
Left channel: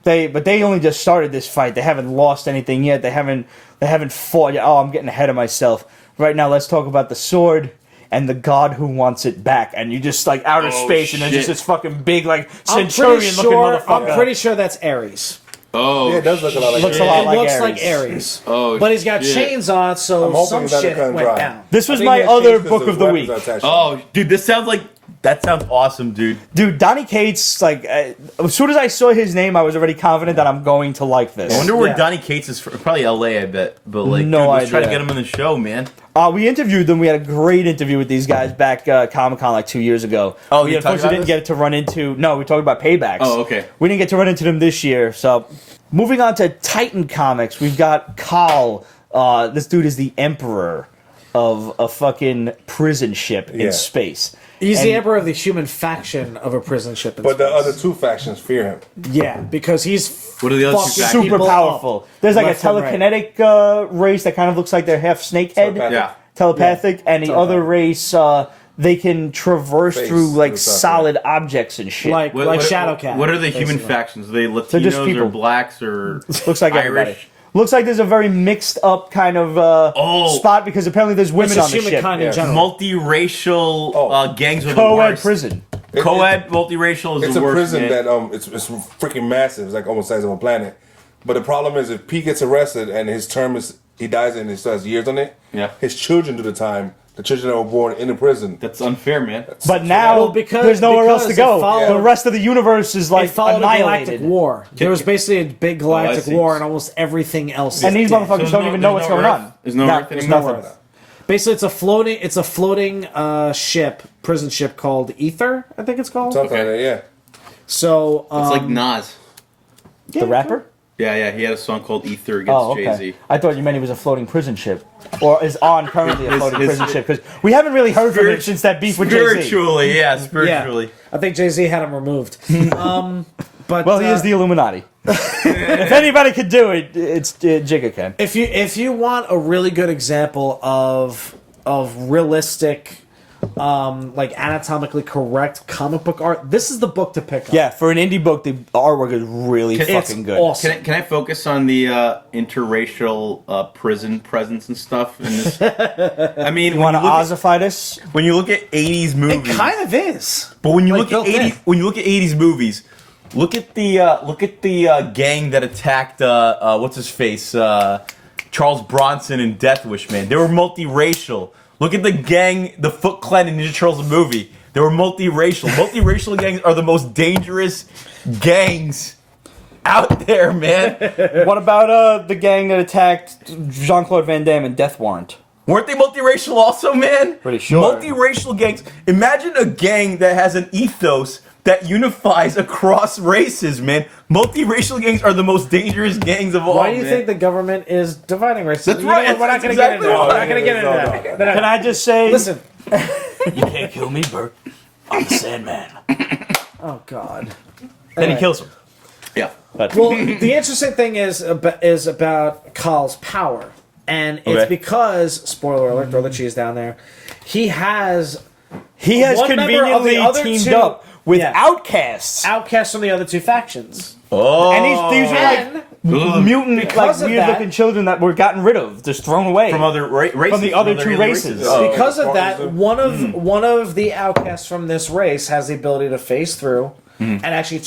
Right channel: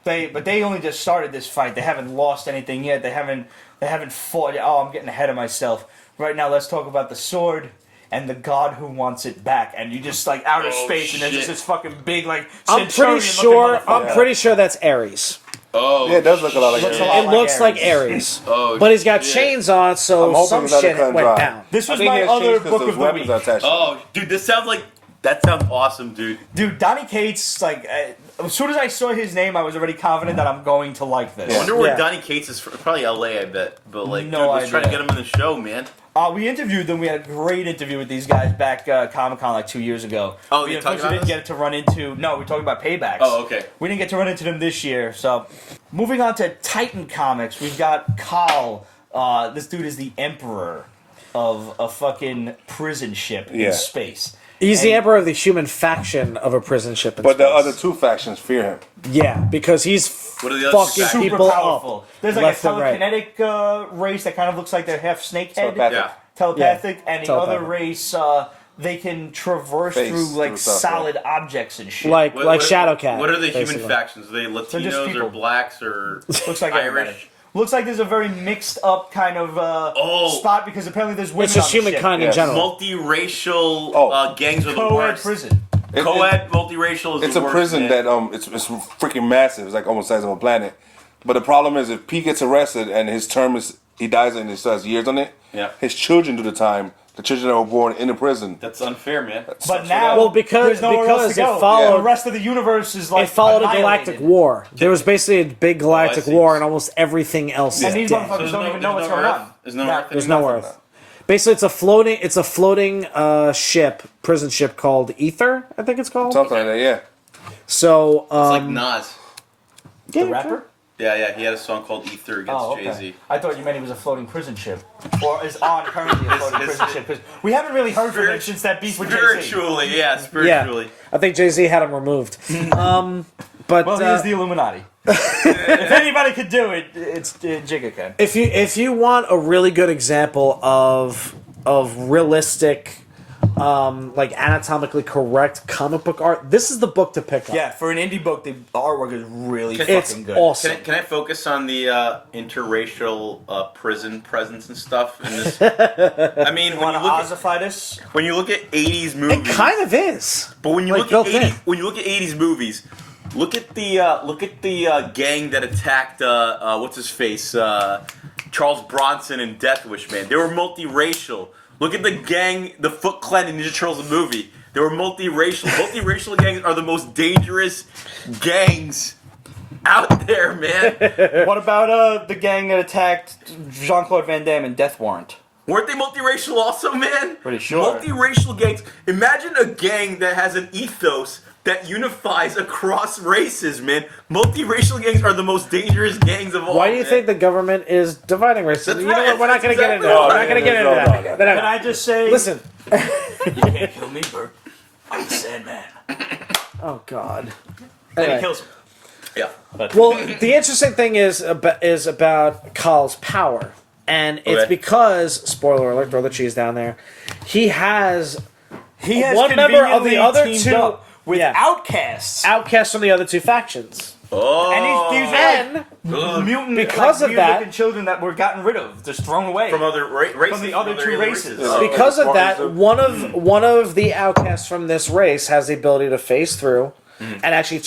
they only just started this fight. They haven't lost anything yet. They haven't fought yet. Oh, I'm getting ahead of myself. Right now, let's talk about the sword and the god who wants it back. And you just like outer Oh, space, and there's shit. just this fucking big like I'm centurion-looking motherfucker. I'm pretty sure that's Ares. Oh. Yeah, it does look a lot like Looks a Ares. lot It like looks Ares. like Ares. Oh. But he's got shit. chains on, so I'm hoping some that it shit couldn't went dry. down. This I was think my he has other changed because book those of the weapons week. are attached. Oh, dude, that sounds awesome, dude. Dude, Donny Cates, like, as soon as I saw his name, I was already confident that I'm going to like this. I wonder where Yeah. Donny Cates is from. Probably LA, I bet. But like, No dude, let's try to idea. get him in the show, man. We interviewed them. We had a great interview with these guys back Comic-Con like 2 years ago. Oh, we you talked about didn't this? get to run into. No, we talked about Paybacks. Oh, okay. We didn't get to run into them this year. So, moving on to Titan Comics, we've got Khaal. This dude is the emperor of a fucking prison ship Yeah. in space. He's the And- emperor of the human faction of a prison ship. in But the space. other two factions fear him. Yeah, because he's What are the other two fucking factions? Super people powerful. There's like a left and right. telekinetic race that kind of looks like they're half snakehead. Telepathic. Yeah. Telepathic, and the Telepathic. other race, they can traverse Face through like through stuff, solid objects and shit. Like Shadowcat. What are the human basically. factions? Are they just Latinos or people. blacks or Looks like everybody. Irish? Looks like there's a very mixed up kind of Oh. spot because apparently there's women It's on just the ship. humankind Yeah. in general. Multiracial Oh. gangs are the Co-ed worst. prison. Co-ed multiracial is It's the a worst, prison man. that it's freaking massive. It's like almost the size of a planet. But the problem is, if P gets arrested and his term he dies and he still has years on it. Yeah. His children do the time. The children that were born in the prison. That's unfair, man. But now Well, because- there's nowhere else to because it go. followed- The rest of the universe is They like followed the Galactic annihilated. War. There was basically a big Galactic see. War, and almost everything else. And these did. motherfuckers So don't even know what's going on. There's no Earth there's anymore. nothing. Basically, it's a floating ship, prison ship called Ether. I think it's called. Something like that, yeah. So It's like Nas. The rapper? Yeah, he had a song called Ether against Oh, okay. Jay-Z. I thought you meant he was a floating prison ship, or is on currently a His- floating his- prison ship. Because we haven't really heard from him since that beef with Jay-Z. Spiritually, yeah, spiritually. Yeah, I think Jay-Z had him removed. But Well, he is the Illuminati. If anybody could do it, it's Jigga can. if you want a really good example of realistic, like anatomically correct comic book art, this is the book to pick up. Yeah, for an indie book, the artwork is really It's fucking good. awesome. Can I focus on the interracial prison presence and stuff in this? I mean, You when want you to look ossify this? when you look at 80s It movies, kind of is. but when you Like, look at okay. 80s movies, look at the gang that attacked what's his face Charles Bronson in Death Wish, man. They were multiracial. Look at the gang, the Foot Clan in Ninja Turtles the movie. They were multiracial. Multiracial gangs are the most dangerous gangs out there, man. What about the gang that attacked Jean-Claude Van Damme in Death Warrant? Weren't they multiracial also, man? Pretty sure. Multiracial gangs. Imagine a gang that has an ethos that unifies across races, man. Multiracial gangs are the most dangerous gangs of all, Why do you man. think the government is dividing races? That's right. We're not That's gonna exactly get into why. it. No, no. Can I just say, Listen. kill me, Bert. I'm the Sandman. Oh God. Then he kills him. Yeah. Well, the interesting thing is about Khal's power, and it's Okay. because, spoiler alert, throw the cheese down there. He has He has one member of conveniently the other teamed two- up with Yeah. outcasts. outcasts from the other two factions. Oh. And these And mutant, like Because of weird-looking that- children that were gotten rid of, just thrown away. from other races. From the other two alien races. Oh, because like of the that, Spartans do? one of the outcasts from this race has the ability to phase through and actually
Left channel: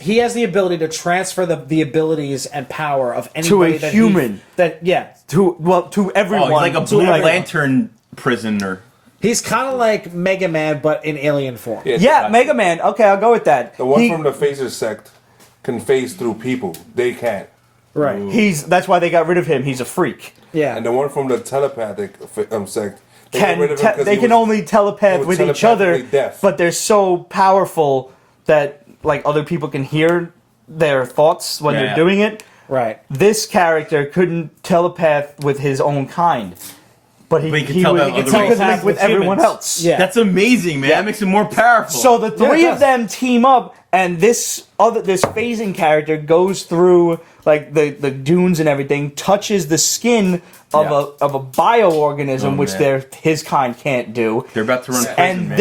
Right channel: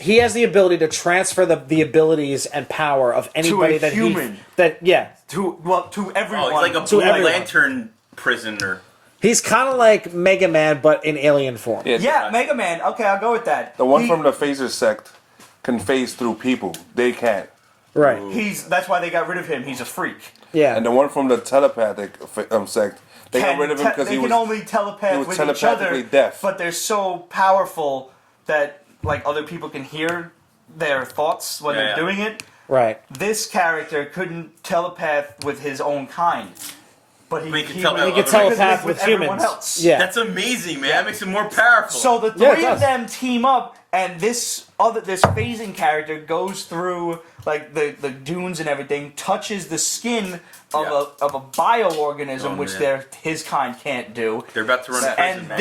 he has the ability to transfer the abilities and power of anybody that human. to everyone. Oh, he's like a To Blue like- Lantern prisoner. He's kind of like Mega Man, but in alien form. Yeah, Mega Man. Okay, I'll go with that. The one He- from the Phaser sect can phase through people. They can't. Right. That's why they got rid of him. He's a freak. Yeah. And the one from the telepathic sect, they got rid of him because they he can was only telepath was with each other, telepathically deaf. but they're so powerful that like other people can hear their thoughts when they're Yeah. doing it. right. This character couldn't telepath with his own kind, but he could telepath would- other he could races. link with everyone Humans. else. Yeah. That's amazing, man. That makes him more powerful. So the three Yeah. of them team up, and this phasing character goes through like the dunes and everything, touches the skin of Yeah. a bioorganism, Oh, which man. his kind can't do. They're about to run prison, And man.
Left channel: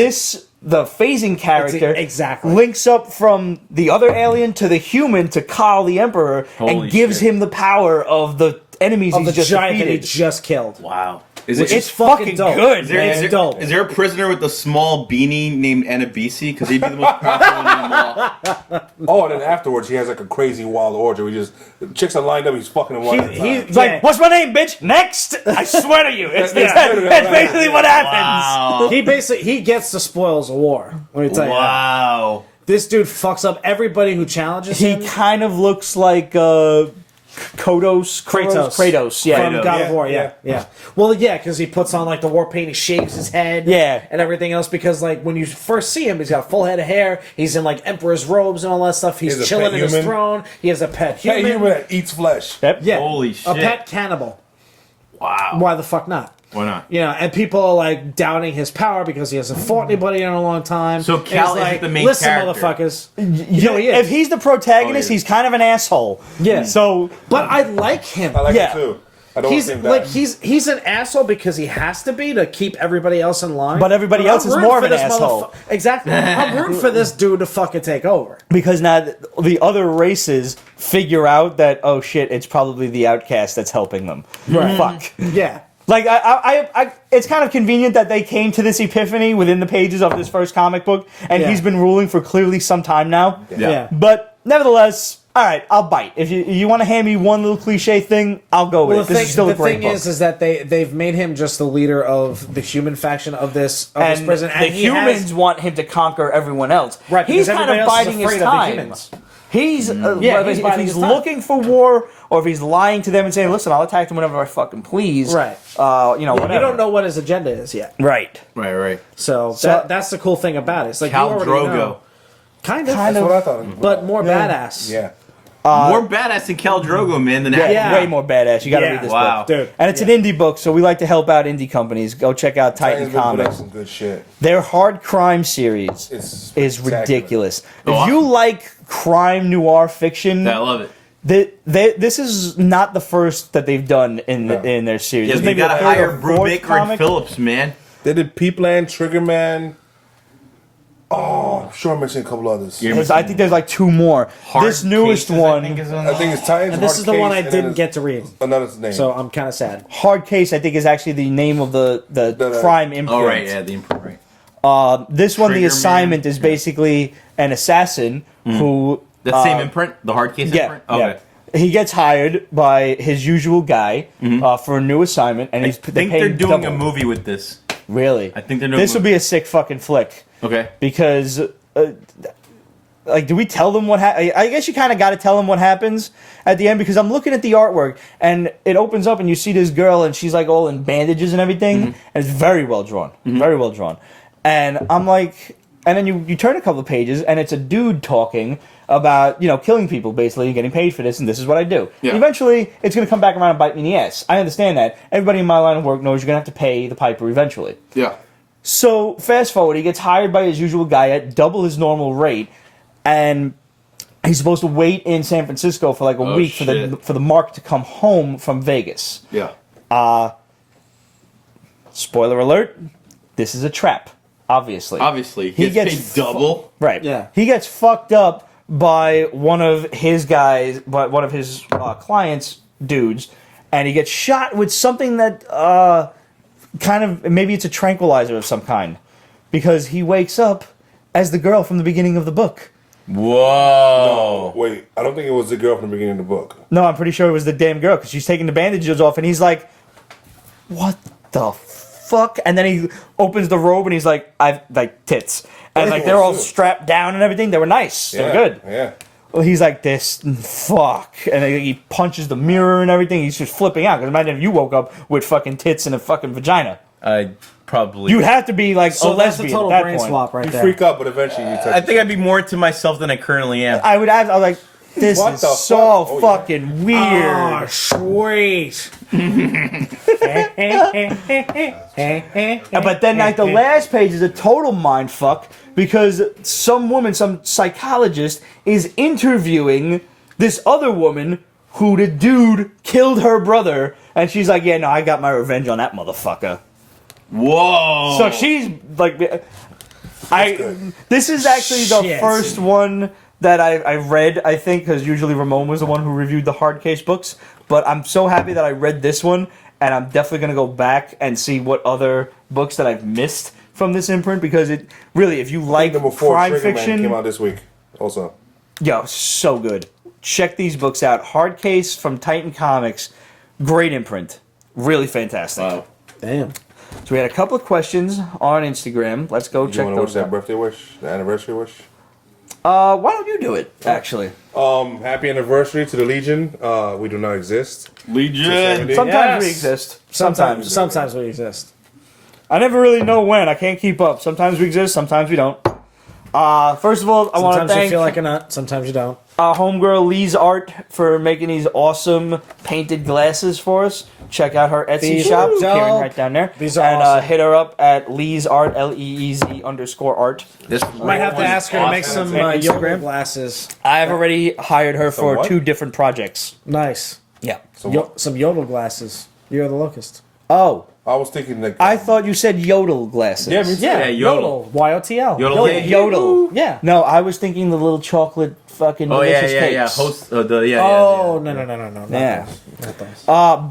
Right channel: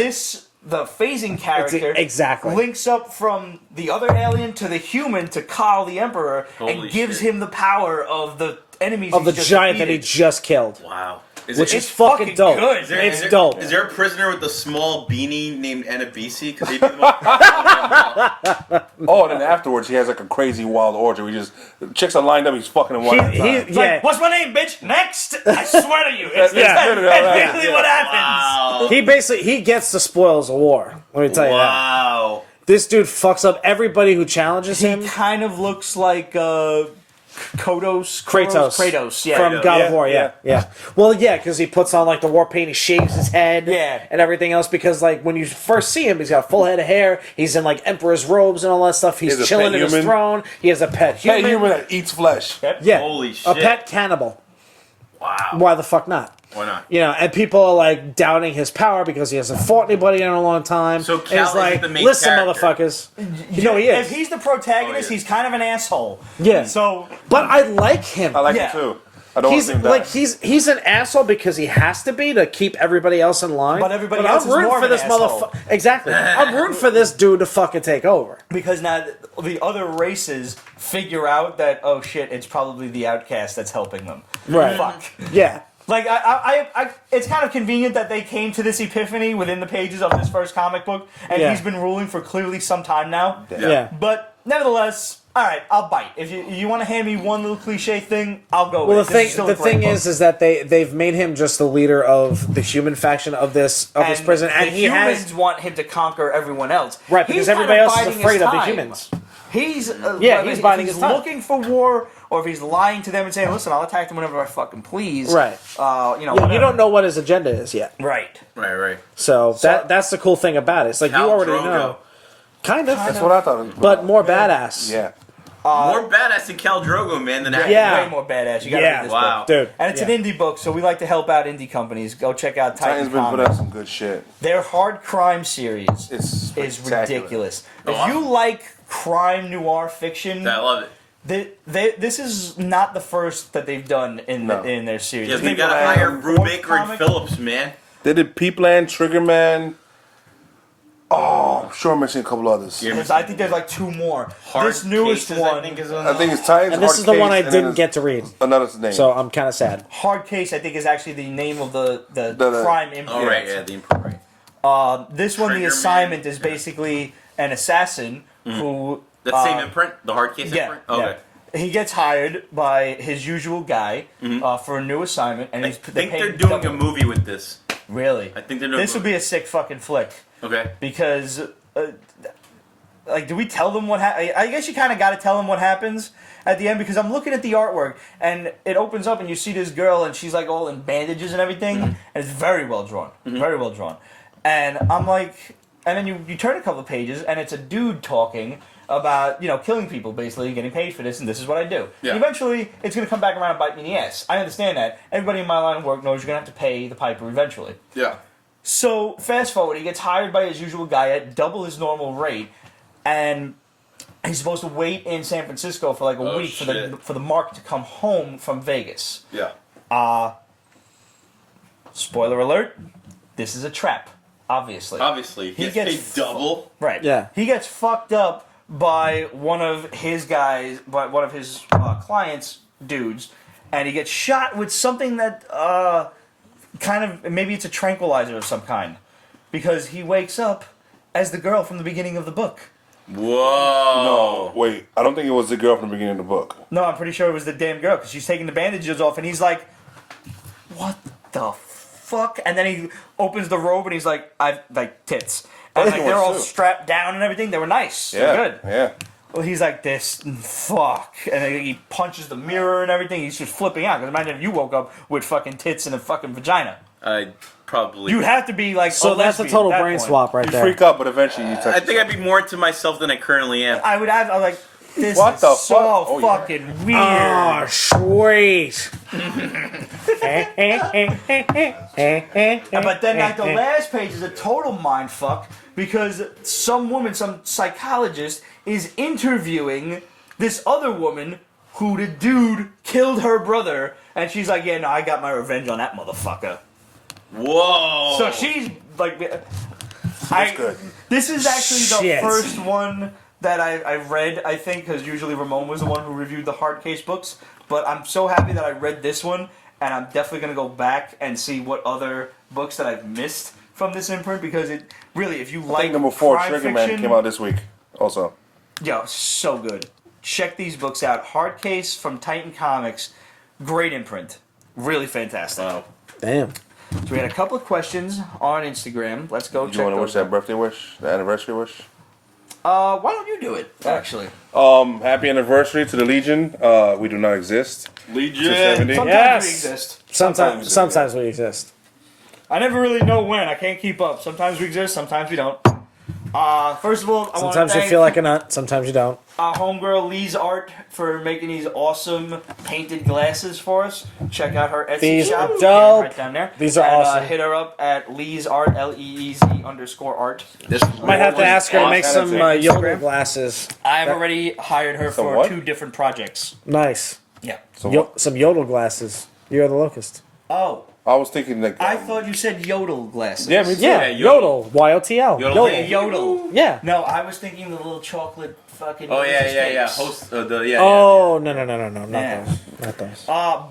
the phasing character exactly. links up from the other alien to the human to Khaal the Emperor Holy and gives shit. him the power of the enemies Of he's the just giant that he defeated. just killed. Wow. Is It's fucking dope. good. Is there, man. is, there, dope. is there a prisoner with a small beanie named Anabisi? Because he'd be the most powerful one of them all. Oh, and then afterwards he has like a crazy wild orgy. We just chicks are lined up. He's fucking them one at a time. He's like, Yeah. "What's my name, bitch? Next!" I swear to you, it's That's that. good, That's right? basically what happens. Wow. He gets the spoils of war. Let me tell you. Wow. This dude fucks up everybody who challenges He him. kind of looks like Kratos, yeah. From God Yeah, of War, yeah. yeah. Well, yeah, because he puts on like the war paint, he shaves his head, Yeah. and everything else. Because like when you first see him, he's got a full head of hair. He's in like emperor's robes and all that stuff. He's He has a chilling pet in his human. throne. He has a pet human. Hey, human that eats flesh. Yeah. Holy A shit. pet cannibal. Wow. Why the fuck not? Why not? You know, and people are like doubting his power because he hasn't fought anybody in a long time. So It's Khaal like, isn't the main listen, character. motherfuckers. You know, he is. if he's the protagonist, Oh, yeah. he's kind of an asshole. Yeah. So, But I like him. I like Yeah. him too. I don't want He's to see him die. like he's an asshole because he has to be to keep everybody else in line. But everybody I'm else is rooting more for of an this asshole. Exactly. I'm rooting for this dude to fucking take over. because now the other races figure out that, oh shit, it's probably the outcast that's helping them. Fuck. Yeah. Like, it's kind of convenient that they came to this epiphany within the pages of this first comic book, and he's been ruling for clearly some time now. Yeah. But nevertheless, all right, I'll bite. If you want to hand me one little cliche thing, I'll go with it. This is still a great book. is that they've made him just the leader of the human faction of this prison, the humans want him to conquer everyone else. Right, He's because kind of everybody else is biding his afraid of the time. humans. He's if he's looking for war, or if he's lying to them and saying, "Listen, I'll attack them whenever I fucking please." Right. You know, We don't know what his agenda is yet. Right. Right. So that's the cool thing about it. It's like Khal you already Drogo. know. Kind of. That's what I thought. But more badass. Yeah. More badass than Khal Drogo, man, than Yeah. Way more badass. You gotta read this Wow. book. Dude. And it's an indie book, so we like to help out indie companies. Go check out Titan's Titan been putting out Comics. some good shit. Their hard crime series It's is spectacular. ridiculous. Oh, If you like crime noir fiction, I love it. this is not the first that they've done in their series. Yes, they gotta hire Brubaker and Phillips, man. They did Peepland, Triggerman. Oh, I'm sure I'm missing a couple others. I think there's like two more. Hard This newest Cases, one, I think, is on I think it's Titans, And Hard this is the Case, one I and then didn't it's get to read. another name. So I'm kind of sad. Hard Case, I think, is actually the name of the crime imprint. Oh, right, yeah, the imprint, right. This one, the Trigger assignment Man. is basically an assassin who... That same imprint? The hard case Yeah, imprint? Okay. yeah. He gets hired by his usual guy for a new assignment, and I he's think they're doing a movie with this. Really? I think they're doing This a would movie. be a sick fucking flick. Okay. Because, like, do we tell them what happens? I guess you kind of got to tell them what happens at the end, because I'm looking at the artwork, and it opens up, and you see this girl, and she's, like, all in bandages and everything, and it's very well drawn. Very well drawn. And I'm like... And then you turn a couple of pages, and it's a dude talking about, killing people, basically, and getting paid for this, and this is what I do. Yeah. And eventually, it's going to come back around and bite me in the ass. I understand that. Everybody in my line of work knows you're going to have to pay the piper eventually. Yeah. So, fast forward, he gets hired by his usual guy at double his normal rate, and he's supposed to wait in San Francisco for like a week for the mark to come home from Vegas. Yeah. Spoiler alert, this is a trap, obviously. Obviously. He gets paid double. Right. Yeah. He gets fucked up by one of his guys, by one of his clients' dudes, and he gets shot with something that kind of, maybe it's a tranquilizer of some kind, because he wakes up as the girl from the beginning of the book. Whoa. No, wait. I don't think it was the girl from the beginning of the book. No, I'm pretty sure it was the damn girl, because she's taking the bandages off, and he's like, what the fuck? And then he opens the robe, and he's like, I've, like, tits. And like, they're all strapped down and everything. They were nice. Yeah. They're good. Yeah. Well, he's like, this, fuck. And then he punches the mirror and everything. He's just flipping out. Because imagine if you woke up with fucking tits and a fucking vagina. I probably... You'd have to be like So a that's the lesbian total at that brain point. swap right You there. freak out, but eventually you touch I think I'd be more into myself than I currently am. I was like, this What is the so fuck? Oh, yeah. fucking weird. Oh, sweet. But then at the last page is a total mind fuck, because some woman, some psychologist, is interviewing this other woman who the dude killed her brother, and she's like, yeah, no, I got my revenge on that motherfucker. Whoa. So she's like, good. this is actually the Shit. first one that I read, I think, because usually Ramon was the one who reviewed the hard case books. But I'm so happy that I read this one, and I'm definitely going to go back and see what other books that I've missed from this imprint, because it really, if you I like think number 4, crime Triggerman, fiction, came out this week. Also. yo, so good. Check these books out. Hard Case from Titan Comics, great imprint, really fantastic. Wow. Damn. So we had a couple of questions on Instagram. Let's go. Do you want to wish that birthday wish, the anniversary wish? Why don't you do it? Actually, Happy anniversary to the Legion. We do not exist. Legion. 270. sometimes Yes. we exist. Sometimes we exist. I never really know when. I can't keep up. Sometimes we exist. Sometimes we don't. First of all, I want to Sometimes you thank feel like a nut. Sometimes you don't. homegirl Lee's Art for making these awesome painted glasses for us. Check out her Etsy These shop, are Karen, dope. right down there. These are and awesome. hit her up at Lee's Art, LEEZ_art. This Might have to one ask is her to make awesome. some Awesome. yoga glasses. I've already hired her Some for what? 2 different projects. Nice. Yeah. So what? Some yodel glasses. You are the locust. Oh, I was thinking like. I thought you said Yodel glasses. Yeah, me too. Yeah, Yodel. YOTL. Yodel. Yodel. Yeah. No, I was thinking the little chocolate fucking. Oh yeah, delicious yeah. cakes. Host. Oh, no. Yeah.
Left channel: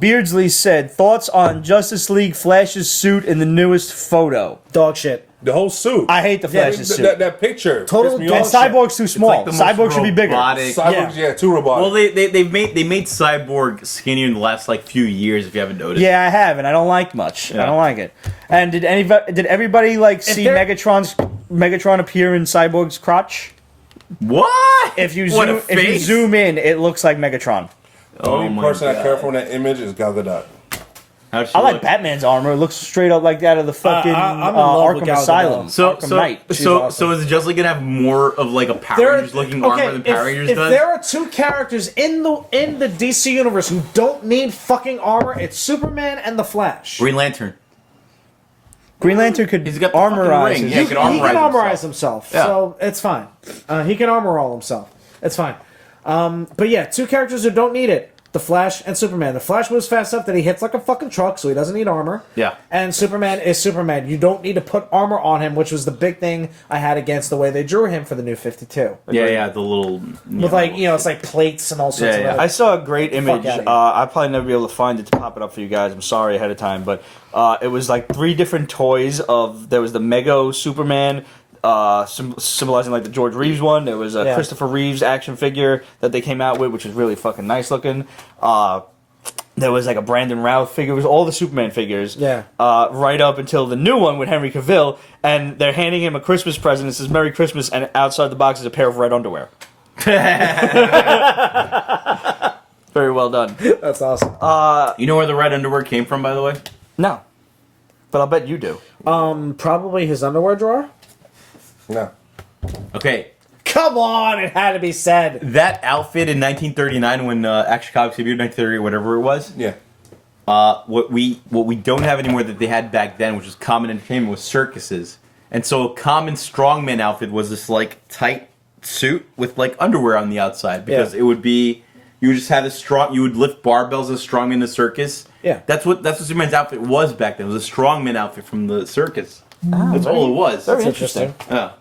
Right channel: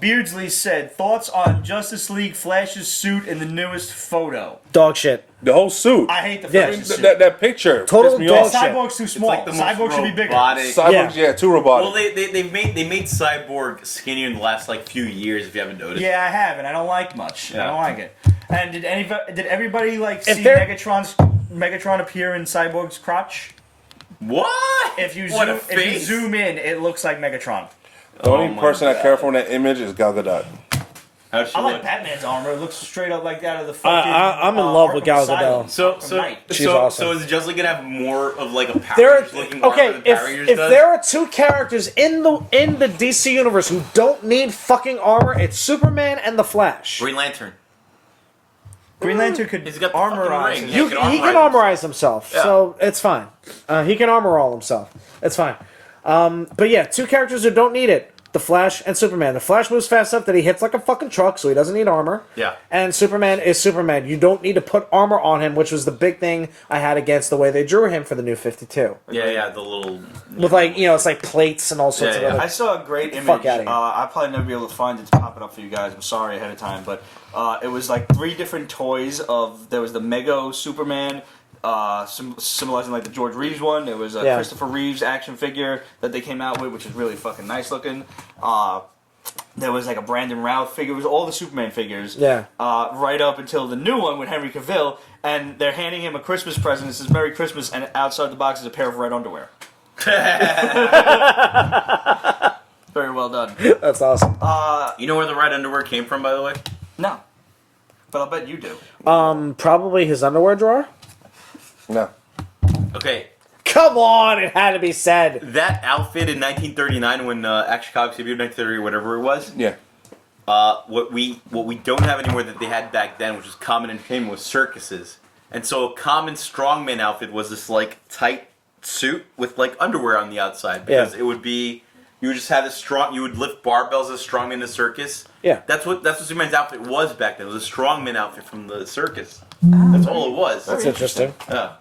Beardsley said thoughts on Justice League Flash's suit in the newest photo. Dog shit. The whole suit. I hate the Yeah, I mean, Flash's suit. that picture Total pissed me bullshit. off. Cyborg's too small. It's like the most Cyborg should be bigger. robotic. Cyborg, yeah, too robotic. Well, they made Cyborg skinnier in the last like few years. If you haven't noticed. Yeah, I have, and I don't like much. Yeah. I don't like it. And did everybody like see they're- Megatron appear in Cyborg's crotch? What? If you what zoom, a if you face! zoom in, it looks like Megatron. the only my person I God. care for in that image is Gal Gadot. How'd she I like look? Batman's armor. It looks straight up like that of the fucking I'm in love with Arkham Gal Gadot. Asylum. So Arkham so Knight. She's so awesome. so is Just League gonna have more of like a Power Rangers looking armor than Power Rangers if does? there are two characters in the DC universe who don't need fucking armor, it's Superman and the Flash. Green Lantern. Green Lantern could He's got the fucking armorize ring. his- Yeah, he can armorize himself. Yeah. So it's fine. He can armor all himself. It's fine. But yeah, two characters who don't need it. The Flash and Superman. The Flash moves fast enough that he hits like a fucking truck, so he doesn't need armor. Yeah. And Superman is Superman. You don't need to put armor on him, which was the big thing I had against the way they drew him for the new 52. Yeah, the little. With like, it's like plates and all sorts Yeah, of yeah. I saw a great image. outta here. I'll probably never be able to find it to pop it up for you guys. I'm sorry ahead of time, but it was like 3 different toys of. There was the Mego Superman, symbolizing like the George Reeves one. There was a Yeah. Christopher Reeves action figure that they came out with, which is really fucking nice looking. There was like a Brandon Routh figure. It was all the Superman figures. Yeah. Right up until the new one with Henry Cavill, and they're handing him a Christmas present. It says "Merry Christmas," and outside the box is a pair of red underwear. Very well done. That's awesome. You know where the red underwear came from, by the way? No, but I'll bet you do. Probably his underwear drawer? No. Okay, Come on, it had to be said. that outfit in 1939 when Action Comics debuted, 1930 or whatever it was. Yeah. What we don't have anymore that they had back then, which was common entertainment, was circuses. And so a common strongman outfit was this like tight suit with like underwear on the outside because it would be you would just have this strong. You would lift barbells as strongman in the circus. Yeah. That's what Superman's outfit was back then. It was a strongman outfit from the circus. That's all it was. Very interesting. Yeah.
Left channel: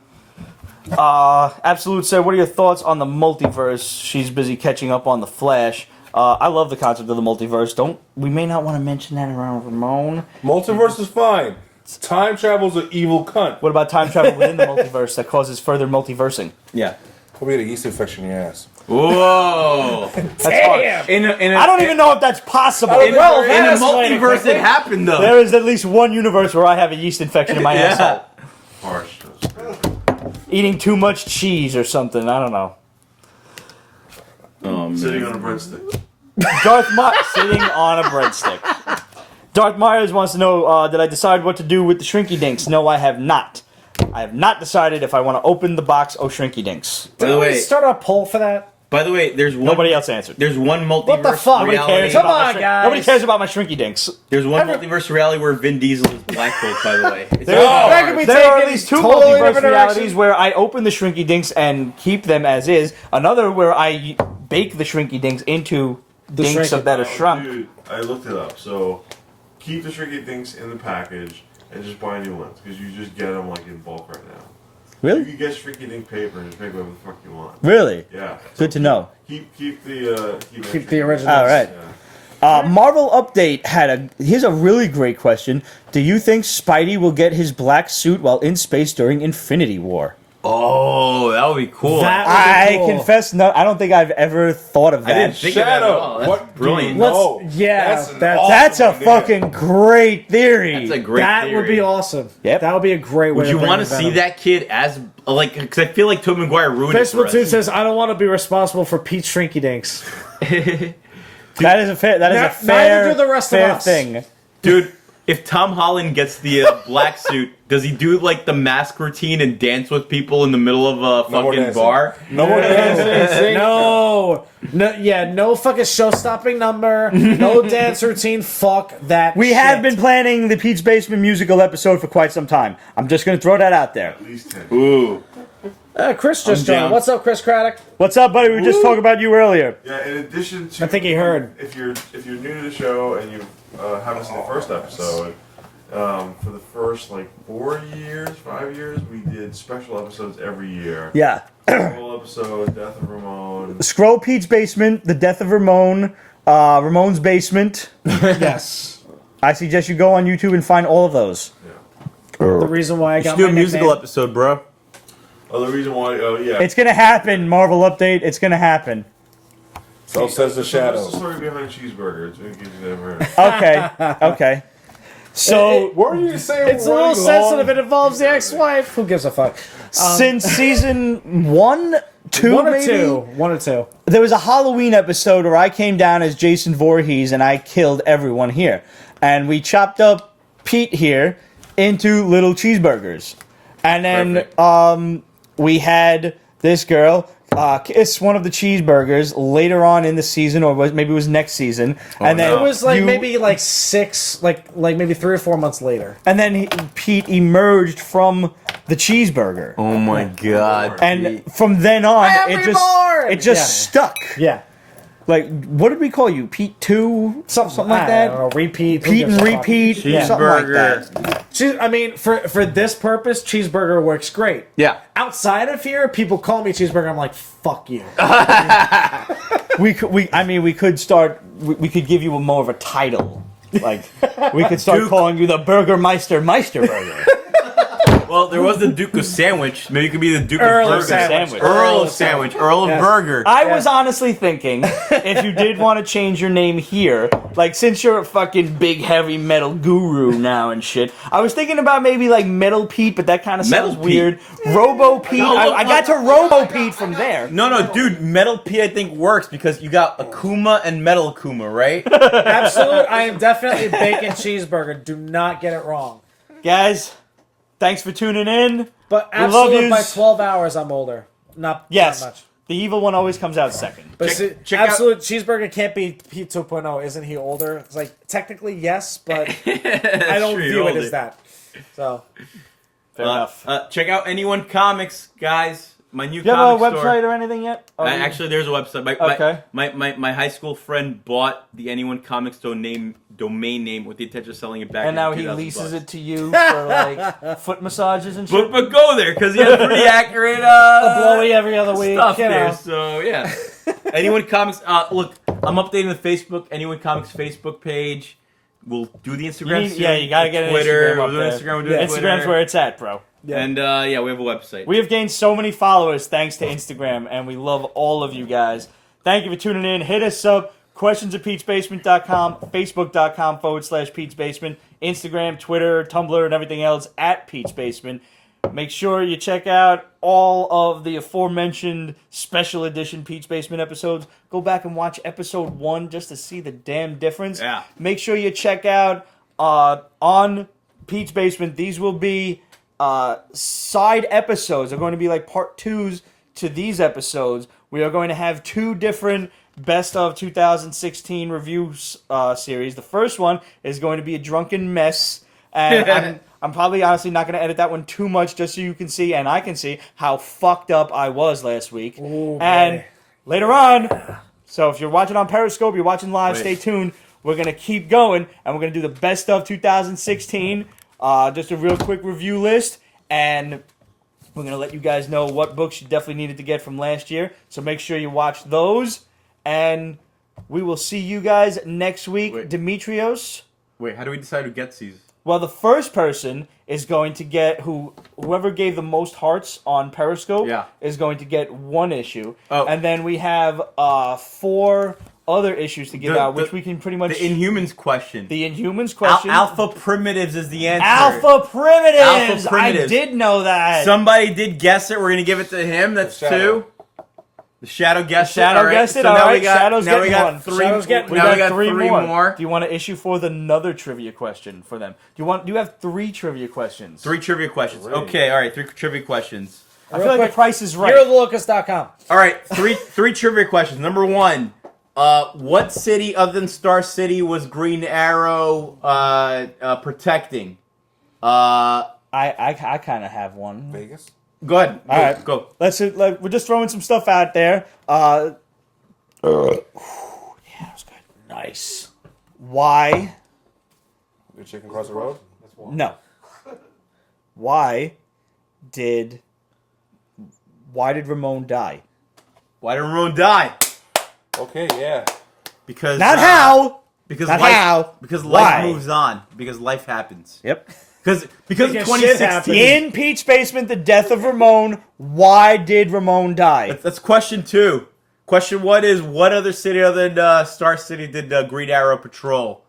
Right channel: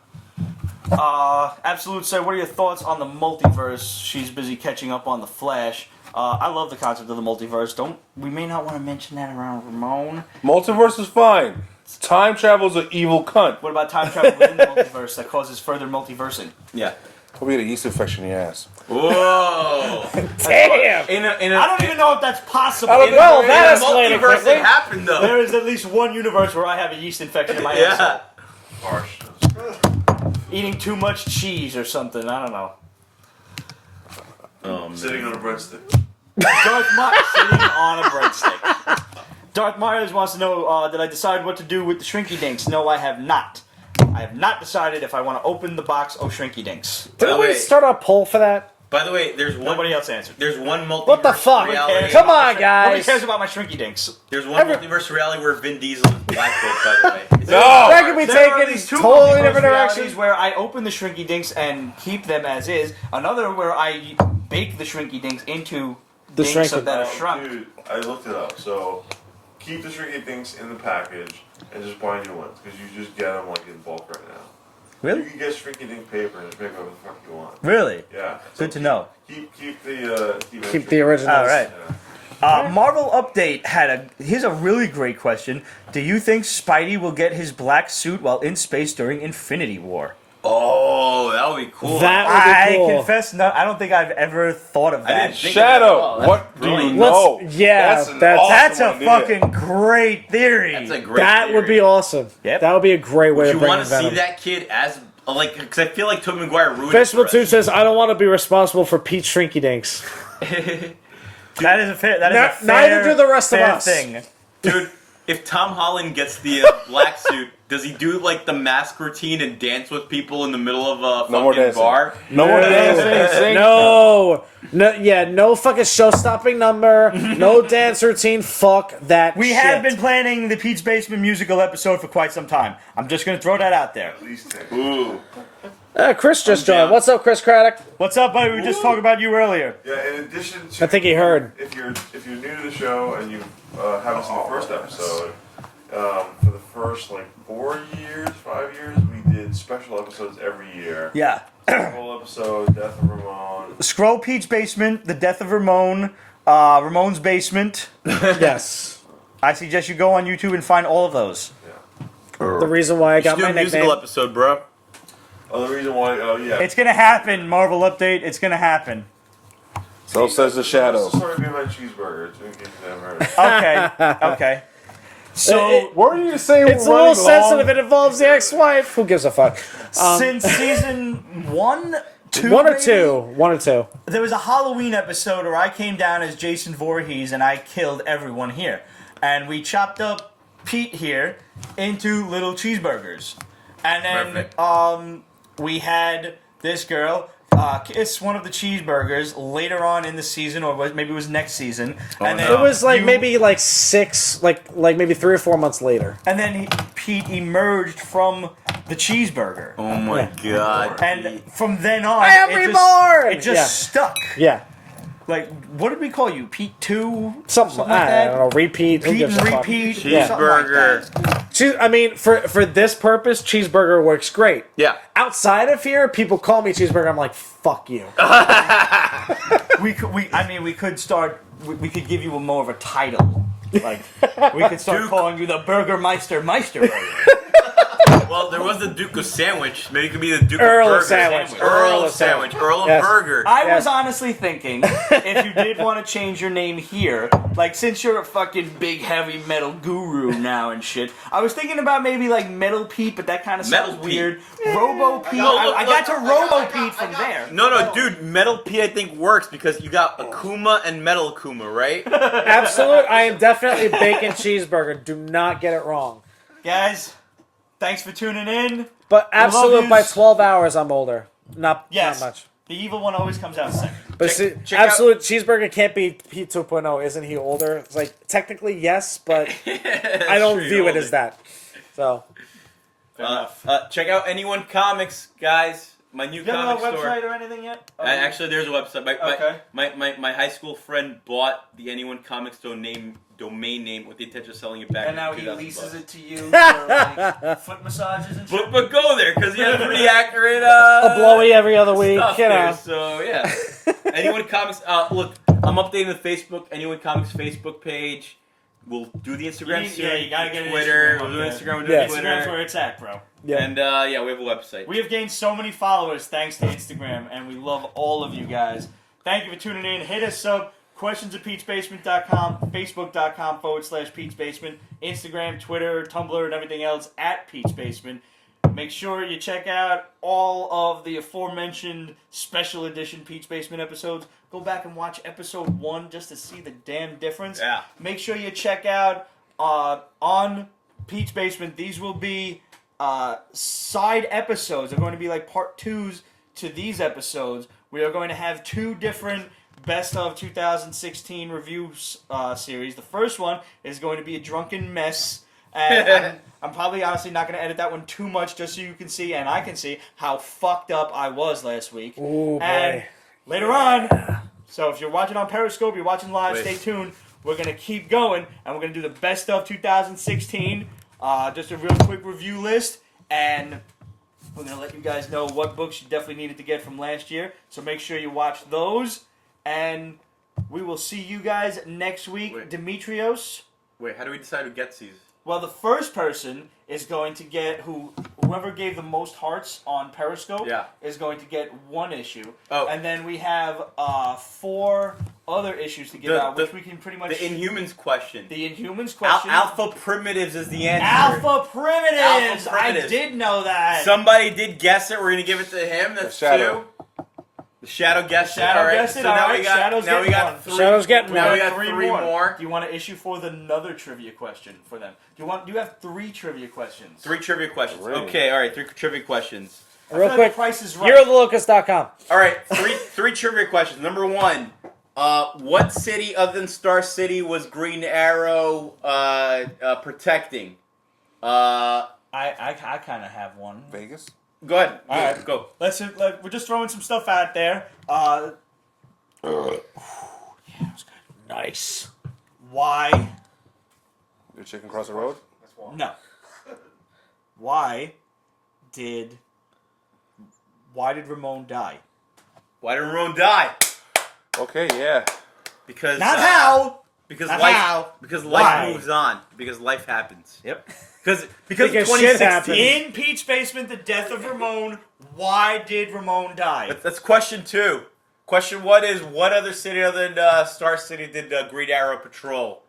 Absolute said, what are your thoughts on the multiverse? She's busy catching up on the Flash. I love the concept of the multiverse. We may not want to mention that around Ramon. Multiverse is fine. Time travel's an evil cunt. What about time travel within the multiverse that causes further multiversing? Yeah. Hope you get a yeast infection in your ass. Whoa. That's harsh. In a I don't even know if that's possible. I don't in, think there in a is. multiverse, it happened though. There is at least one universe where I have a yeast infection in my ass. Yeah. Harsh. Eating too much cheese or something. I don't know. Sitting on a breadstick. Darth Myers sitting on a breadstick. Darth Myers wants to know, did I decide what to do with the Shrinky Dinks? No, I have not. I have not decided if I want to open the box of Shrinky Dinks. By the way, Start a poll for that. there's one. Nobody else answered. There's one What the multiverse fuck? reality. Come on, guys. Nobody cares about my Shrinky Dinks. There's one multiverse reality where Vin Diesel is Black Bolt. By the way, it's No! hard. There are at taken least 2 totally multiverse different realities where I open the Shrinky Dinks and keep them as is. Another where I bake the Shrinky Dinks into dinks Shrinky- that are shrunk. Dude, I looked it up. So keep the Shrinky Dinks in the package and just buy new ones because you just get them like in bulk right now. You Really? can get Shrinky Dink paper and pick whatever the fuck you want. Really? Yeah. Good to know. Keep the Keep the Shrinky originals. Dinks. All right. Yeah. Marvel Update here's a really great question. Do you think Spidey will get his black suit while in space during Infinity War? Oh, that would be cool. That- I Cool. confess, no, I don't think I've ever thought of that. I didn't think of that at all. Shadow, That's what brilliant. do you know? Yeah, that's an that's- awesome That's a idea. fucking great theory. That's a great that theory. would be awesome. Yep. That would be a great Would way you of want to bringing see that kid as like? Because I feel like Tobey Maguire ruined it for Facebook 2 us. says, I don't want to be responsible for Pete Shrinky Dinks. That is a fair. That is a Neither fair, do the rest of fair us. thing. Dude, if Tom Holland gets the black suit, does he do like the mask routine and dance with people in the middle of a No more fucking dancing. bar? No more dancing. Sing. No fucking show-stopping number, no dance routine, fuck that We shit. have been planning the Pete's Basement musical episode for quite some time. I'm just going to throw that out there. At least 10. Ooh. Chris just I'm down. joined. What's up, Chris Craddock? What's up, buddy? We were just talking about you earlier. Yeah, in addition to, I think he heard. If you're new to the show and you haven't seen the first episode, for the first 5 years, we did special episodes every year. Yeah. Whole episode, Death of Ramon. Scroll Pete's Basement, The Death of Ramon, Ramon's Basement. Yes. I suggest you go on YouTube and find all of those. Yeah. The reason why I You got should do a my musical nickname- episode, bro. Oh, the reason why, yeah. It's gonna happen, Marvel Update. It's gonna happen. So says the shadow. It's the story behind cheeseburgers, in case you haven't heard. Okay. Okay. So, What were you saying? It's a Running little long. sensitive. It involves the ex-wife. Who gives a fuck? since season 1, 2, One or maybe? two. One or two. There was a Halloween episode where I came down as Jason Voorhees and I killed everyone here. And we chopped up Pete here into little cheeseburgers. And then Perfect. we had this girl kiss one of the cheeseburgers later on in the season, or maybe it was next season. And then no. It was maybe 6, maybe 3 or 4 months later. And then Pete emerged from the cheeseburger. Oh my god. And from then on, I am it reborn! just stuck. Yeah. Like, what did we call you? Pete 2? Something like I that? don't know, repeat. Pete and repeat? Cheeseburger. Something like that. I mean, for this purpose, cheeseburger works great. Yeah. Outside of here, people call me cheeseburger. I'm like, fuck you. We could start. We could give you more of a title. Like, we could start calling you the Burgermeister Meisterburger. Well, there was the Duke of Sandwich. Maybe it could be the Duke Earl of of Burger. Sandwich. Earl of Sandwich. Earl of Burger. I was honestly thinking, if you did want to change your name here, like, since you're a fucking big heavy metal guru now and shit, I was thinking about maybe like Metal Pete, but that kind of Metal sounds Pete. weird. Robo Pete. No, look, I got to look. Robo Pete from there. No, dude. Metal P, I think, works because you got Akuma and Metal Akuma, right? Absolute. I am definitely bacon cheeseburger. Do not get it wrong. Guys, thanks for tuning in. But We love absolute, yous. by 12 hours, I'm older. Not Yes, that much. the evil one always comes out second. But Check out- absolute cheeseburger can't be Pete 2.0. Isn't he older? It's like, technically, yes, but I don't True, view you're it older. as that. So, Fair enough. Check out Anyone Comics, guys. My new Do you have a comic store. website or anything yet? Actually, there's a website. Okay. My high school friend bought the Anyone Comics domain name with the intention of selling it back. And now in he 2,000 leases bucks. it to you for like foot massages and shit. But go there because he has pretty accurate blowy every other week. stuff you there. know. So yeah. Anyone Comics. Look, I'm updating the Facebook. Anyone Comics Facebook page. We'll do the Instagram soon. Yeah, you gotta get Twitter. Instagram We'll up do there. Instagram. We'll do Instagram's Twitter. where it's at, bro. And yeah, we have a website. We have gained so many followers thanks to Instagram, and we love all of you guys. Thank you for tuning in. Hit us up. Questions at Pete'sBasement.com, Facebook.com/Pete's Basement, Instagram, Twitter, Tumblr, and everything else at Pete's Basement. Make sure you check out all of the aforementioned special edition Pete's Basement episodes. Go back and watch episode 1 just to see the damn difference. Yeah. Make sure you check out on Pete's Basement. These will be side episodes. They're going to be like part 2s to these episodes. We are going to have 2 different Best of 2016 review series. The first one is going to be a drunken mess. And I'm probably honestly not going to edit that one too much just so you can see and I can see how fucked up I was last week. Ooh, and boy. later on, so if you're watching on Periscope, you're watching live, Wait. stay tuned. We're going to keep going and we're going to do the Best of 2016. Just a real quick review list. And we're going to let you guys know what books you definitely needed to get from last year. So make sure you watch those. And we will see you guys next week. Wait. Dimitrios. Wait, how do we decide who gets these? Well, the first person is going to get whoever gave the most hearts on Periscope is going to get 1 issue. Oh. And then we have 4 other issues to give out, which we can pretty much... The Inhumans question. The Inhumans question. Alpha Primitives is the answer. Alpha Primitives! Alpha Primitives. I did know that. Somebody did guess it. We're gonna give it to him. That's The Shadow. 2. The Shadow guessed it. Shadow All right. guessed it, So all now right. we got Shadow's now we getting got one. 3. Shadow's getting Now one. we got 3 more. Do you want to issue forth another trivia question for them? Do you have 3 trivia questions? 3 trivia questions. Really? Okay. All right. 3 trivia questions. I feel like the price is right. YourLocust.com. All right. 3 trivia questions. Number 1. What city other than Star City was Green Arrow protecting? I kind of have one. Vegas? Go ahead. Go. All right. Go. We're just throwing some stuff out there. Yeah, that was good. Nice. Why? Your chicken cross the road? No. Why did Ramon die? Why did Ramon die? Okay, yeah. Because Not how. Because Not life. how. Because life Why? moves on. Because life happens. Yep. Because Because of shit 2016. In Peach Basement, the death of Ramon. Why did Ramon die? That's question 2. Question 1 is, what other city other than Star City did Green Arrow patrol?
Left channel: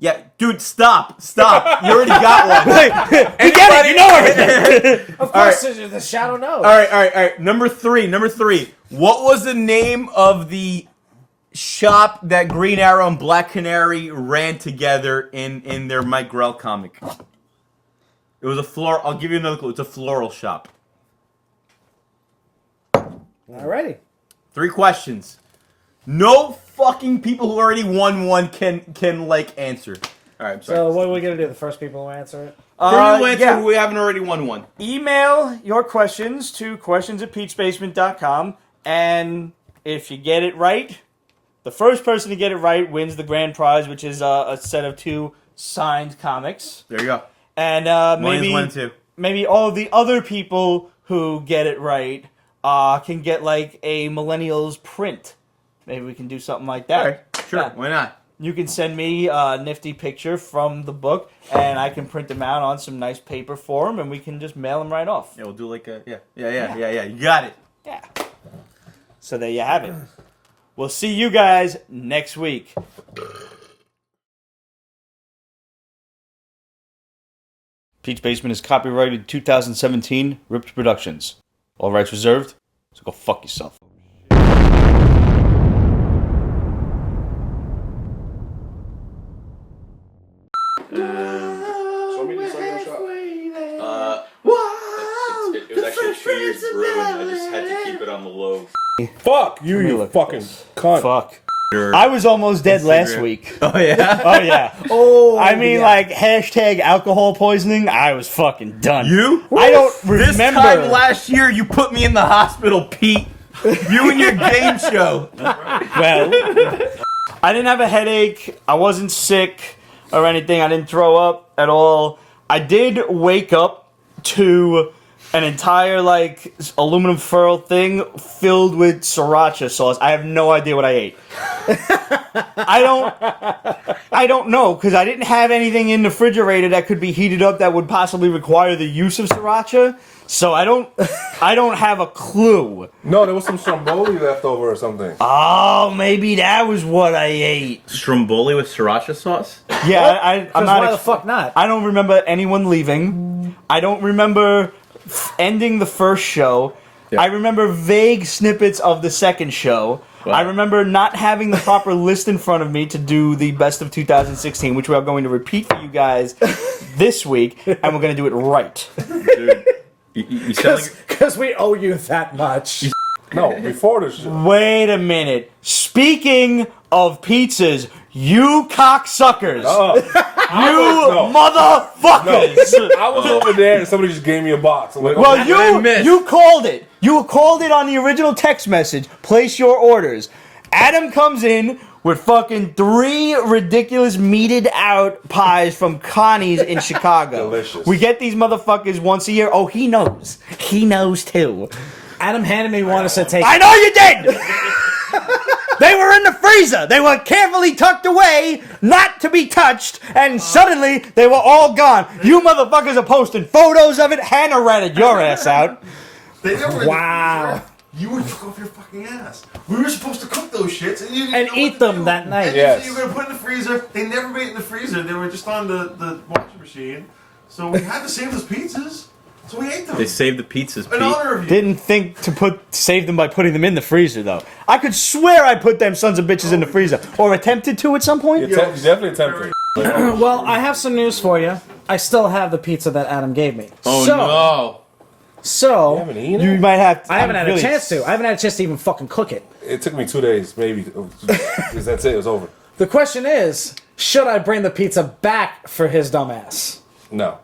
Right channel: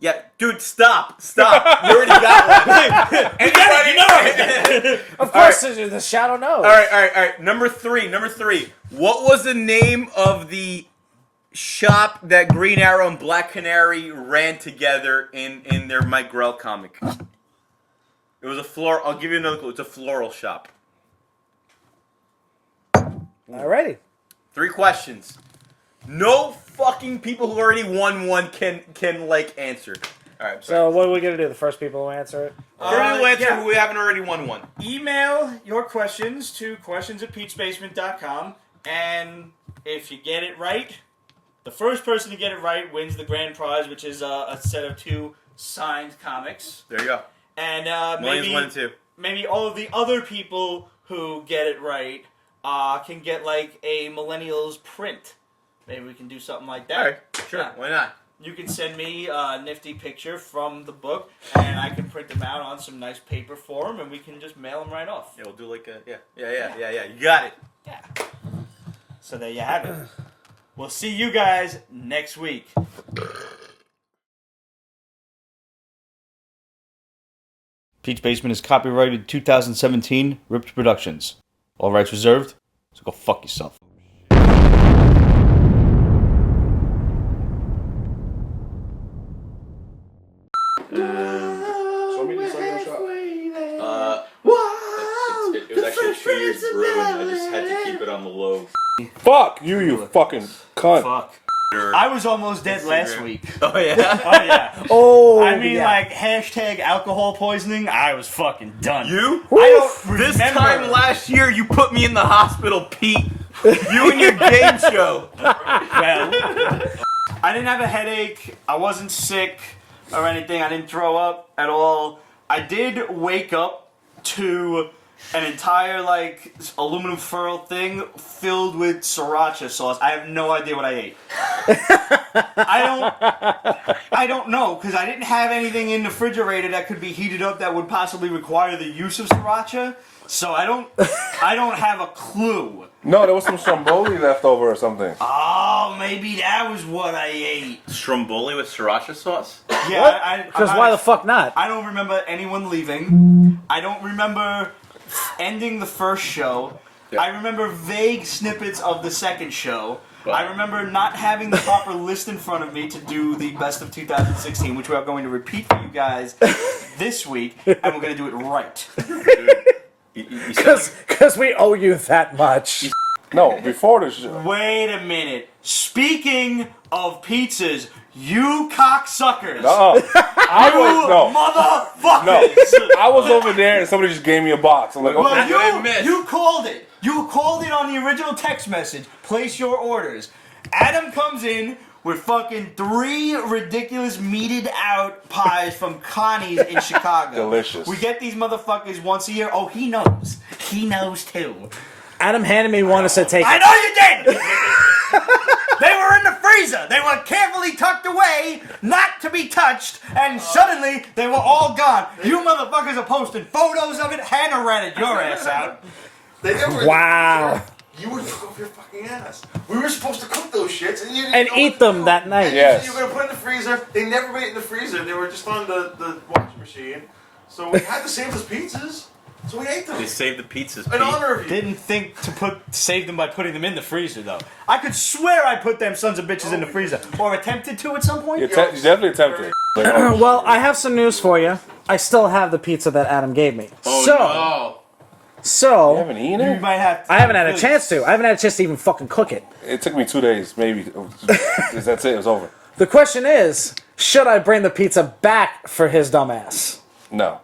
Yeah, dude, stop. You already got one. Anybody know? Of All right. course, the shadow knows. All right. Number three. What was the name of the shop that Green Arrow and Black Canary ran together in their Mike Grell comic? It was a floral. I'll give you another clue. It's a floral shop. Alrighty. 3 questions. No fucking people who already won one can answer. All right, I'm sorry. So what are we gonna do? The first people who answer it. Who answer yeah. who we haven't already won one? Email your questions to questions@peachbasement.com, and if you get it right, the first person to get it right wins the grand prize, which is a set of 2 signed comics. There you go. And Millennials 1 and 2. maybe all of the other people who get it right can get like a Millennials print. Maybe we can do something like that. All right, sure. Yeah. Why not? You can send me a nifty picture from the book, and I can print them out on some nice paper for them, and we can just mail them right off. Yeah, we'll do like a yeah. You got it. Yeah. So there you have it. We'll see you guys next week. Peach Basement is copyrighted 2017, Ripped Productions. All rights reserved, so go fuck yourself. Show me this other shot. It was actually 2 years brewing. I just had to keep it on the low. Fuck you fucking cunt. Fuck. I was almost dead last week. Oh yeah. Oh yeah. Oh, I mean, like hashtag alcohol poisoning. I was fucking done. You? I don't remember. This time last year, you put me in the hospital, Pete. You and your game show. Well, I didn't have a headache. I wasn't sick or anything. I didn't throw up at all. I did wake up to an entire like aluminum foil thing filled with sriracha sauce. I have no idea what I ate. I don't know, because I didn't have anything in the refrigerator that could be heated up that would possibly require the use of sriracha. So I don't have a clue. No, there was some stromboli left over or something. Oh, maybe that was what I ate. Stromboli with sriracha sauce? Yeah, I'm not. Why the fuck not? I don't remember anyone leaving. I don't remember ending the first show. Yeah. I remember vague snippets of the second show. Wow. I remember not having the proper list in front of me to do the best of 2016, which we are going to repeat for you guys this week, and we're going to do it right. Dude, you sound like... Because we owe you that much. No, before the show. Wait a minute. Speaking of pizzas, you cocksuckers. I was Motherfuckers. I was over there and somebody just gave me a box. I'm like, okay. Well, What I missed. you called it. You called it on the original text message. Place your orders. Adam comes in with fucking 3 ridiculous meated out pies from Connie's in Chicago. Delicious. We get these motherfuckers once a year. Oh, he knows. He knows too. Adam handed me one and said, "Take." I know you did. They were in the freezer. They were carefully tucked away, not to be touched, and suddenly they were all gone. You motherfuckers are posting photos of it. Hannah ratted your ass out. They never in Wow. the freezer. You would took off your fucking ass. We were supposed to cook those shits and, you And eat them that night. Yes. You were gonna put in the freezer. They never made it in the freezer. They were just on the washing machine. So we had to save those pizzas. So we ate them. They saved the pizzas, In Pete. honor of you. Didn't think to save them by putting them in the freezer, though. I could swear I put them sons of bitches in the freezer. Or attempted to at some point. You definitely attempted. Like, oh, Well, I have some news for you. I still have the pizza that Adam gave me. Oh, So- no. So, you haven't eaten You it? might have to. I haven't had a really- chance to. I haven't had a chance to even fucking cook it. It took me 2 days, maybe. That's it. It was over. The question is, should I bring the pizza back for his dumbass? No.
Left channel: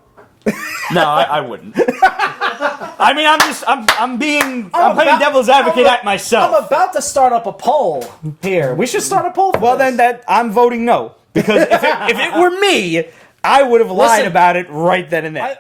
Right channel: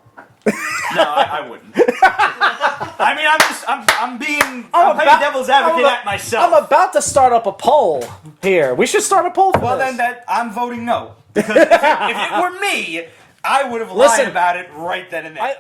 No, I wouldn't. I mean, I'm playing devil's advocate at myself. I'm about to start up a poll here. We should start a poll. Well, then I'm voting no. Because if it were me, I would have lied Listen, about it right then and there.